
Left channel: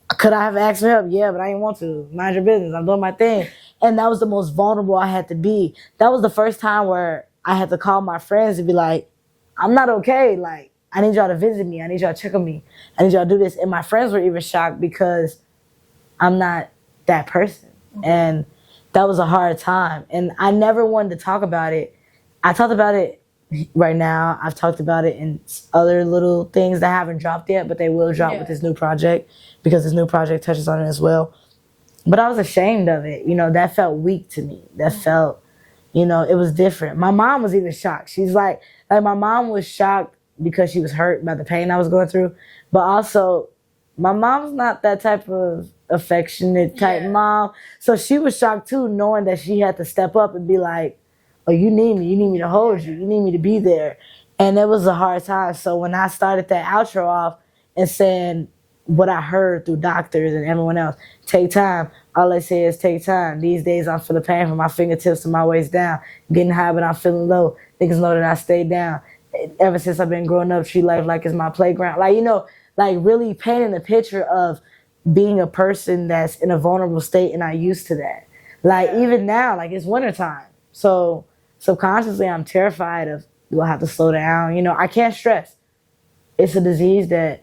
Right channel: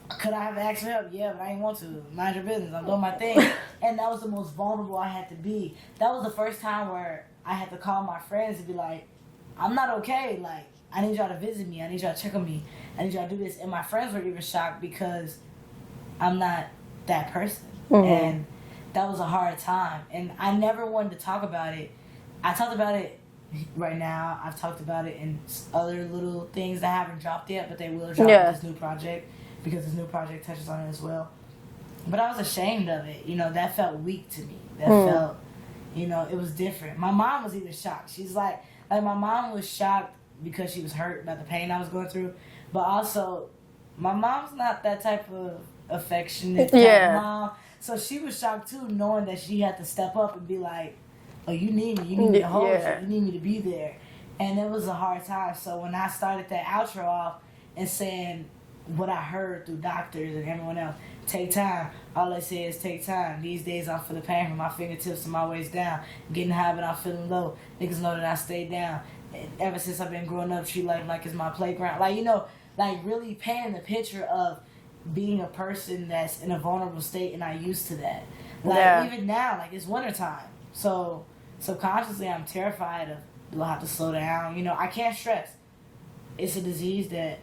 Could I have asked for help? Yeah, but I didn't want to. Mind your business. I'm doing my thing. And that was the most vulnerable I had to be. That was the first time where I had to call my friends and be like, I'm not okay. Like, I need y'all to visit me. I need y'all to check on me. I need y'all to do this. And my friends were even shocked because I'm not that person. And that was a hard time. And I never wanted to talk about it. I talked about it right now. I've talked about it in other little things that haven't dropped yet, but they will drop with this new project because this new project touches on it as well. But I was ashamed of it. That felt weak to me. That felt, it was different. My mom was even shocked. She's like my mom was shocked because she was hurt by the pain I was going through. But also, my mom's not that type of affectionate type mom. So she was shocked too, knowing that she had to step up and be like, oh, you need me. You need me to hold you. You need me to be there. And it was a hard time. So when I started that outro off and saying what I heard through doctors and everyone else, take time. All they say is take time. These days I'm feeling pain from my fingertips to my waist down. Getting high but I'm feeling low. Niggas know that I stay down. Ever since I've been growing up, treat life like it's my playground. Really painting the picture of being a person that's in a vulnerable state and not used to that. Even now, it's wintertime. So subconsciously I'm terrified of, do I have to slow down? I can't stress. It's a disease that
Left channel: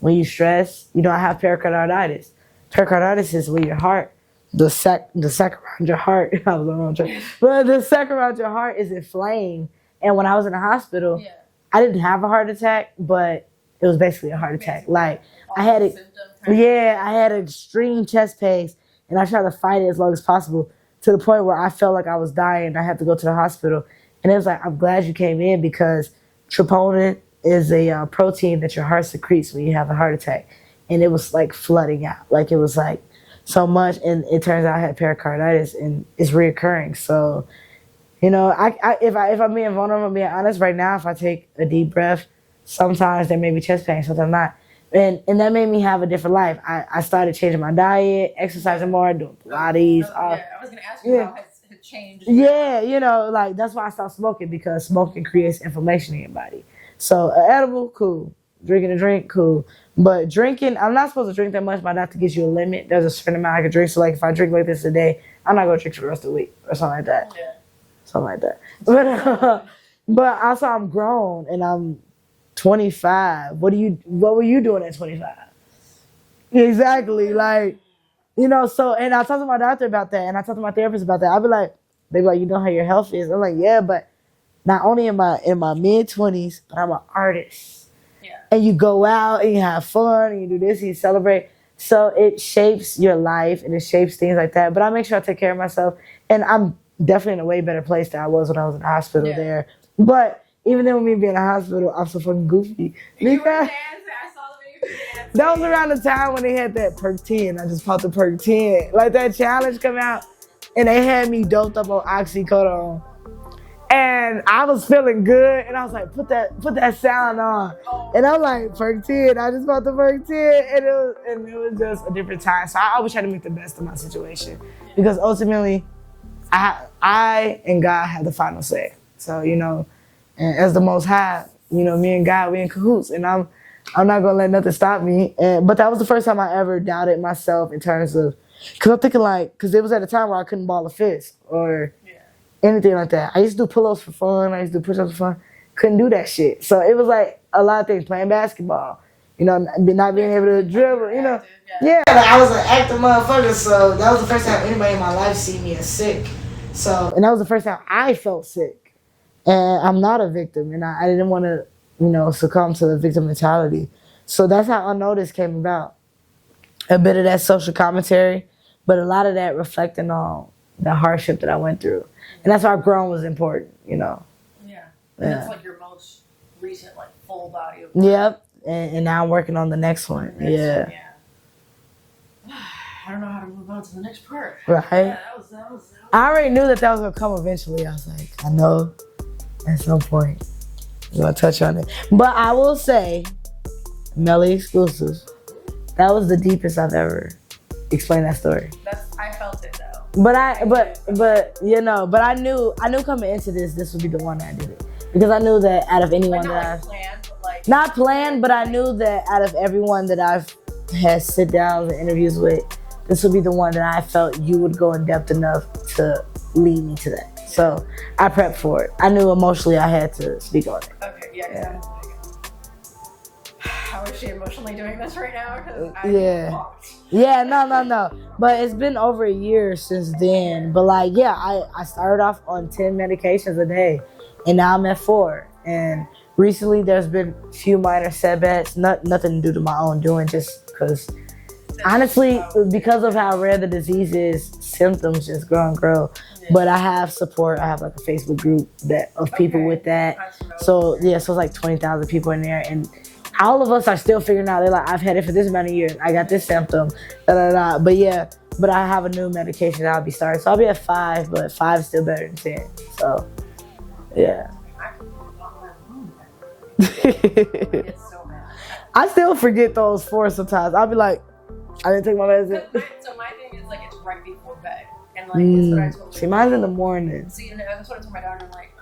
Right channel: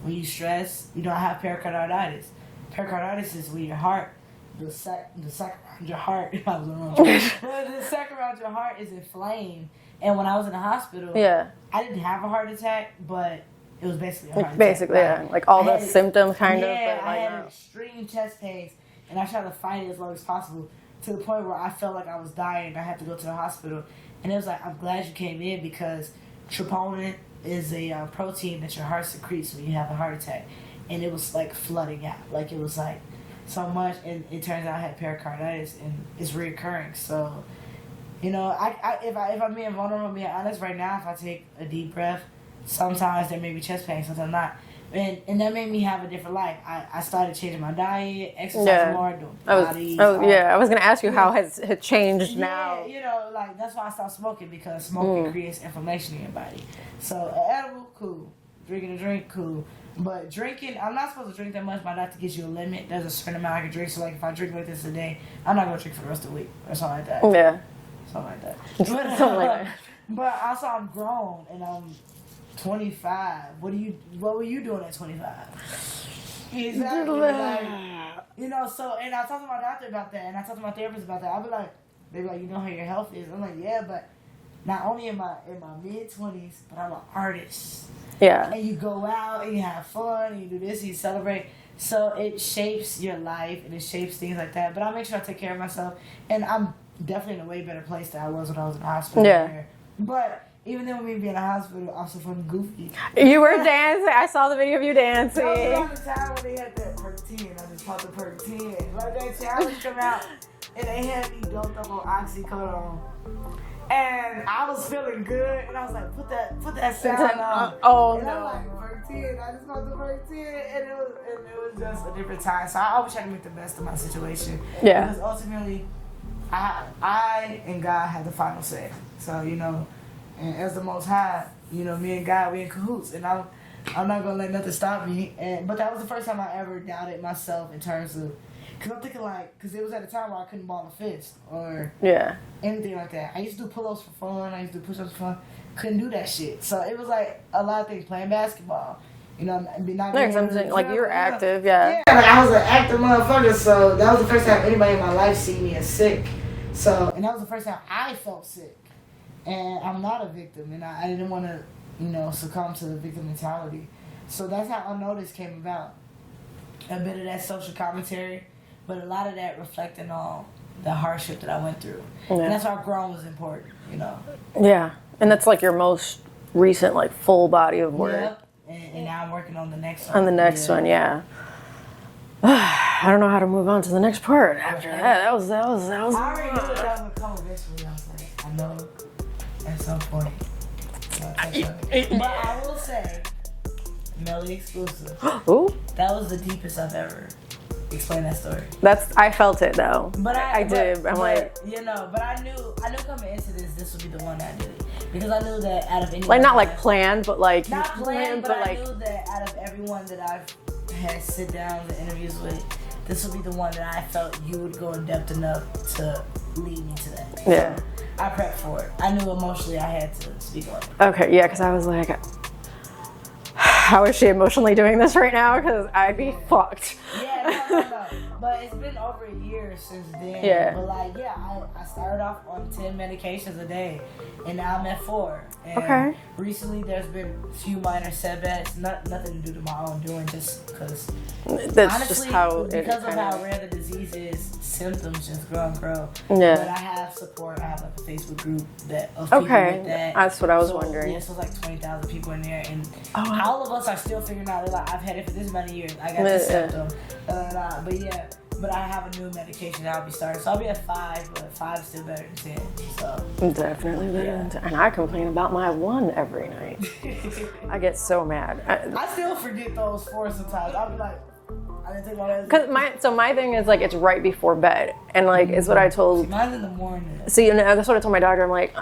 when you stress, I have pericarditis. Pericarditis is where your heart, the sac around your heart, I was on the wrong track. But the sac around your heart is inflamed. And when I was in the hospital, I didn't have a heart attack, but it was basically a heart attack. Basically, all the symptoms kind of. Yeah, I had extreme chest pains, and I tried to fight it as long as possible to the point where I felt like I was dying and I had to go to the hospital. And it was like, I'm glad you came in because troponin is a protein that your heart secretes when you have a heart attack. And it was flooding out. It was so much. And it turns out I had pericarditis and it's reoccurring. So, if I'm being vulnerable, I'm being honest right now, if I take a deep breath, sometimes there may be chest pain, sometimes not. And that made me have a different life. I started changing my diet, exercising more, doing Pilates. I was gonna ask you how has it changed. Yeah, you know, like that's why I stopped smoking, because smoking creates inflammation in your body. So an edible, cool. Drinking a drink, cool. But drinking, I'm not supposed to drink that much. My doctor gives you a limit. There's a certain amount I can drink. So like if I drink like this a day, I'm not gonna drink for the rest of the week or something like that. Yeah, something like that. But also I'm grown and I'm 25. What were you doing at 25? Exactly. Like, you know, so, and I talked to my doctor about that, and I talked to my therapist about that. I'll be like, they be like, you know how your health is? I'm like, yeah, but not only in my mid-20s, but I'm an artist. Yeah. And you go out and you have fun and you do this and you celebrate. So it shapes your life and it shapes things like that. But I make sure I take care of myself. And I'm definitely in a way better place than I was when I was in the hospital there. But even then, with me being in the hospital, I'm so fucking goofy. You were dancing. I saw the video of you dancing. That was around the time when they had that perk 10. I just popped the perk 10. Like that challenge come out, and they had me doped up on oxycodone. And I was feeling good, and I was like, put that sound on. And I'm like, perk 10. I just popped the perk 10, and it was just a different time. So I always try to make the best of my situation. Yeah. Because ultimately, I and God have the final say. So, you know, and as the Most High, you know, me and God, we in cahoots, and I'm not gonna let nothing stop me. But that was the first time I ever doubted myself in terms of, cause I'm thinking like, cause it was at a time where I couldn't ball a fist or anything like that. I used to do pull-ups for fun. I used to do push-ups for fun. Couldn't do that shit. So it was like a lot of things. Playing basketball, you know, not being able to dribble. Like you were active, Yeah, I was an active motherfucker. So that was the first time anybody in my life seen me as sick. So, and that was the first time I felt sick. And I'm not a victim, and I didn't want to, you know, succumb to the victim mentality. So that's how Unnoticed came about. A bit of that social commentary, but a lot of that reflecting on the hardship that I went through. Yeah. And that's why growing was important, you know. Yeah, and that's like your most recent, like, full body of work. Yep, and now I'm working on the next one. On the next one, yeah. I don't know how to move on to the next part. Right. That was. I already knew that was gonna come eventually. I was like, I know. At some point, you're gonna touch on it. But I will say, Melly exclusive. Ooh. That was the deepest I've ever explained that story. I felt it though. But you know, but I knew coming into this would be the one that I did it. Because I knew that out of anyone, like not like planned, but like not planned, but I knew that out of everyone that I've had sit downs and interviews with, this would be the one that I felt you would go in depth enough to lead me to that. Yeah. So I prepped for it. I knew emotionally I had to speak on it. Okay, yeah, because I was like, how is she emotionally doing this right now? Because I'd be fucked. Yeah, no. But it's been over a year since then. Yeah. But like, I started off on 10 medications a day, and now I'm at 4. And recently there's been a few minor setbacks, nothing due to my own doing, just because honestly, because of how rare the disease is, symptoms just grow and grow. Yeah. But I have support. I have like a Facebook group of people with that. That's what I was wondering. Yeah, so it's like 20,000 people in there, and all of us are still figuring out. They're like, I've had it for this amount of years. I got this symptom. But I have a new medication that I'll be starting. So I'll be at 5, but 5 is still better than 10. So definitely. And I complain about my 1 every night. I get so mad. I still forget those 4 sometimes. I'll be like, I didn't take my medicine. So my thing is like it's right before bed, and like it's what I told. See, mine's in the morning. So that's what I told my doctor. I'm like,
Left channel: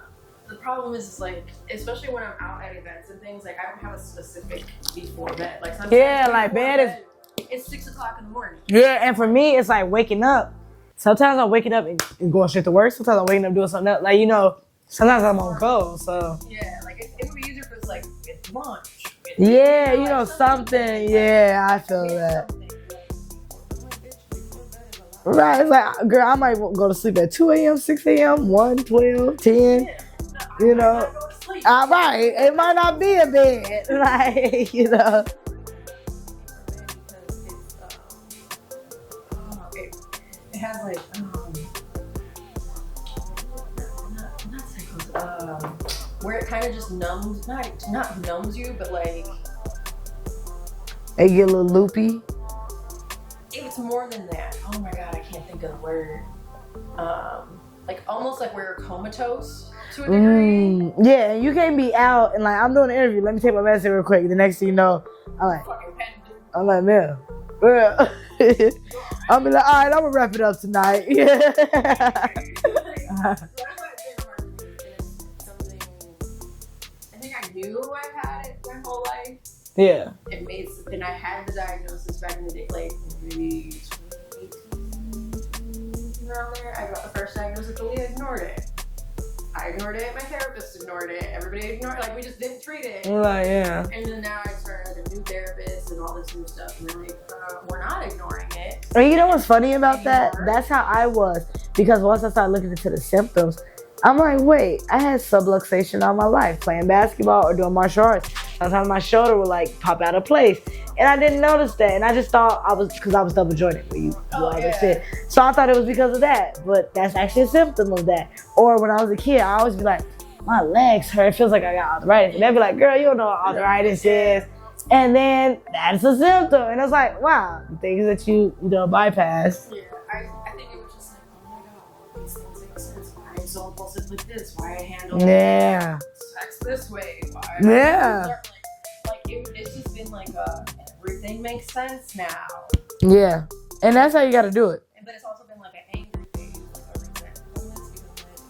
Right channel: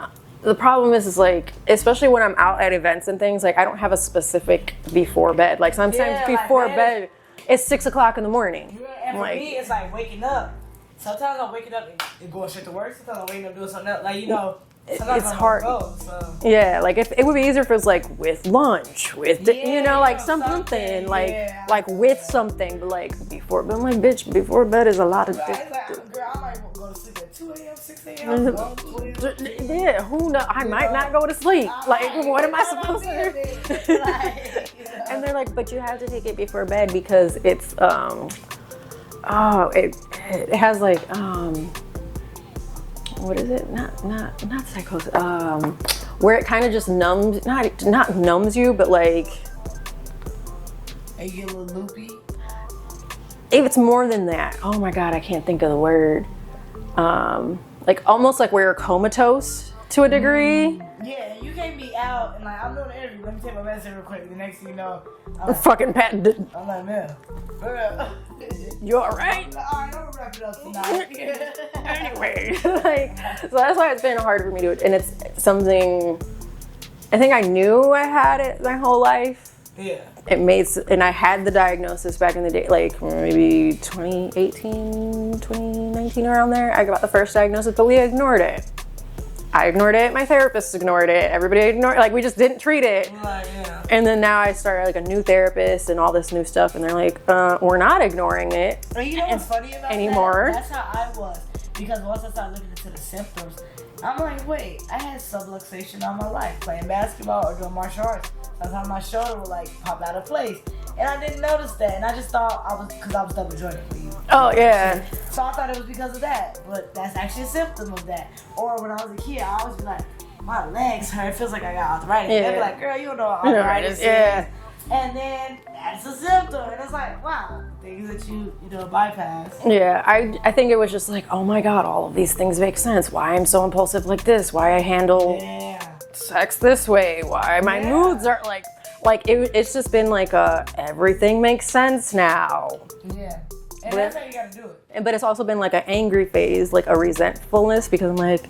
the problem is like, especially when I'm out at events and things, like I don't have a specific before bed. Like sometimes before bed, it's 6 o'clock in the morning. Yeah, and for me, it's like waking up. Sometimes I'm waking up and going straight to work. Sometimes I'm waking up doing something else. Like, you know, sometimes I'm hard. So yeah, like if it would be easier if it was like with lunch, with like something like with that. Something, but like before. But I'm like, bitch, before bed is a lot of It's like, girl, I might go to sleep at 2 a.m., 6 a.m., 1, 12, 10. Yeah, who knows? I might not go to sleep. I might. It might not be a bed. Like, you know. And they're like, but you have to take it before bed because it's it has like what is it? Not psychosis. Where it kind of just numbs, not numbs you, but like you get a little loopy. It's more than that. Oh my god, I can't think of the word. Like almost like where you're comatose to a degree. Yeah, you can't be out and like I'm doing an interview. Let me take my medicine real quick. The next thing you know, fucking patented. I'm like, man. You alright? I'm like, all right, I'm gonna wrap it up tonight. Yeah. Anyway, so that's why it's been hard for me to, and it's something, I think I knew I had it my whole life. Yeah. And I had the diagnosis back in the day, like maybe 2018, 2019, around there. I got the first diagnosis, but we ignored it. I ignored it. My therapist ignored it. Everybody ignored it. Like, we just didn't treat it. Like, yeah. And then now I started like a new therapist and all this new stuff, and they're like, we're not ignoring it. And you know what's funny about anymore? that? That's how I was. Because once I started looking into the symptoms, I'm like, wait, I had subluxation all my life, playing basketball or doing martial arts. Sometimes my shoulder would like pop out of place. And I didn't notice that. And I just thought because I was double jointed for you. Oh, yeah. So I thought it was because of that. But that's actually a symptom of that. Or when I was a kid, I always be like, my legs hurt. It feels like I got arthritis. And they'd be like, girl, you don't know what arthritis is. And then that's a symptom. And it's like, wow, the things that you bypass. Yeah, I think it was just like, oh my God, all of these things make sense. Why I'm so impulsive like this. Why I handle sex this way. Why my moods are like it's just been like everything makes sense now. Yeah. And that's how you got to do it. But it's also been like an angry phase, like a resentfulness, because I'm like,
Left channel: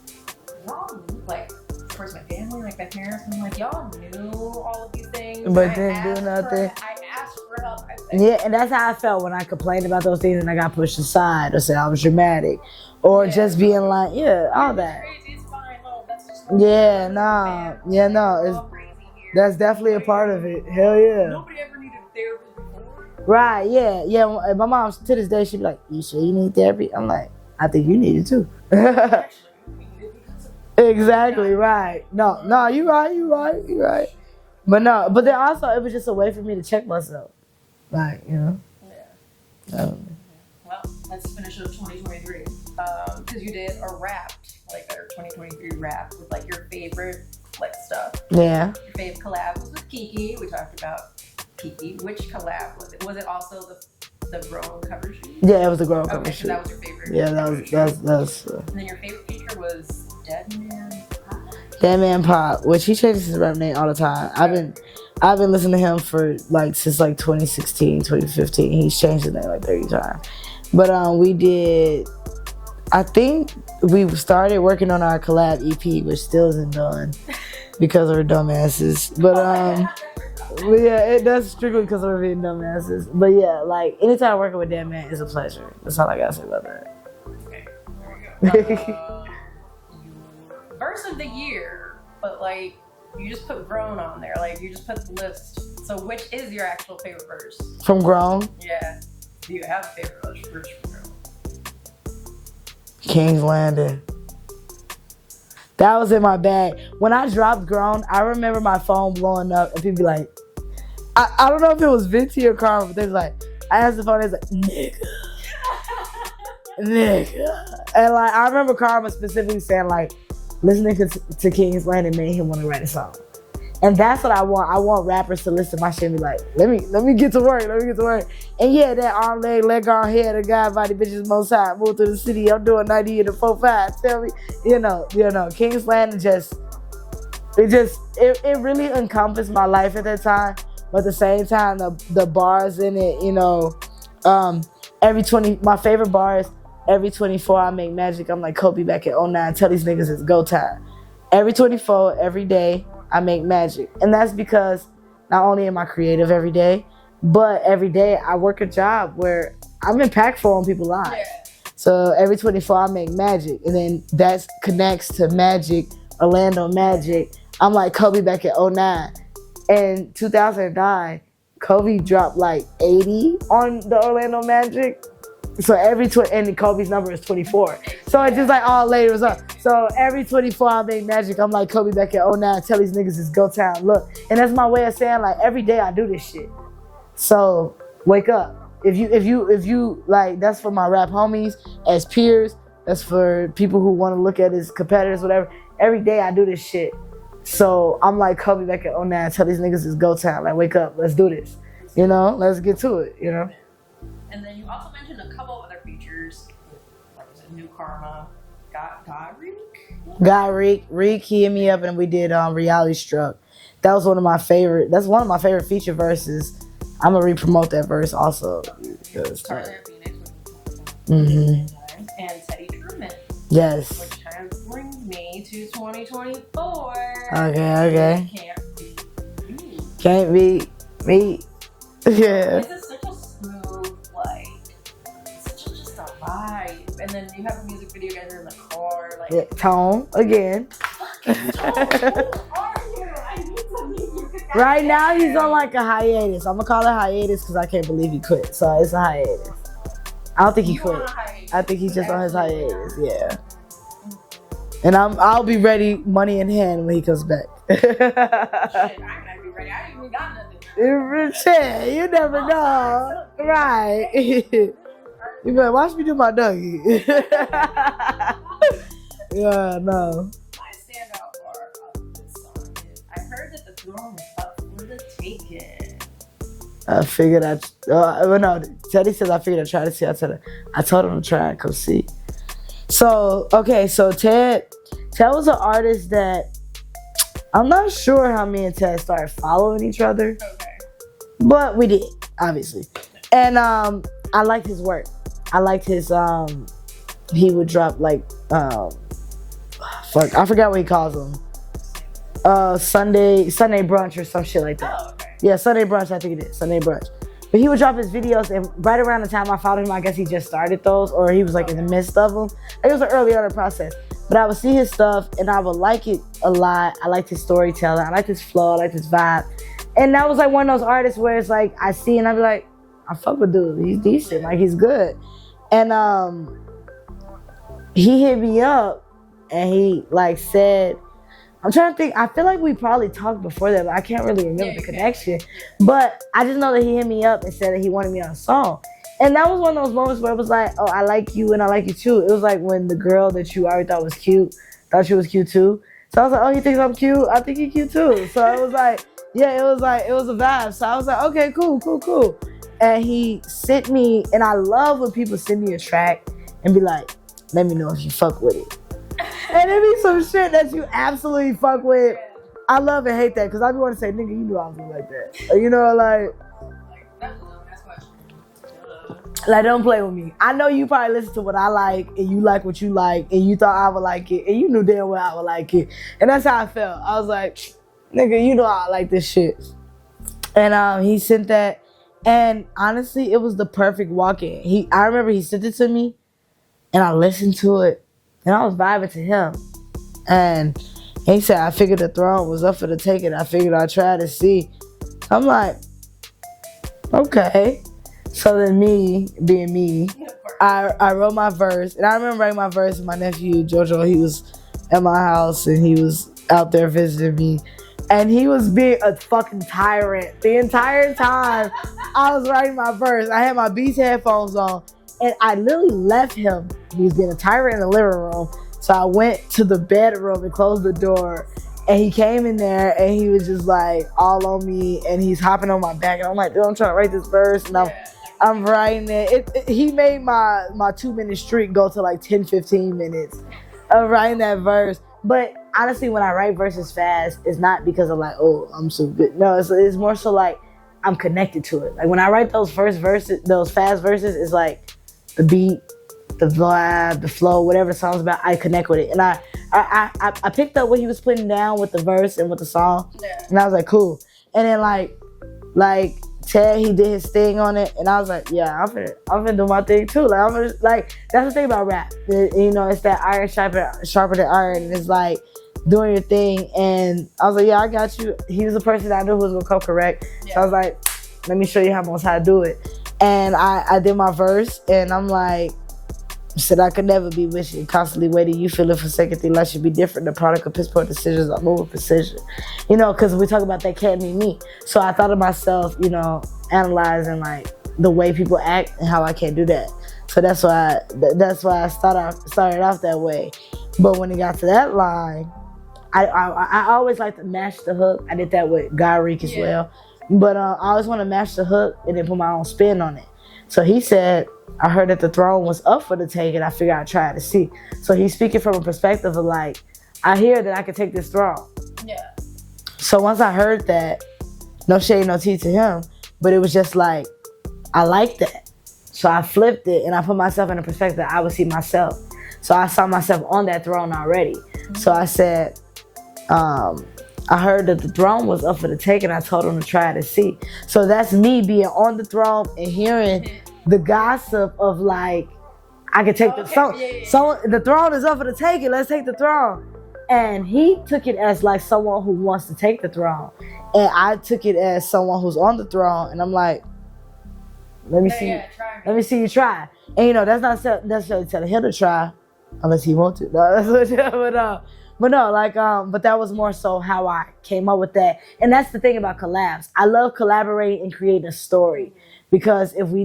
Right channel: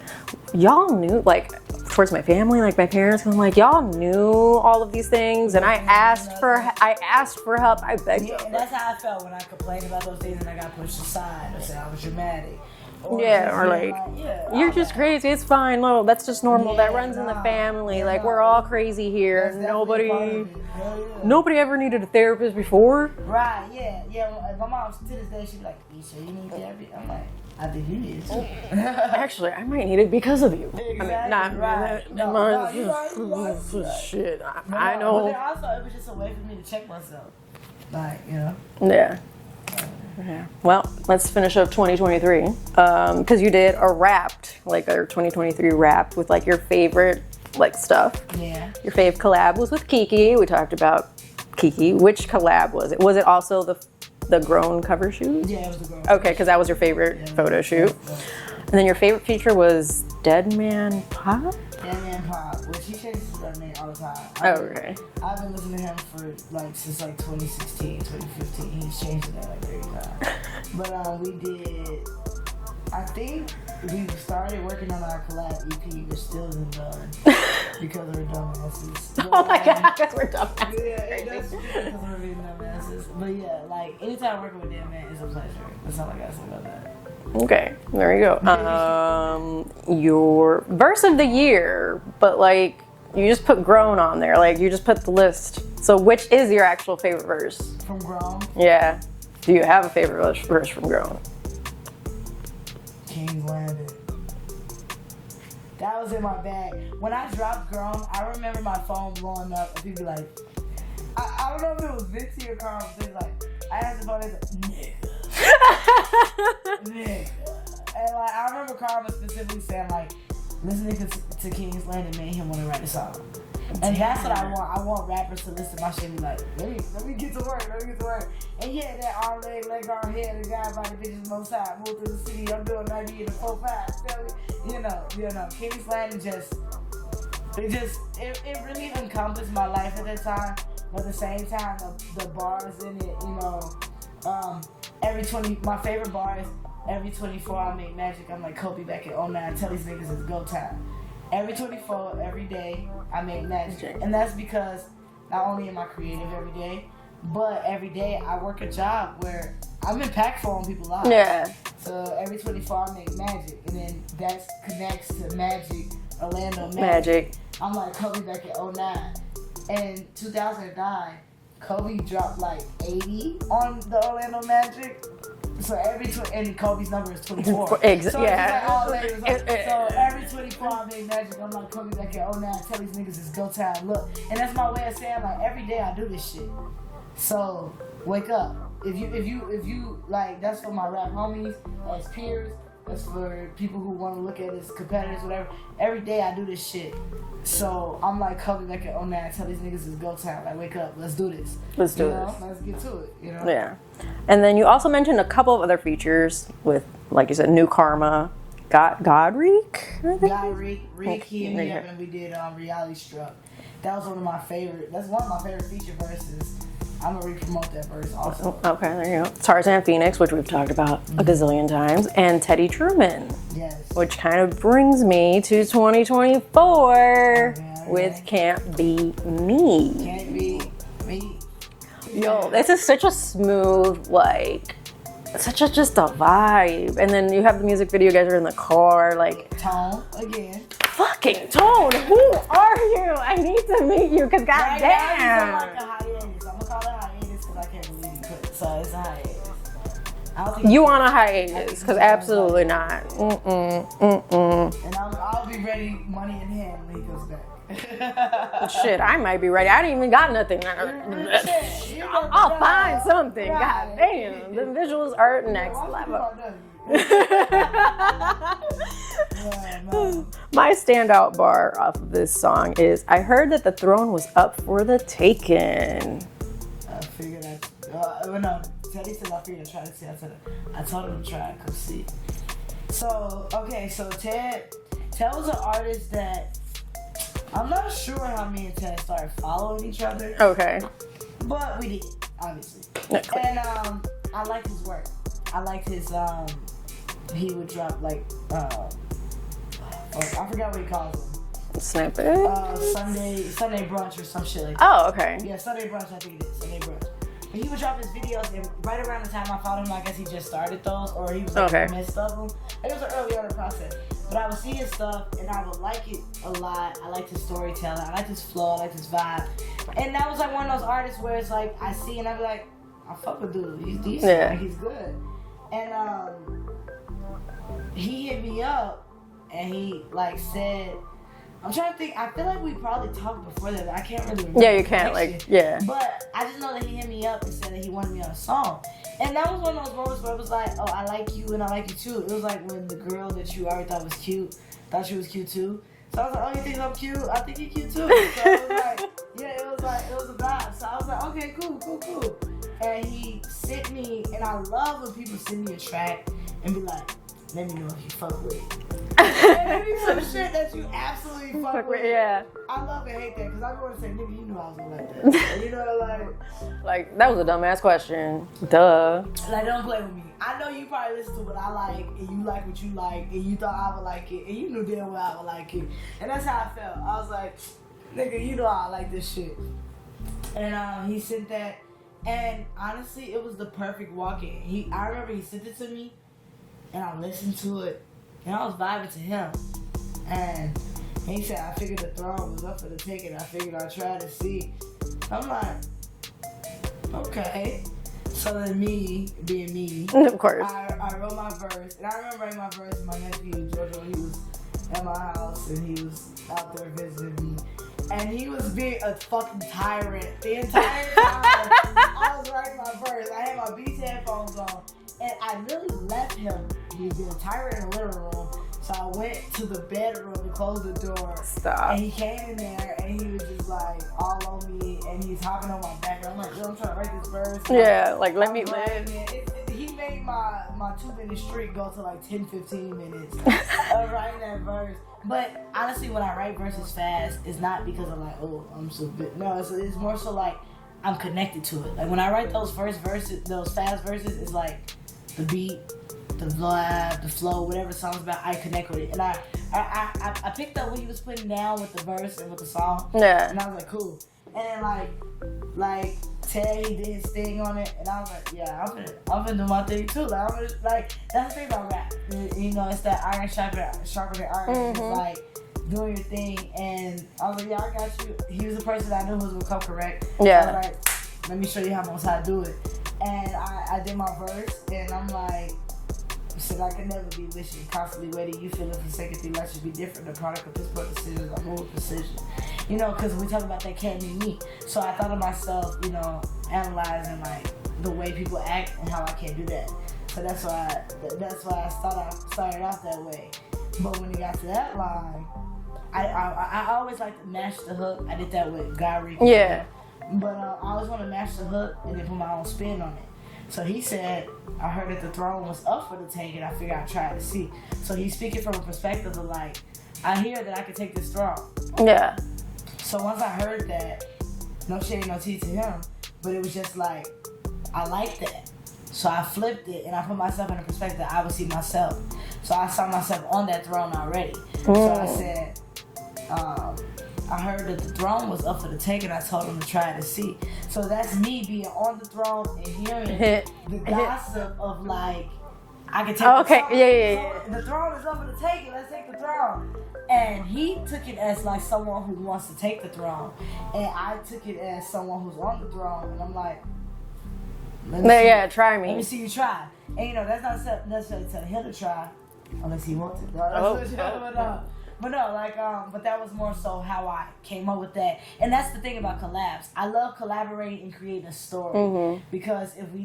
y'all knew, like, towards my family, like my parents, and I'm like, y'all knew all of these things, but and I asked for help. I begged. Yeah, and that's how I felt when I complained about those things and I got pushed aside or said I was dramatic. Or just being like, you're just crazy. It's fine. No, that's just normal. That runs in the family. Yeah, like, we're all crazy here. That's definitely a part of it. Hell yeah. Nobody ever needed a therapist before. Right, yeah. Yeah, my mom, to this day, she'd be like, you sure you need therapy? I'm like, I think you need it too. Actually, I might need it because of you. Exactly, right. No, you're right. Shit. But but then also, it was just a way for me to check myself. Like, you know? Yeah. Yeah. Well, let's finish up 2023. Because you did a Wrapped, like our 2023 Wrapped with like your favorite like stuff. Yeah. Your fave collab was with Kiki. We talked about Kiki. Which collab was it? Was it also the Grown cover shoot? Yeah, it was the Grown cover shoot. Okay, because that was your favorite photo shoot. And then your favorite feature was Dead Man Pop? Dead Man Pop, which he changes his rap name all the time. I've been listening to him for like since like 2016, 2015. He's changed his name like 30 times. But we did, I think we started working on our collab EP, which still isn't done because we're dumbasses. But oh my God, we're dumbasses. Yeah, it does strictly because we're being dumbasses. But yeah, like anytime working with Dead Man is a pleasure. That's all I gotta say about that. Okay, there you go. Your verse of the year, but like you just put Grown on there, like you just put the list. So which is your actual favorite verse? From Grown? Yeah. Do you have a favorite verse from Grown? King's Landing. That was in my bag. When I dropped Grown, I remember my phone blowing up and people be like, I don't know if it was Vinci or Karma, but they was like, I asked the phone, they was like, nigga. Nigga. And like, I remember Karma specifically saying like, listening to King's Landing made him want to write a song. And that's what I want. I want rappers to listen to my shit and be like, let me get to work, And yeah, that arm, leg on head, a guy body bitches most high, move to the city, I'm doing 90 in the 4-5, tell me, you know, King's Landing it really encompassed my life at that time, but at the same time, the bars in it, you know, my favorite bars, every 24 I make magic, I'm like Kobe back at 09, tell these niggas it's go time. Every 24, every day, I make magic. And that's because not only am I creative every day, but every day I work a job where I'm impactful on people's lives. Yeah. So every 24 I make magic. And then that connects to Magic, Orlando Magic. I'm like Kobe back at 09. And 2009, Kobe dropped like 80 on the Orlando Magic. So and Kobe's number is 24. So it's just like all layers up. So every 24 I make magic, I'm like Kobe back at 09, tell these niggas it's go time. Look, and that's my way of saying like every day I do this shit. So wake up. If you like, that's for my rap homies as peers. That's for people who want to look at as competitors, whatever. Every day I do this shit. So I'm like Kobe back at 09, tell these niggas it's go time. Like wake up, let's do this. Let's get to it. You know. Yeah. And then you also mentioned a couple of other features with, like you said, New Karma, Godreek. Reek hit me up and we did Reality Struck. That was one of my favorite feature verses I'm gonna re-promote that verse also. Okay, there you go. Tarzan Phoenix, which we've talked about a gazillion times, and Teddy Truman. Yes. Which kind of brings me to 2024. Okay. Which Can't Be Me. Can't be me. Yeah. This is such a smooth, like, such a just a vibe. And then you have the music video, you guys are in the car, like. Yeah. Tone again. Fucking Tone, who are you? I need to meet you, because Right now he's on like a hiatus. I'm gonna call it hiatus because I can't believe he quit. So it's a hiatus. I don't think he you quit. on a hiatus. I think he's just absolutely on his not. hiatus. Yeah. And I'll be ready, money in hand, when he comes back. Shit, I might be ready. I didn't even got nothing. Shit, you never I'll know. find something. Right. Damn, the visuals are next watch me do my Dougie. Yeah, no. My standout bar off of this song is, I heard that the throne was up for the taking. I figured Teddy says I figured I'd try to see. I told him to try and come see. So, okay, so Ted was an artist that I'm not sure how me and Ted started following each other. Okay. But we did, obviously. Nice. And I liked his work. I liked his, he would drop like, I forgot what he calls them. Snippet? Sunday brunch or some shit like that. Oh, okay. Yeah, Sunday brunch, I think it is. Sunday brunch. But he would drop his videos, and right around the time I followed him, I guess he just started those, or he was like in the midst of them. It was an early on the process. But I would see his stuff, and I would like it a lot. I liked his storytelling. I liked his flow. I liked his vibe. And that was like one of those artists where it's like, I see and I be like, I fuck with dude. He's decent. Yeah. Like, he's good. And he hit me up, and he like said, I'm trying to think. I feel like we probably talked before that, but I can't really remember. Yeah, you can't. Like, yeah. But I just know that he hit me up and said that he wanted me on a song. And that was one of those moments where it was like, oh, I like you and I like you too. It was like when the girl that you already thought was cute, thought she was cute too. So I was like, oh, he thinks I'm cute? I think he's cute too. So it was like, yeah, it was a vibe. So I was like, okay, cool. And he sent me, and I love when people send me a track and be like, let me know if you fuck with it. And it be some shit that you absolutely fuck with. Yeah. I love and hate that, because I be want to say, nigga, you knew I was gonna like that. You know, like, that was a dumbass question. Duh. Like, don't play with me. I know you probably listen to what I like, and you like what you like, and you thought I would like it, and you knew damn well I would like it. And that's how I felt. I was like, nigga, you know I like this shit. And he sent that, and honestly, it was the perfect walk-in. I remember he sent it to me, and I listened to it, and I was vibing to him. And he said, I figured the throne was up for the taking. I figured I'd try to see. I'm like, okay. So then me, being me, of course, I wrote my verse. And I remember writing my verse with my nephew, Jojo. He was at my house, and he was out there visiting me. And he was being a fucking tyrant the entire time I was writing my verse. I had my Beats headphones on, and I literally left him. He was being a tyrant in the living room. So I went to the bedroom and closed the door. Stop. And he came in there, and he was just like all on me, and he's hopping on my back, and I'm like, dude, I'm trying to write this verse. And I'm writing it. He made my 2-minute streak go to like 10, 15 minutes of writing that verse. But honestly, when I write verses fast, it's not because I'm like, oh, I'm so good. No, it's more so like I'm connected to it. Like when I write those fast verses, it's like the beat, the vibe, the flow, whatever the song's about, I connect with it. And I picked up what he was putting down with the verse and with the song. Yeah. And I was like, cool. And then like Ted, he did his thing on it, and I was like, yeah, I'm finna do my thing too. Like that's the thing about rap. You know, it's that iron sharper than iron. Mm-hmm. And it's like doing your thing. And I was like, yeah, I got you. He was the person that I knew was gonna come correct. Yeah. I was like, let me show you how to do it. And I did my verse, and I'm like, said I could never be wishing, constantly waiting. You feeling forsaken, think life should be different. The product of piss poor decisions, I move with precision. You know, because we talk about that can't be me. So I thought of myself, you know, analyzing like the way people act and how I can't do that. So that's why I started off that way. But when it got to that line, I always like to match the hook. I did that with GRWN as well. But I always want to match the hook and then put my own spin on it. So he said, I heard that the throne was up for the taking. I figured I'd try to see. So he's speaking from a perspective of like, I hear that I could take this throne. Yeah. So once I heard that, no shade, no tea to him, but it was just like, I like that. So I flipped it and I put myself in a perspective that I would see myself. So I saw myself on that throne already. So I said, I heard that the throne was up for the take and I told him to try it and see. So that's me being on the throne and hearing the gossip of like, I could take the throne is up for the taking, let's take the throne. And he took it as like someone who wants to take the throne. And I took it as someone who's on the throne and I'm like, try me. Let me see you try. And you know, that's not necessarily telling him to try unless he wants to. But that was more so how I came up with that. And that's the thing about collabs. I love collaborating and creating a story. Because if we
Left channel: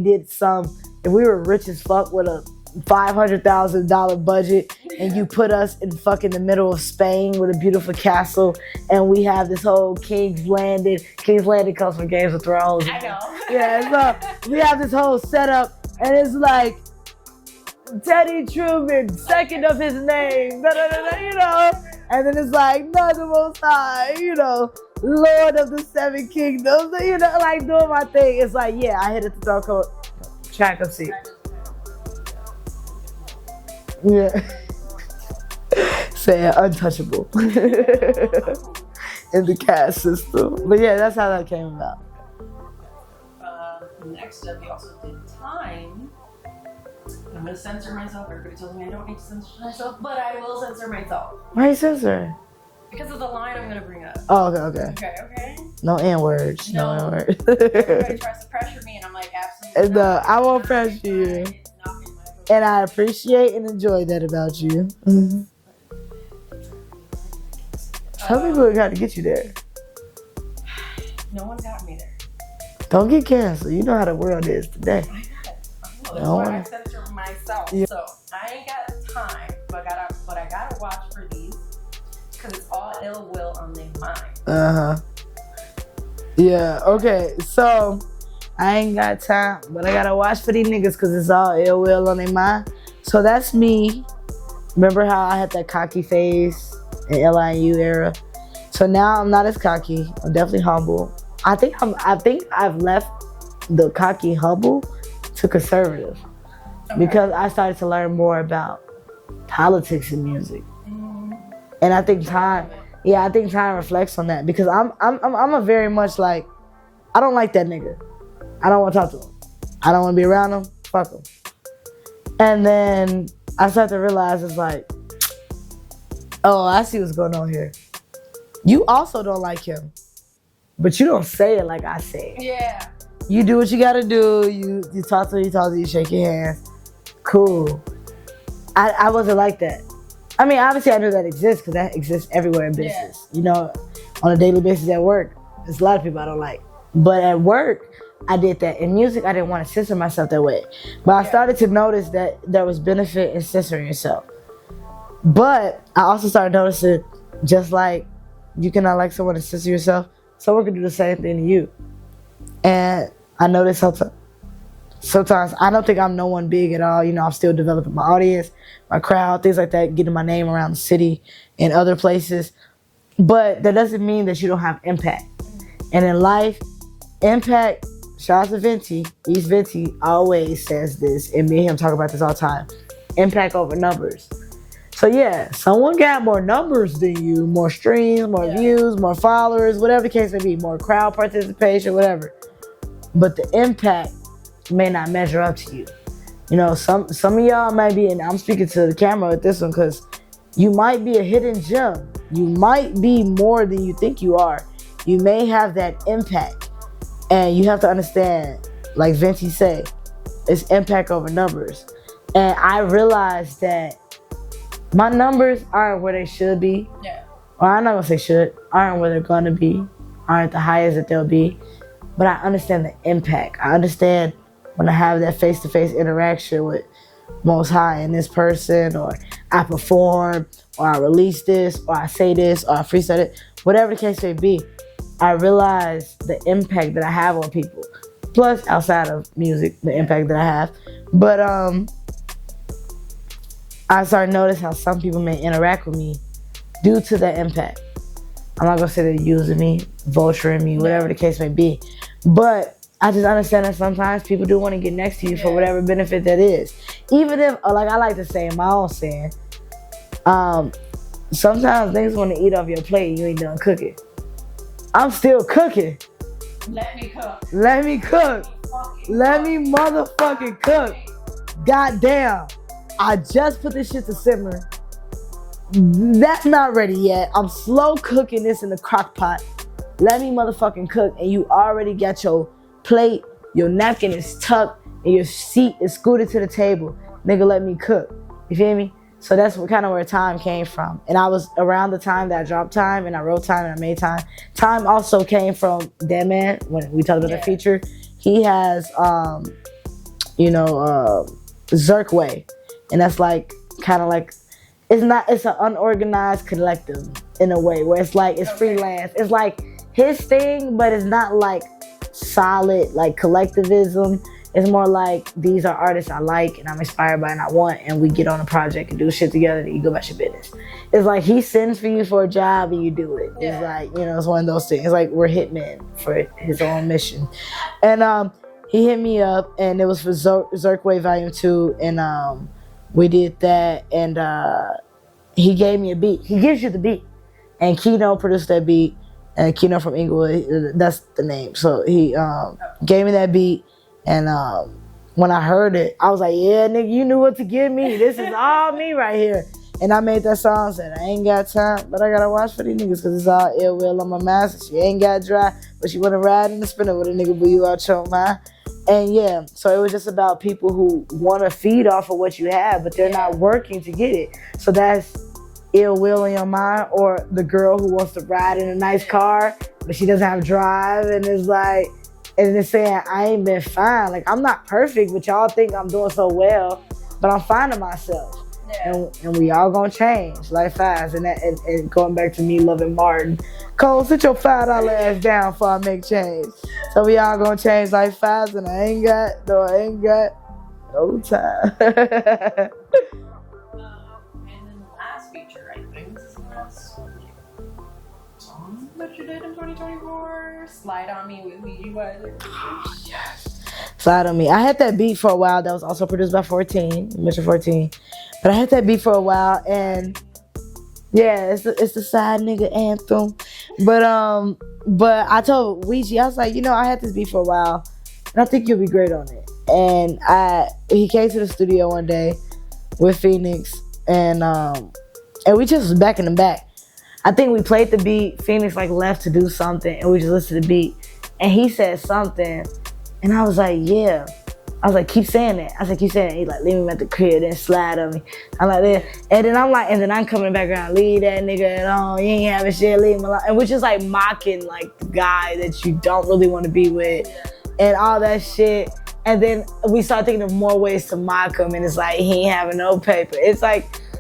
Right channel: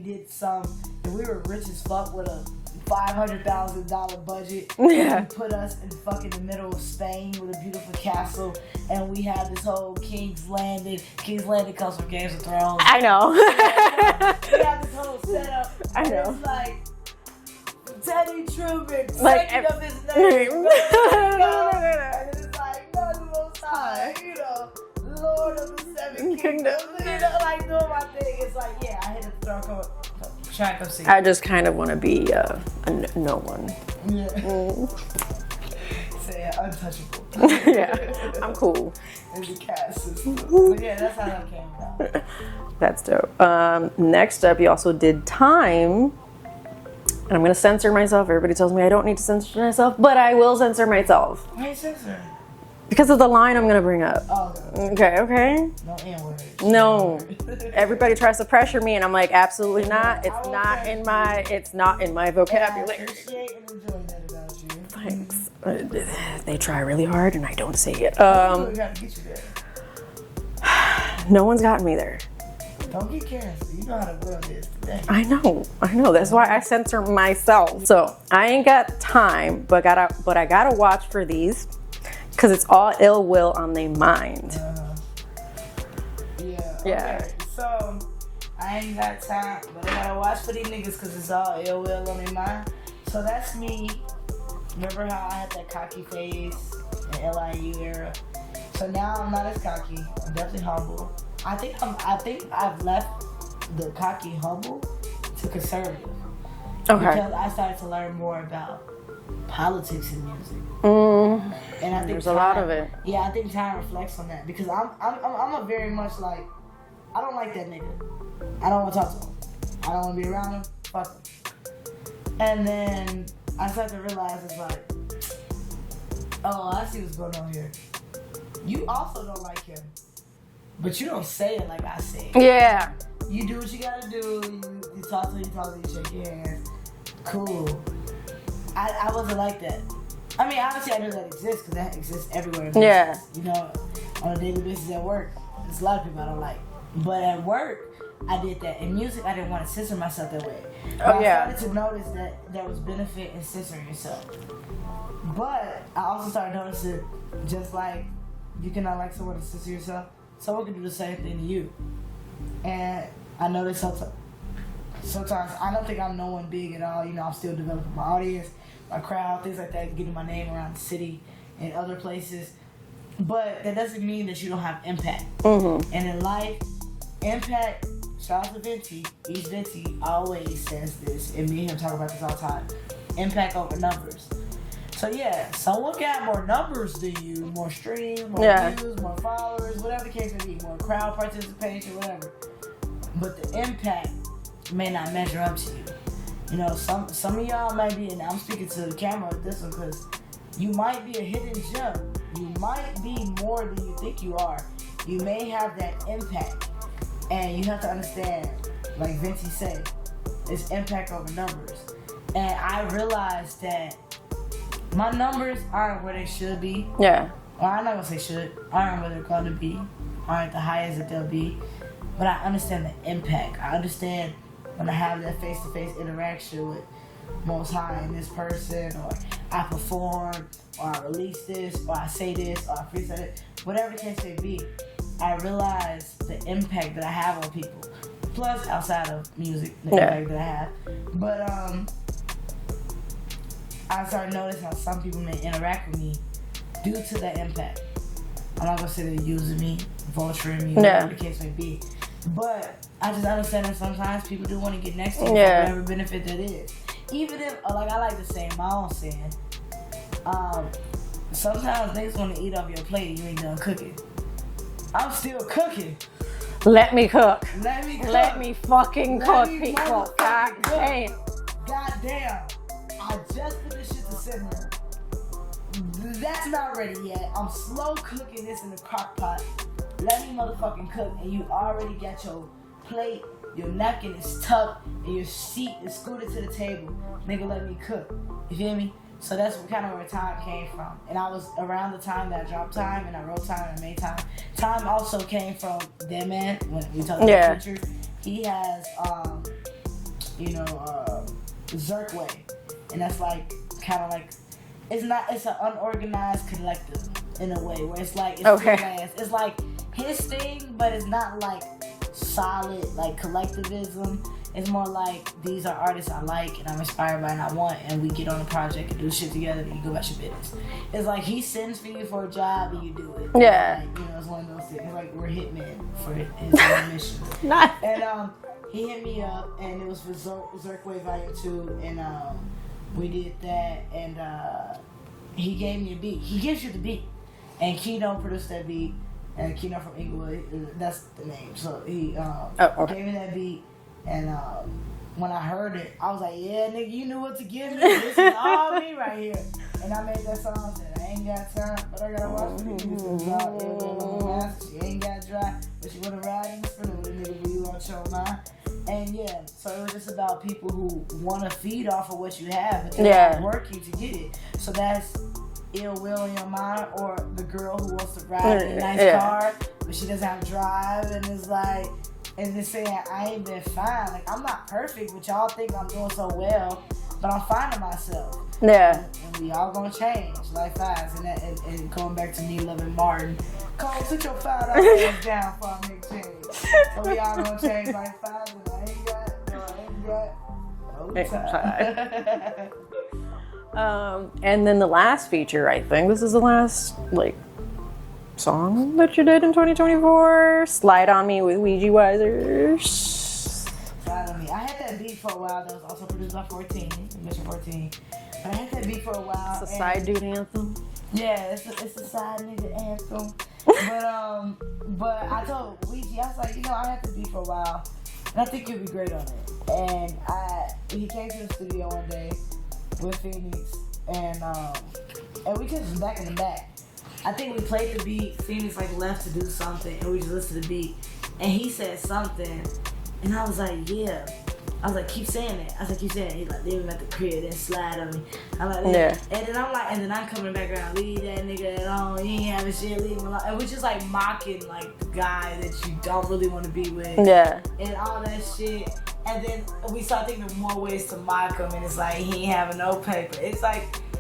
were rich as fuck with a $500,000 budget and you put us in fucking the middle of Spain with a beautiful castle and we have this whole King's Landing comes from Games of Thrones. I know. So we have this whole setup and it's like Teddy Truman, second of his name, and then it's like Naithemosthigh, you know, Lord of the Seven Kingdoms, you know, like doing my thing. It's like, yeah, I hit it the throne code. Track of seat. I just kind of want to be a no one. Yeah. Say untouchable. I'm cool. In the caste system. But yeah, that's how that came about. That's dope. Next up, you also did Time. And I'm going to censor myself. Everybody tells me I don't need to censor myself, but I will censor myself. Why are you censoring? Because of the line I'm going to bring up. Oh, okay. Okay. No N-words. No. Everybody tries to pressure me, and I'm like, absolutely not. I won't pressure you. It's not in my vocabulary. And I appreciate and enjoy that about you. Thanks. They try really hard, and I don't say it. Some people got to get you there. No one's gotten me there. Don't get canceled. You know how the world is today. I know. That's why I censor myself. Yeah. So I ain't got time, but I gotta watch for these because it's all ill will on their mind. Yeah. Okay. So I ain't got time, but I gotta watch for these niggas because it's all ill will on their mind. So that's me. Remember how I had that cocky phase in L.I.N.U era? So now I'm not as cocky. I'm definitely humble. I think I've left the cocky humble to conservative because I started to learn more about politics and music, and I think time reflects on that because I'm a very much like I don't like that nigga. I don't want to talk to him. I don't want to be around him. Fuck him. And then I started to realize it's like, oh, I see what's going on here. You also don't like him. But you don't say it like I say it. Yeah. You do what you gotta do. You talk to you shake your hands. Cool. I wasn't like that. I mean, obviously I know that exists because that exists everywhere in business. Yeah. You know, on a daily basis at work, there's a lot of people I don't like. But at work, I did that. In music, I didn't want to censor myself that way. But I started to notice that there was benefit in censoring yourself. But I also started noticing, just like you cannot like someone to censor yourself, someone can do the same thing to you. And I noticed sometimes I don't think I'm no one big at all. You know, I'm still developing my audience, my crowd, things like that, getting my name around the city and other places. But that doesn't mean that you don't have impact. And in life, impact, shout out to Venti, East Venti always says this, and me and him talk about this all the time. Impact over numbers. So yeah, someone got more numbers than you, more streams, more views, more followers, whatever the case may be, more crowd participation, whatever. But the impact may not measure up to you. You know, some of y'all might be, and I'm speaking to the camera with this one because you might be a hidden gem. You might be more than you think you are. You may have that impact. And you have to understand, like Venti said, it's impact over numbers. And I realized that my numbers aren't where they should be. Yeah. Well, I'm not gonna say should. Aren't where they're gonna be. Aren't the highest that they'll be. But I understand the impact. I understand when I have that face-to-face interaction with Most High and this person, or I perform, or I release this, or I say this, or I freestyle it, whatever the case may be, I realize the impact that I have on people. Plus, outside of music, the impact that I have. But I started noticing how some people may interact with me due to the impact. I'm not gonna say they're using me, vulturing me, whatever the case may be. But I just understand that sometimes people do want to get next to you for whatever benefit that is. Even if, like I like to say in my own saying, sometimes niggas want to eat off your plate and you ain't done cooking. I'm still cooking. Let me cook. Let me cook. Let me fucking cook. Let me motherfucking cook. Goddamn. I just put this shit to simmer. That's not ready yet. I'm slow cooking this in the crock pot. Let me motherfucking cook, and you already got your plate, your napkin is tucked, and your seat is scooted to the table. Nigga, let me cook. You feel me? So that's kind of where time came from. And I was around the time that I dropped Time, and I wrote Time, and I made Time. Time also came from That Man, when we talked about the future. He has, Zirkway. And that's like, kind of like, it's an unorganized collective in a way, where it's like, it's freelance. It's like his thing, but it's not like solid, like collectivism. It's more like, these are artists I like and I'm inspired by and I want, and we get on a project and do shit together and you go about your business. It's like he sends for you for a job and you do it. Yeah. It's like, it's one of those things. It's like we're hitmen for his own mission. And he hit me up, and it was for Zirkway Volume 2, and we did that, and he gave me a beat. He gives you the beat. And Kino produced that beat, and Kino from Inglewood, that's the name. So he gave me that beat, and when I heard it, I was like, yeah, nigga, you knew what to give me. This is all me right here. And I made that song, said, I ain't got time, but I gotta watch for these niggas, cause it's all ill will on my master. She ain't got dry, but she wanna ride in the spinner with a nigga, but you out your mind. And yeah, so it was just about people who wanna feed off of what you have, but they're not working to get it. So that's ill will in your mind, or the girl who wants to ride in a nice car, but she doesn't have drive, and it's like, and it's saying, I ain't been fine. Like, I'm not perfect, but y'all think I'm doing so well, but I'm finding myself. Yeah. And we all gonna change, like fast. And going back to me loving Martin, Cole, sit your $5 ass down before I make change. So we all gonna change like fast, and I ain't got no time. And then the last feature, I think this is the last song that you did in 2024. Slide on Me with Weegi Wizers. Slide on Me. I had that beat for a while. That was also produced by 14. You mentioned 14. But I had that beat for a while. It's a side dude anthem. Yeah, it's the side nigga anthem. But I told Weegi, I was like, I had this beat for a while, and I think you'll be great on it. And he came to the studio one day with Phoenix, and we just was back in the back. I think we played the beat. Phoenix left to do something, and we just listened to the beat. And he said something, and I was like, yeah. I was like, keep saying it. I said, keep saying it. He's like, leave him at the crib, then slide on me. I'm like, yeah. And then I'm coming back around, leave that nigga alone. You ain't having shit, leave him alone. And which is mocking the guy that you don't really want to be with. Yeah. And all that shit. And then we start thinking of more ways to mock him, and it's like, he ain't having no paper. It's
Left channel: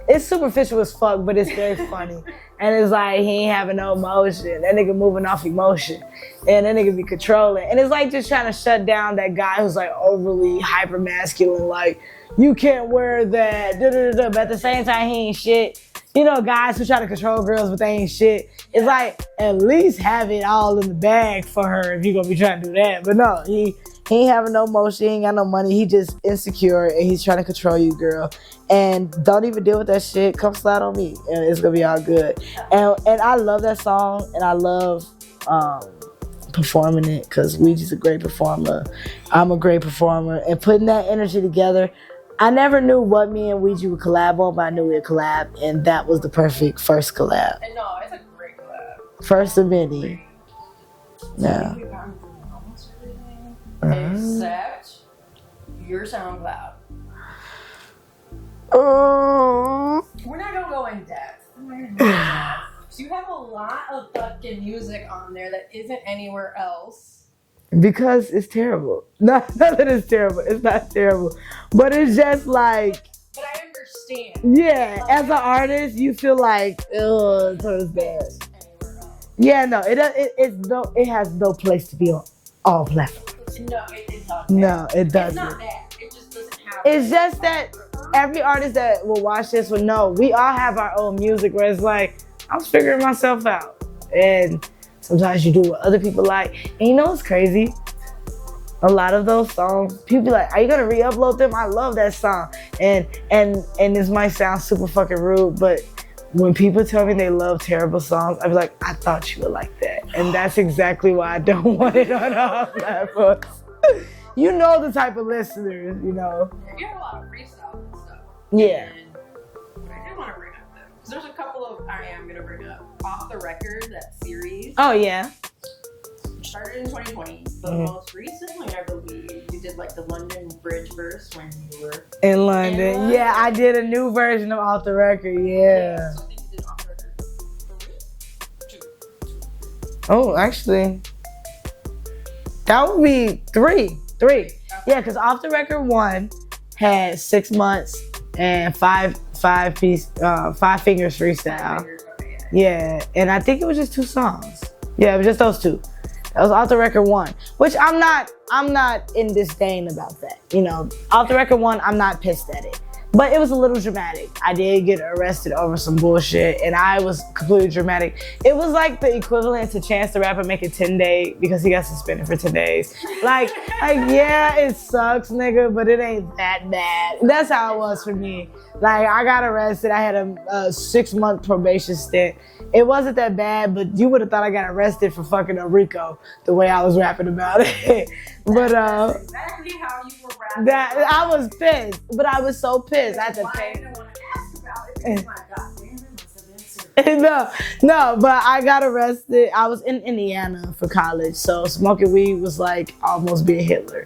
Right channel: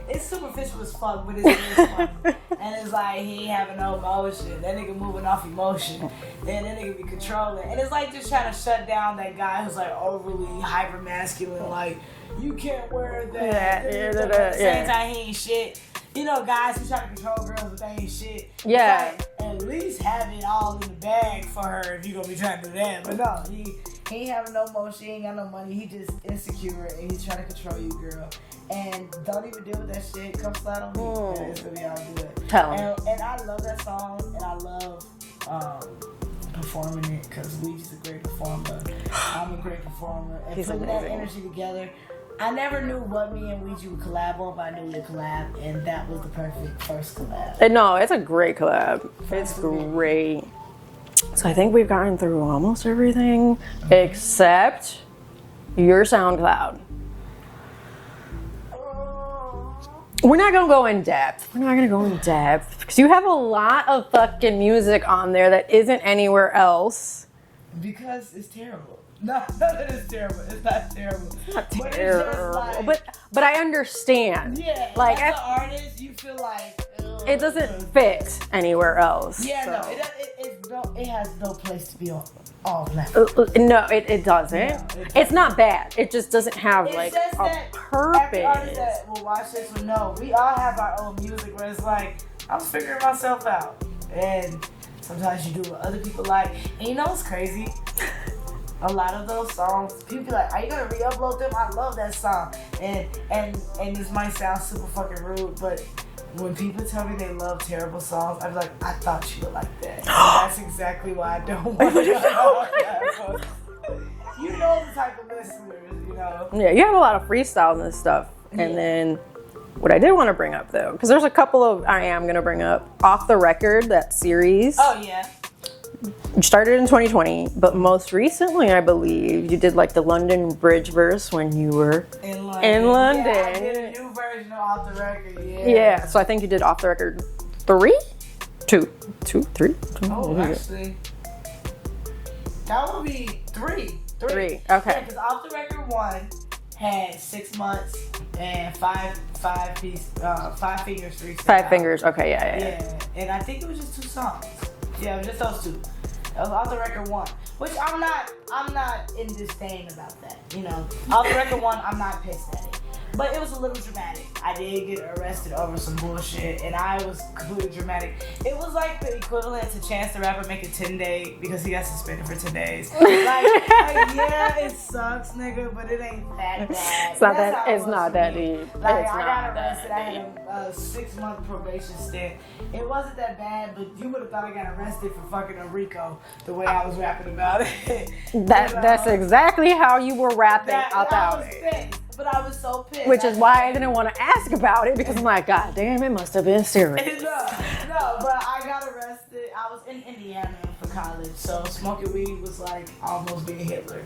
it's superficial as fuck, but it's very funny. And it's like, he ain't having no emotion. That nigga moving off emotion. And that nigga be controlling. And it's just trying to shut down that guy who's overly hyper masculine, you can't wear that. But at the same time, he ain't shit. Guys who try to control girls, but they ain't shit. Yeah. It's at least have it all in the bag for her if you're gonna be trying to do that. But no, he ain't having no motion, he ain't got no money, he just insecure, and he's trying to control you, girl. And don't even deal with that shit. Come slide on me, and it's gonna be all good. And I love that song, and I love performing it, because Weegi's a great performer. I'm a great performer, and putting that energy together. I never knew what me and Weegi would collab on, but I knew we'd collab, and that was the perfect first collab. No, it's a great collab. First of many. Great. So I think we've gotten through almost everything except your SoundCloud. We're not gonna go in depth. Because you have a lot of fucking music on there that isn't anywhere else. Because it's terrible. Not that it's terrible. It's not terrible. But it's just But I understand. Yeah, as an artist, you feel ugh, it doesn't fit anywhere else. Yeah, no, it has no place to be on all platforms. No, it doesn't. No, it doesn't. It's not bad. It just doesn't have. It's just that every artist that will watch this will know we all have our own music where it's I'm figuring myself out, and sometimes you do what other people like. And what's crazy? a lot of those songs, people be like, are you gonna re-upload them? I love that song. And this might sound super fucking rude, but when people tell me they love terrible songs, I be like, I thought you would like that. And that's exactly why I don't want it on all platforms. You know the type of listeners, you know. Yeah, you have a lot of freestyles and stuff. Yeah. And then what I did want to bring up though, because there's a couple of, I am going to bring up Off the Record, that series. Oh yeah. Started in 2020, but most recently, I believe, you did like the London Bridge verse when you were in London. Yeah, I did a new version of Off the Record. Yeah. Yeah. So I think you did Off the Record 3, 2, 3. Oh, actually, that would be 3. Okay. Yeah, because Off the Record 1 had 6 months and 5 fingers freestyle. 5 fingers. Okay. Yeah. Yeah, and I think it was just 2 songs. Yeah, it was just those 2. That was Off the Record 1, which I'm not in disdain about that. You know, Off the Record 1, I'm not pissed at it. But it was a little dramatic. I did get arrested over some bullshit, and I was completely dramatic. It was like the equivalent to Chance the Rapper making 10 days because he got suspended for 10 days. Like, yeah, it sucks, nigga, but it ain't that bad. That's how it was for me. Like, I got arrested. I had a 6-month probation stint. It wasn't that bad, but you would have thought I got arrested for fucking a Rico the way I was rapping about it. That's exactly how you were rapping. I was pissed, but I was so pissed. Which is why I didn't want to ask about it, because I'm like, God damn, it must have been serious. No, but I got arrested. I was in Indiana for college, so smoking weed was like almost being Hitler.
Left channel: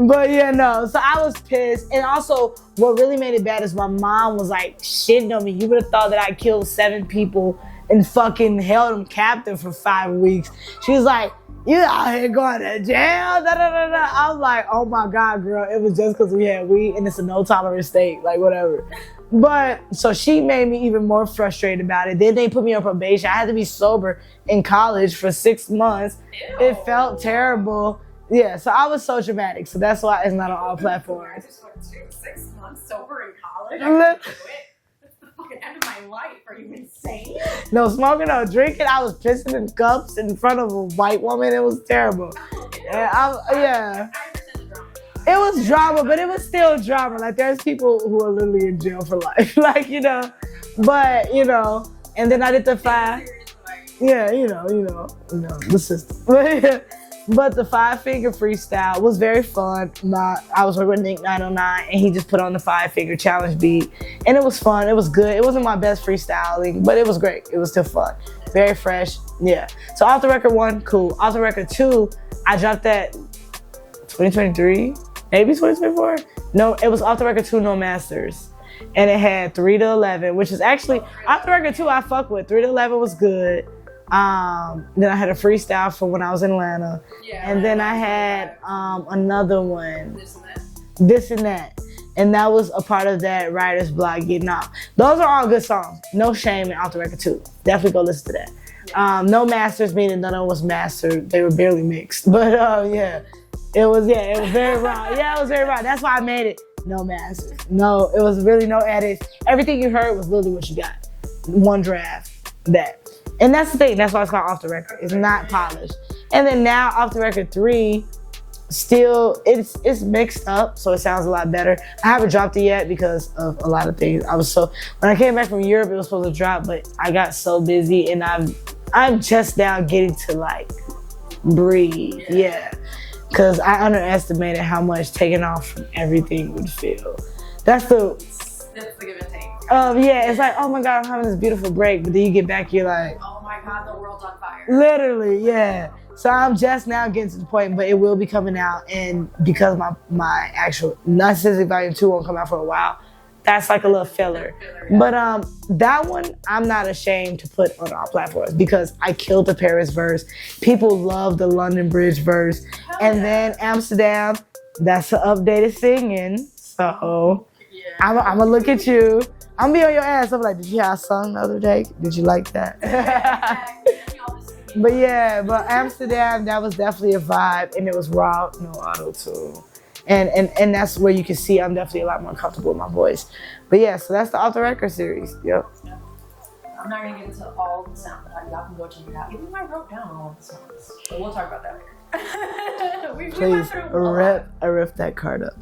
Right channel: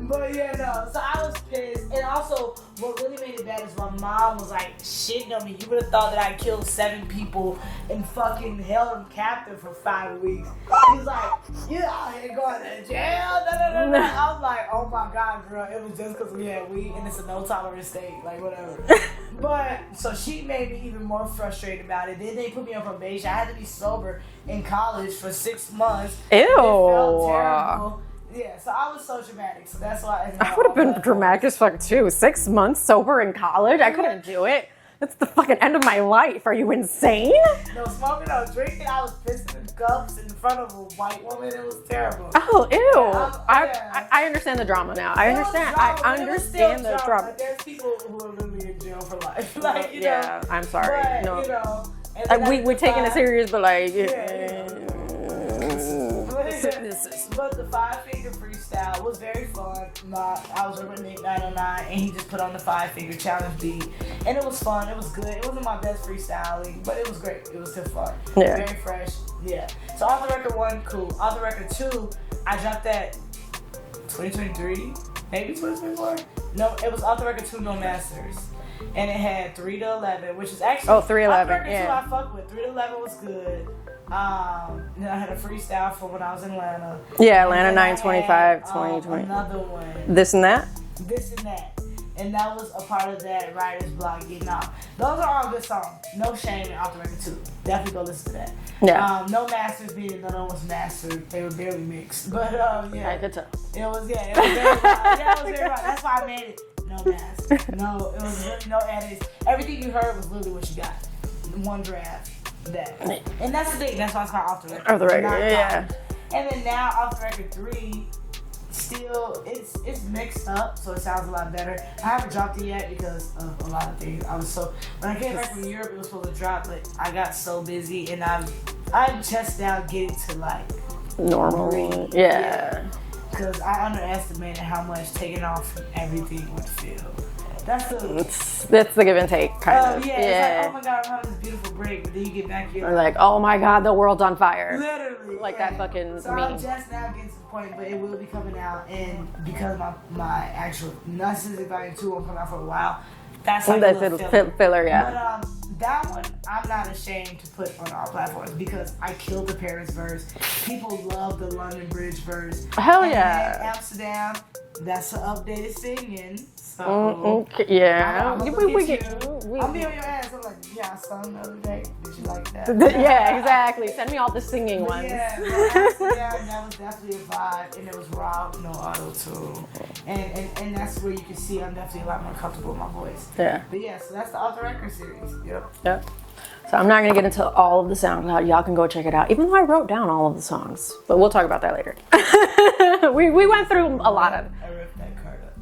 But yeah, no. So I was pissed. And also, what really made it bad is my mom was like shitting on me. You would have thought that I killed 7 people and fucking held them captive for 5 weeks. She was like, you out here going to jail? I was like, oh my God, girl. It was just because we had weed and it's a no tolerance state. Like, whatever. But, so she made me even more frustrated about it. Then they put me on probation. I had to be sober in college for 6 months. Ew. It felt terrible. Yeah, so I was so dramatic. So that's why it's not. I would have been dramatic as fuck too. 6 months sober in college, I couldn't do it. That's the fucking end of my life. Are you insane? No smoking, no drinking. I was pissing in cups in front of a white woman. It was terrible. Oh, ew. Yeah, I understand the drama now. It was drama, but it was still drama. Like, there's people who are literally in jail for life. Like, you know. Yeah, I'm sorry. But, you know. And then we're taking it serious, but like, yeah, you know, the system. But the 5-finger freestyle was very fun. I was working with Nick 909, and he just put on the 5-finger challenge beat, and it was fun. It was good. It wasn't my best freestyling, but it was great. It was still fun. Yeah. Very fresh. Yeah. So Off the Record 1, cool. Off the Record 2, I dropped that 2023, maybe 2024. No, it was Off the Record 2, No Masters. And it had 3 to 11, which is actually, Off the Record 2 I fuck with. 3 to 11 was good. Then I had a freestyle for when I was in Atlanta. Yeah, Atlanta 925, 2020. Another one. This and That? This and That. And that was a part of that writer's block getting out. Those are all good songs. No shame in Off the Record 2. Definitely go listen to that. Yeah. No masters, meaning none of them was mastered. They were barely mixed. But yeah. It was very raw. Yeah, it was very raw. That's why I made it. No master. No, it was really no edits. Everything you heard was literally what you got. One draft. That. And that's the thing. That's why it's called Off the Record. It's not polished. And then now Off the Record 3, still, it's mixed up, so it sounds a lot better. I haven't dropped it yet because of a lot of things. When I came back from Europe, it was supposed to drop, but I got so busy, and I'm just now getting to like breathe. Yeah. Because I underestimated how much taking off from everything would feel. That's the give and take. It's like, oh my God, I'm having this beautiful break, but then you get back, you're like, oh my God, the world's on fire. Literally, like so I'm just now getting to the point, but it will be coming out, and because my actual Naithemosthigh Volume 2 won't come out for a while, that's like a little filler. Yeah. But that one, I'm not ashamed to put on all platforms because I killed the Paris verse. People love the London Bridge verse. Hell and then Amsterdam, that's the updated singing. So I'm gonna look at you. I'm gonna be on your ass. I'm like, did you have a song the other day? Did you like that? Yeah, exactly. Send me all the singing. But Amsterdam, that was definitely a vibe, and it was raw, no auto-tune. And that's where you can see I'm definitely a lot more comfortable with my voice. Yeah. But yeah, so that's the Off the Record series. Yep. So I'm not gonna get into all of the SoundCloud. Y'all can go check it out. Even though I wrote down all of the songs, but we'll talk about that later. we went through a lot. I ripped that card up.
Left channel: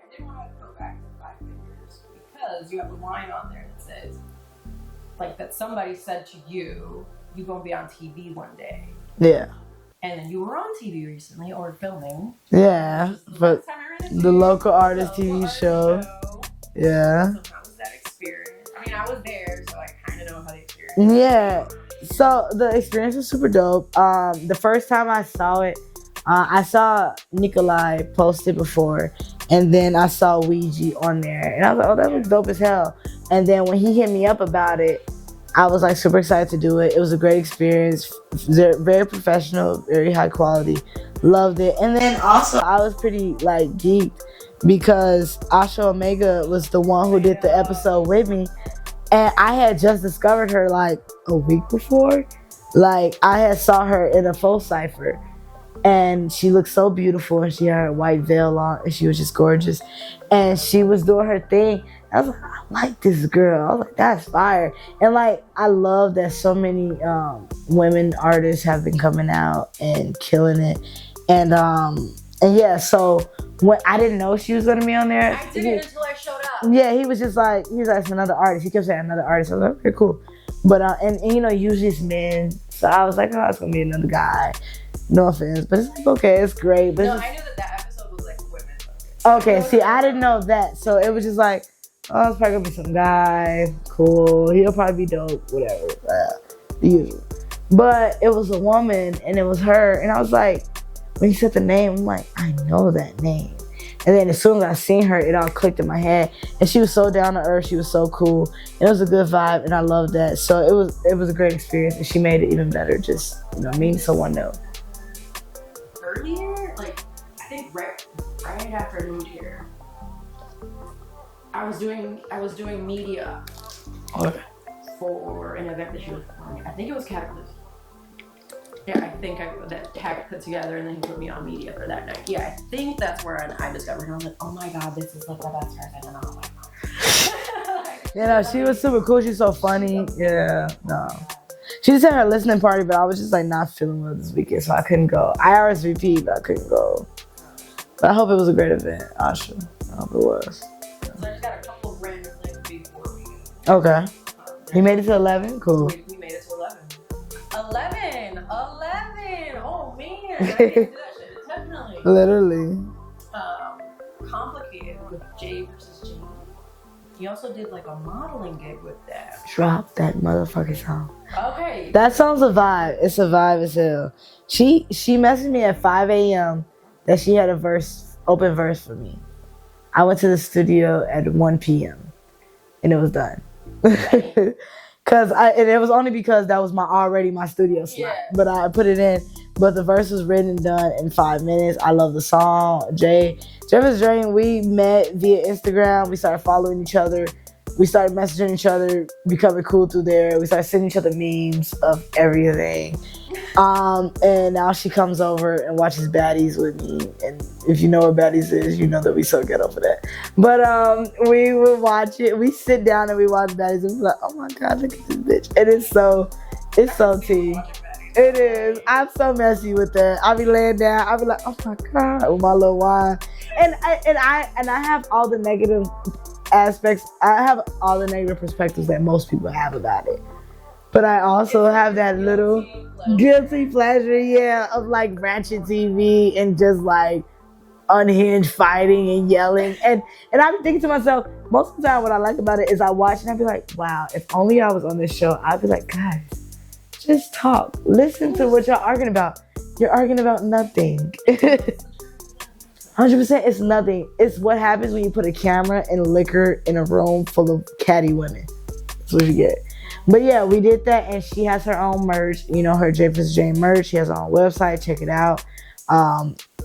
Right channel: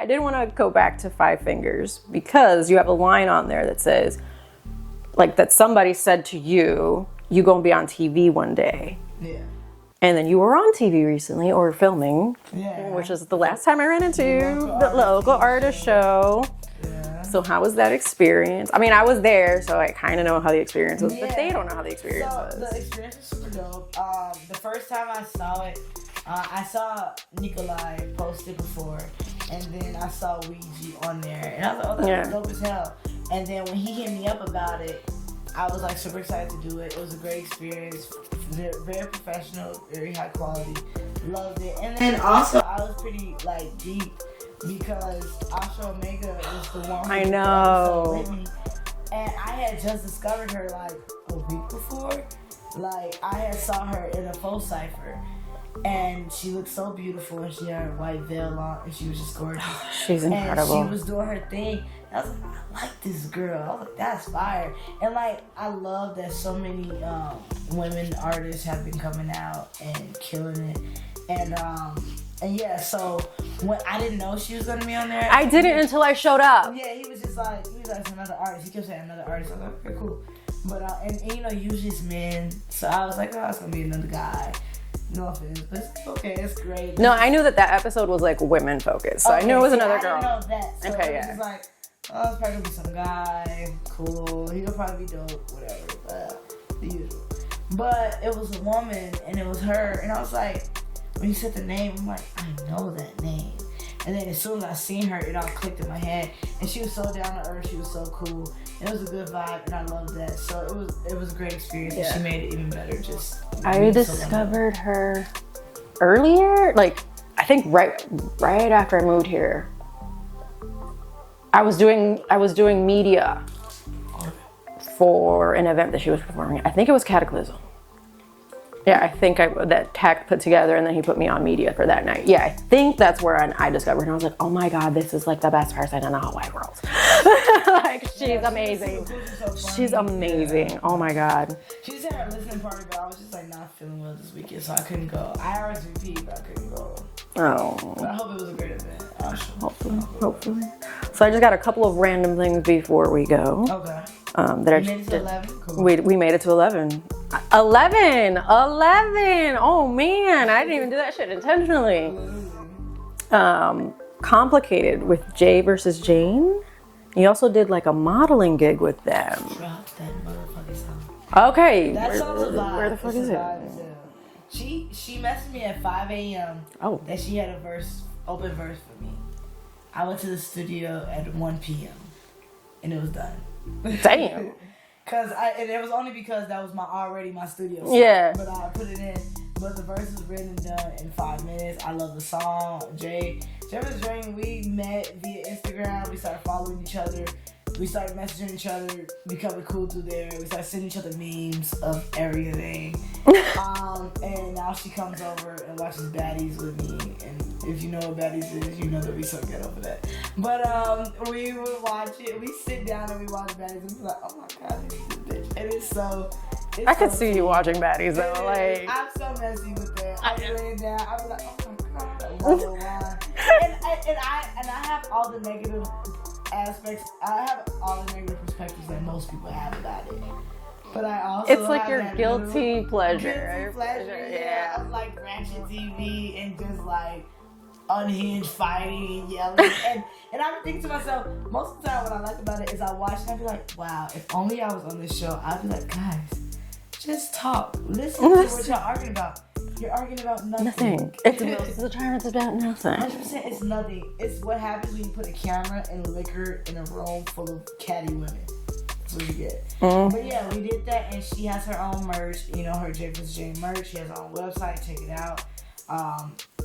I did want to go back to Five Fingers because you have a line on there that says, like, that somebody said to you, "You gonna be on TV one day." Yeah. And then you were on TV recently, or filming. Yeah. Which is the last time I ran into the local artist show. Yeah. So how was that experience? I mean, I was there, so I kind of know how the experience was. Yeah. But they don't know how the experience was. So the experience was super dope. The first time I saw it, I saw Nikolai post it before, and then I saw Weegi on there, and I was like, oh, that was dope as hell. And then when he hit me up about it, I was like super excited to do it. It was a great experience, very professional, very high quality. Loved it. And then also I was pretty like geeked because Asha Omega was the one who did the episode with me. And I had just discovered her like a week before. Like I had saw her in a full cipher. And she looked so beautiful, and she had her white veil on, and she was just gorgeous. She's incredible. And she was doing her thing. I was like, I like this girl. I was like, that's fire. And like, I love that so many women artists have been coming out and killing it. And yeah, so when I didn't know she was gonna be on there. I didn't until I showed up. Yeah, he was like, it's another artist. He kept saying another artist. I was like, okay, cool. But and you know, usually it's men. So I was like, oh, it's gonna be another guy. No offense, but it's like, okay, it's great. But no, I knew that episode was like women focused. So okay, I didn't know that. So it was just like, oh, it's probably gonna be some guy, cool. He'll probably be dope, whatever. The usual. But it was a woman, and it was her, and I was like, when you said the name, I'm like, I know that name. And then as soon as I seen her, it all clicked in my head. And she was so down to earth. She was so cool. It was a good vibe, and I loved that. So it was a great experience, and she made it even better. Just I discovered her earlier, like I think right after I moved here. I was doing media for an event that she was performing. I think it was Cataclysm. Yeah, I think that Tack put together, and then he put me on media for that night. Yeah, I think that's where I discovered, and I was like, oh my God, this is like the best person in the whole wide world. Like, she was super cool. She's so funny. She's amazing. Yeah. Oh my God. She just had her listening party, but I was just like not feeling well this weekend, so I couldn't go. I RSVP'd, but I couldn't go. Oh. But I hope it was a great event. I should hopefully it was. So I just got a couple of random things before we go. Okay. You made it to 11? Cool. We made it to 11. 11! Oh man, I didn't even do that shit intentionally. Literally. Complicated with Jay versus Jane. You also did like a modeling gig with them. Drop that motherfucking song. Okay. That song's a vibe. It's a vibe as hell. She messaged me at 5 a.m. That she had a open verse for me. I went to the studio at 1 p.m. and it was done. Damn. And it was only because that was my studio slot. Yeah. But I put it in. But the verse was written and done in 5 minutes. I love the song. Jay versus Jane, we met via Instagram. We started following each other. We started messaging each other, becoming cool through there. We started sending each other memes of everything. And now she comes over and watches Baddies with me. And if you know what Baddies is, you know that we so ghetto for that. But we would watch it. We sit down and we watch Baddies and we're like, oh my God, look at this bitch. And it's so I can see you watching Baddies. It is. I'm so messy with that. I'll be laying down. I'll be like, oh my God, with my little wine. And I have all the negative aspects. I have all the negative perspectives that most people have about it. But I also have that guilty pleasure, yeah, of like ratchet TV and just like unhinged fighting and yelling. and I'm thinking to myself, most of the time what I like about it is I watch and I be like, wow, if only I was on this show, I'd be like, guys, just talk. Listen to what y'all arguing about. You're arguing about nothing. It's about nothing. 100%, it's nothing. It's what happens when you put a camera and liquor in a room full of catty women. That's what you get. Mm-hmm. But yeah, we did that, and she has her own merch. You know, her Jay vs. Jane merch. She has her own website. Check it out.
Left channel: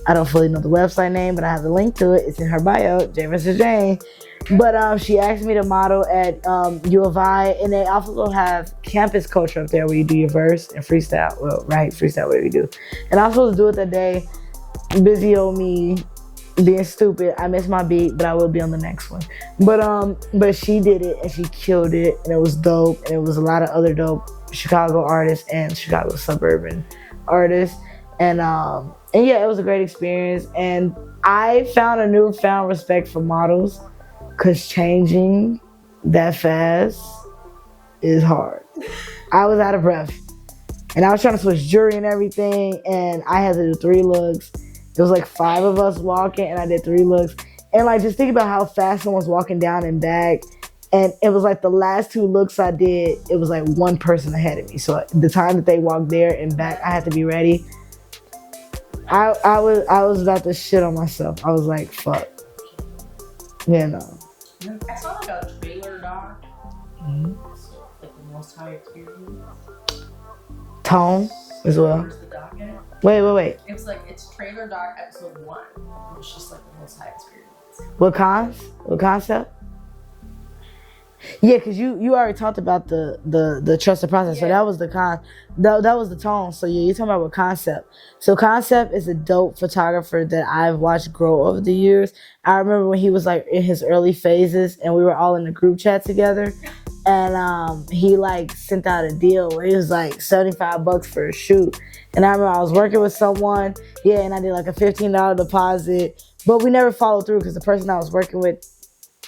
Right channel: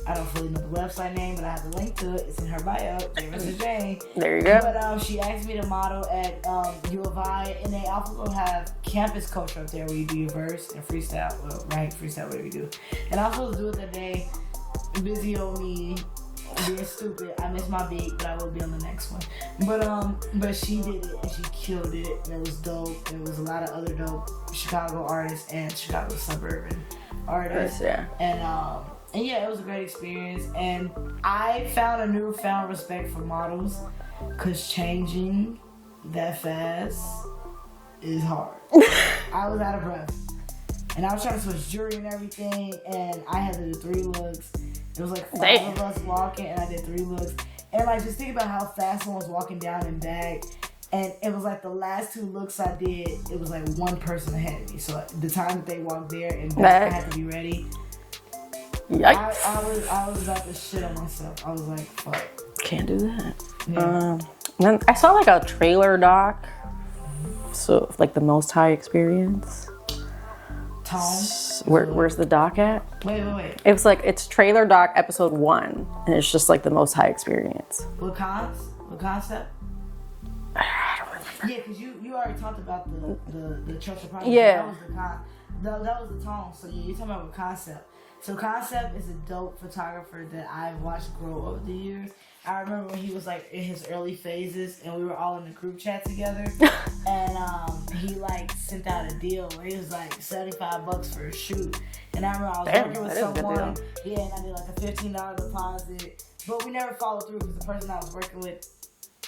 I don't fully know the website name, but I have the link to it. It's in her bio, Jay vs. Jane. There you go. But she asked me to model at U of I, and they also have campus culture up there where you do your verse and freestyle. Well, right, freestyle, whatever you do. And I was supposed to do it that day. Busy old me being stupid. I missed my beat, but I will be on the next one. But she did it and she killed it, and it was dope. And it was a lot of other dope Chicago artists and Chicago suburban artists. Yeah. And yeah, it was a great experience. And I found a newfound respect for models, because changing that fast is hard. I was out of breath. And I was trying to switch jewelry and everything, and I had to do 3 looks. It was like 5 of us walking, and I did 3 looks. And like, just think about how fast someone's walking down and back. And it was like the last 2 looks I did, it was like 1 person ahead of me. So the time that they walked there and back, I had to be ready. I was about to shit on myself. I was like, fuck. Can't do that. Yeah. Then I saw like a trailer doc. So like the Most High Experience. Tone. Where's the doc at? Wait. It was like, it's trailer doc episode 1, and it's just like the Most High Experience. What concept? Yeah, because you already talked about the trusted process. Yeah. So that was the that was the tone. So yeah, you're talking about what concept. So Concept is a dope photographer that I've watched grow over the years. I remember when he was like in his early phases and we were all in the group chat together. And he like sent out a deal where it was like $75 for a shoot. And I remember I was working with someone, yeah, and I did like a $15 deposit, but we never followed through because the person I was working with,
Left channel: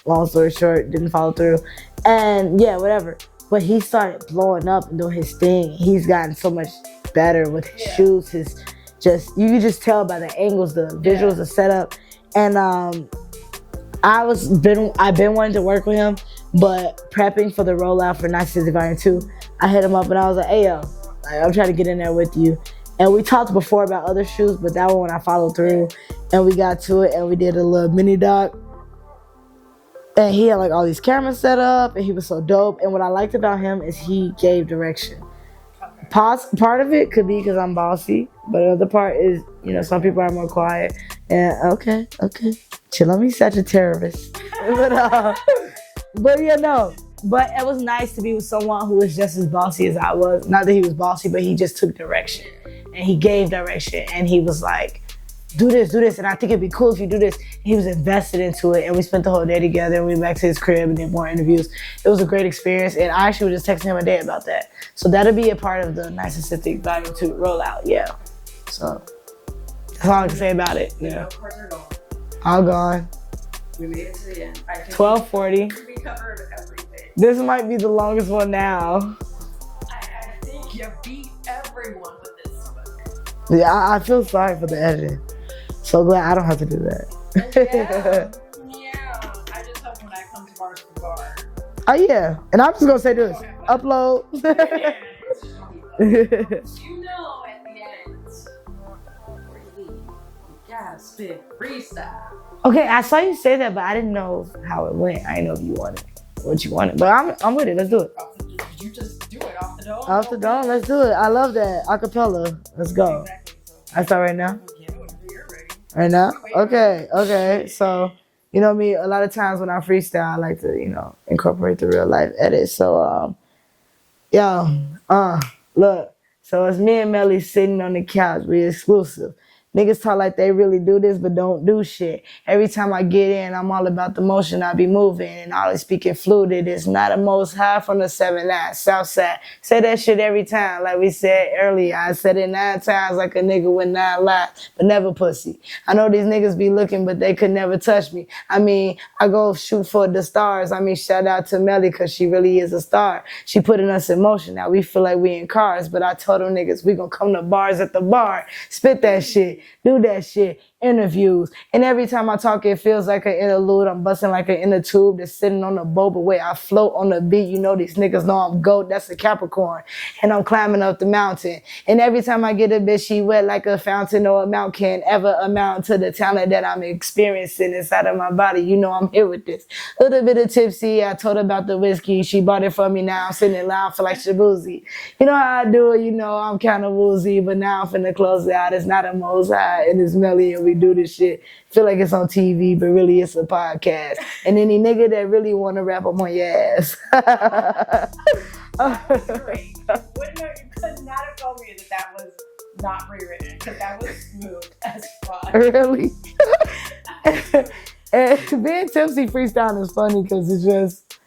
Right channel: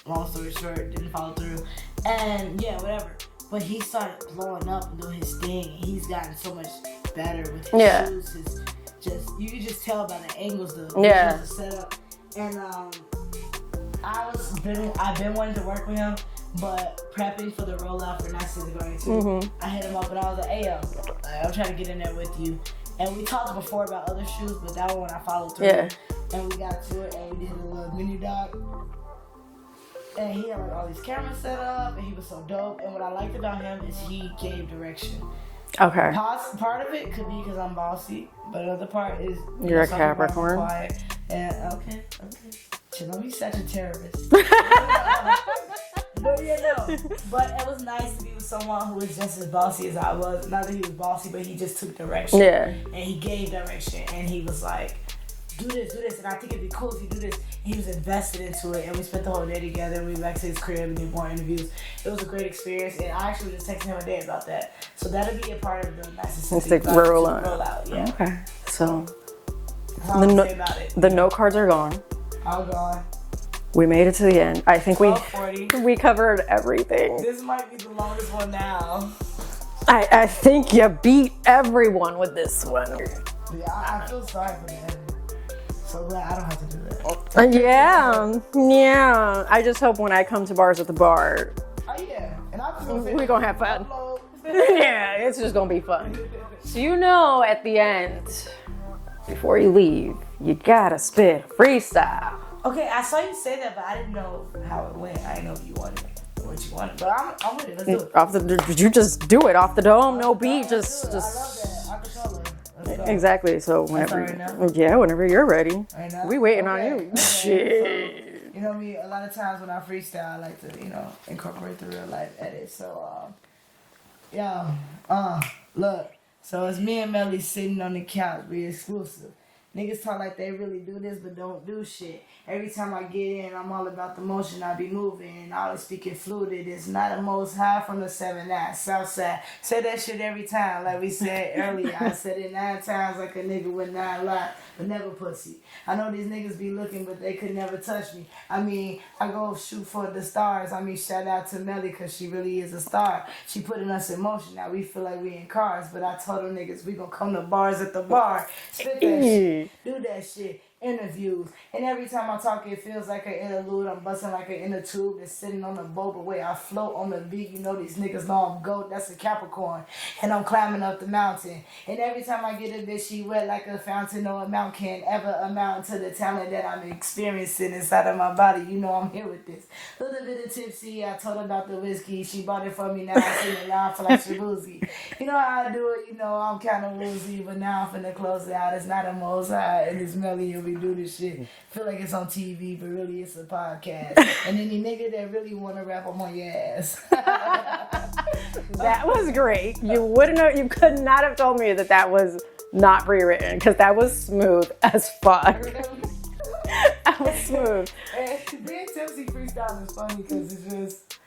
long story short, didn't follow through. And yeah, whatever. But he started blowing up and doing his thing. He's gotten so much better with his shoots. You can just tell by the angles, the visuals, the setup. And I've been wanting to work with him, but prepping for the rollout for Naithemosthigh Volume 2, I hit him up and I was like, hey yo, like, I'm trying to get in there with you. And we talked before about other shoots, but that one when I followed through and we got to it and we did a little mini doc. And he had like all these cameras set up and he was so dope. And what I liked about him is he gave direction. Okay. Part of it could be because I'm bossy, but another part is, you know, some people are more quiet. And okay. Chill on me, such a terrorist. But yeah, no. But it was nice to be with someone who was just as bossy as I was. Not that he was bossy, but he just took direction. Yeah. And he gave direction. And he was like, do this, and I think it'd be cool if you do this. He was invested into it, and we spent the whole day together, and we went back to his crib and did more interviews. It was a great experience, and I actually was just texting him a day about that. So that'll be a part of the Naithemosthigh rollout. Yeah. Okay. So that's all I can say about it. The note cards are gone. All gone. We made it to the end. I think 12:40. We covered everything. This might be the longest one now. I think you beat everyone with this one. Yeah, I feel sorry for the editing. So glad I don't have to do that. Yeah. I just hope when I come to bars at the bar. Oh yeah, and I'm just gonna say we're gonna have fun. Upload. Yeah, it's just gonna be fun. So you know, at the end, before you leave, you gotta spit freestyle. Okay, I saw you say that, but I didn't know how it went. I didn't know if you wanted what you wanted, but I'm with it. Let's do it. You just do it off the dome, off the dome, let's do it. I love that acapella. Let's go. Exactly. So I start right now. Yeah, whenever you're ready. Right now. We waiting. Okay. So you know me. A lot of times when I freestyle, I like to incorporate the real life edit. So look. So it's me and Melly sitting on the couch. We exclusive. Niggas talk like they really do this, but don't do shit. Every time I get in, I'm all about the motion. I be moving and always speaking fluid. It's not a Most High from the 7-9 Southside. Say that shit every time, like we said earlier. I said it 9 times like a nigga with 9 lives, but never pussy. I know these niggas be looking, but they could never touch me. I mean, I go shoot for the stars. I mean, shout out to Melly, because she really is a star. She putting us in motion. Now we feel like we in cars, but I told them niggas we gonna come to bars at the bar. Spit that shit. Do that shit. Interviews. And every time I talk, it feels like an interlude. I'm busting like an inner tube that's sitting on the boat, but wait, I float on the beat. You know these niggas know I'm GOAT. That's a Capricorn. And I'm climbing up the mountain. And every time I get a bitch, she wet like a fountain, or amount can ever amount to the talent that I'm experiencing inside of my body. You know I'm here with this. A little bit of tipsy. I told her about the whiskey. She bought it for me. Now I'm sitting in line for like Shabuzi. You know how I do it. You know I'm kind of woozy, but now I'm finna close it out. It's not a Most High, and it's Melly, and we do this shit. Feel like it's on TV, but really it's a podcast. And any nigga that really want to rap, I'm on your ass. That was great. You could not have told me that was not rewritten, because that was smooth as fuck. Really? I Smooth. And being tipsy freestyling is funny because it's just,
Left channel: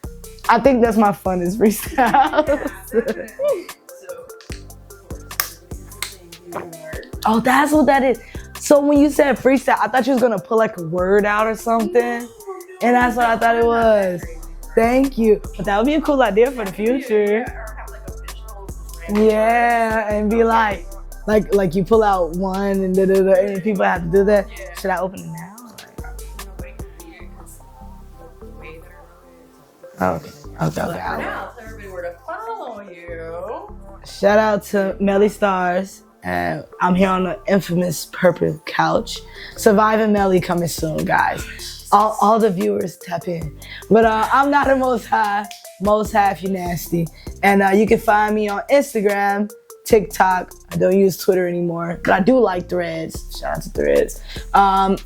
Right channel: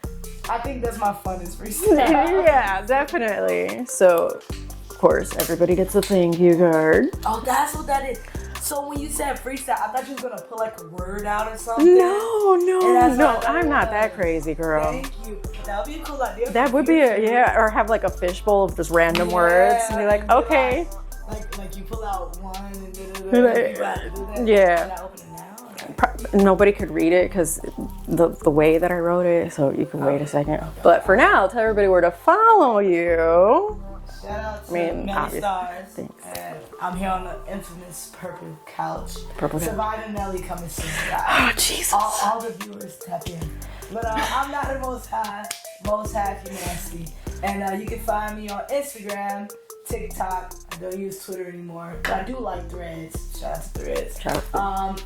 I think that's my funnest freestyle. Yeah, definitely. So, of course, everybody gets a thank you card. Oh, that's what that is. So when you said freestyle, I thought you was gonna put like a word out or something. No. And that's what I thought it was. I'm not that crazy, girl. Thank you. But that would be a cool idea for That the would future. be or have like a fishbowl of just random words. Yeah, and be okay. like you pull out one and and people have to do that. Yeah. Should I open it now? Nobody could read it because the way that I wrote it, so you can wait a second. Okay, but for now, tell everybody where to follow you. Shout out to Melly Starz. And I'm here on the infamous Purple Couch. Surviving Melly coming soon, guys. Oh, Jesus. All the viewers tap in. But I'm not the most high if you nasty. And you can find me on Instagram, TikTok. I don't use Twitter anymore, but I do like Threads. Shout out to Threads.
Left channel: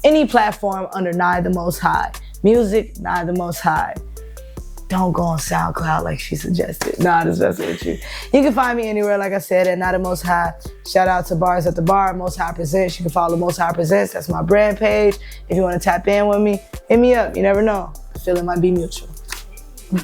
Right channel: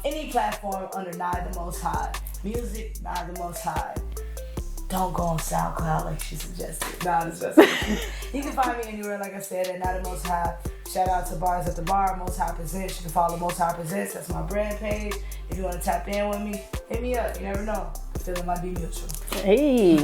Any platform under Naithemosthigh. Music, Naithemosthigh. Don't go on Soundcloud like she suggested. Nah, just messing with you. You can find me anywhere, like I said, at Naithemosthigh. Shout out to Bars at the Bar, Most High Presents. You can follow Most High Presents. That's my brand page. If you want to tap in with me, hit me up. You never know. I feel it might be mutual. Hey.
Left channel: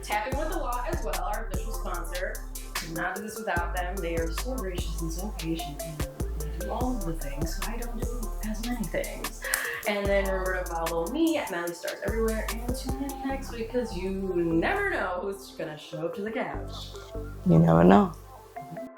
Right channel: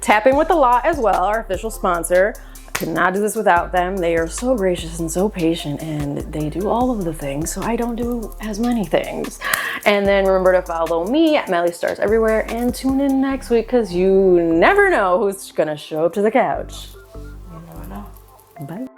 Tapping with the Law as well, our official sponsor. I could not do this without them. They are so gracious and so patient, and they do all of the things, so I don't do as many things. And then remember to follow me at Melly Starz everywhere, and tune in next week because you never know who's gonna show up to the couch. You never know. Bye.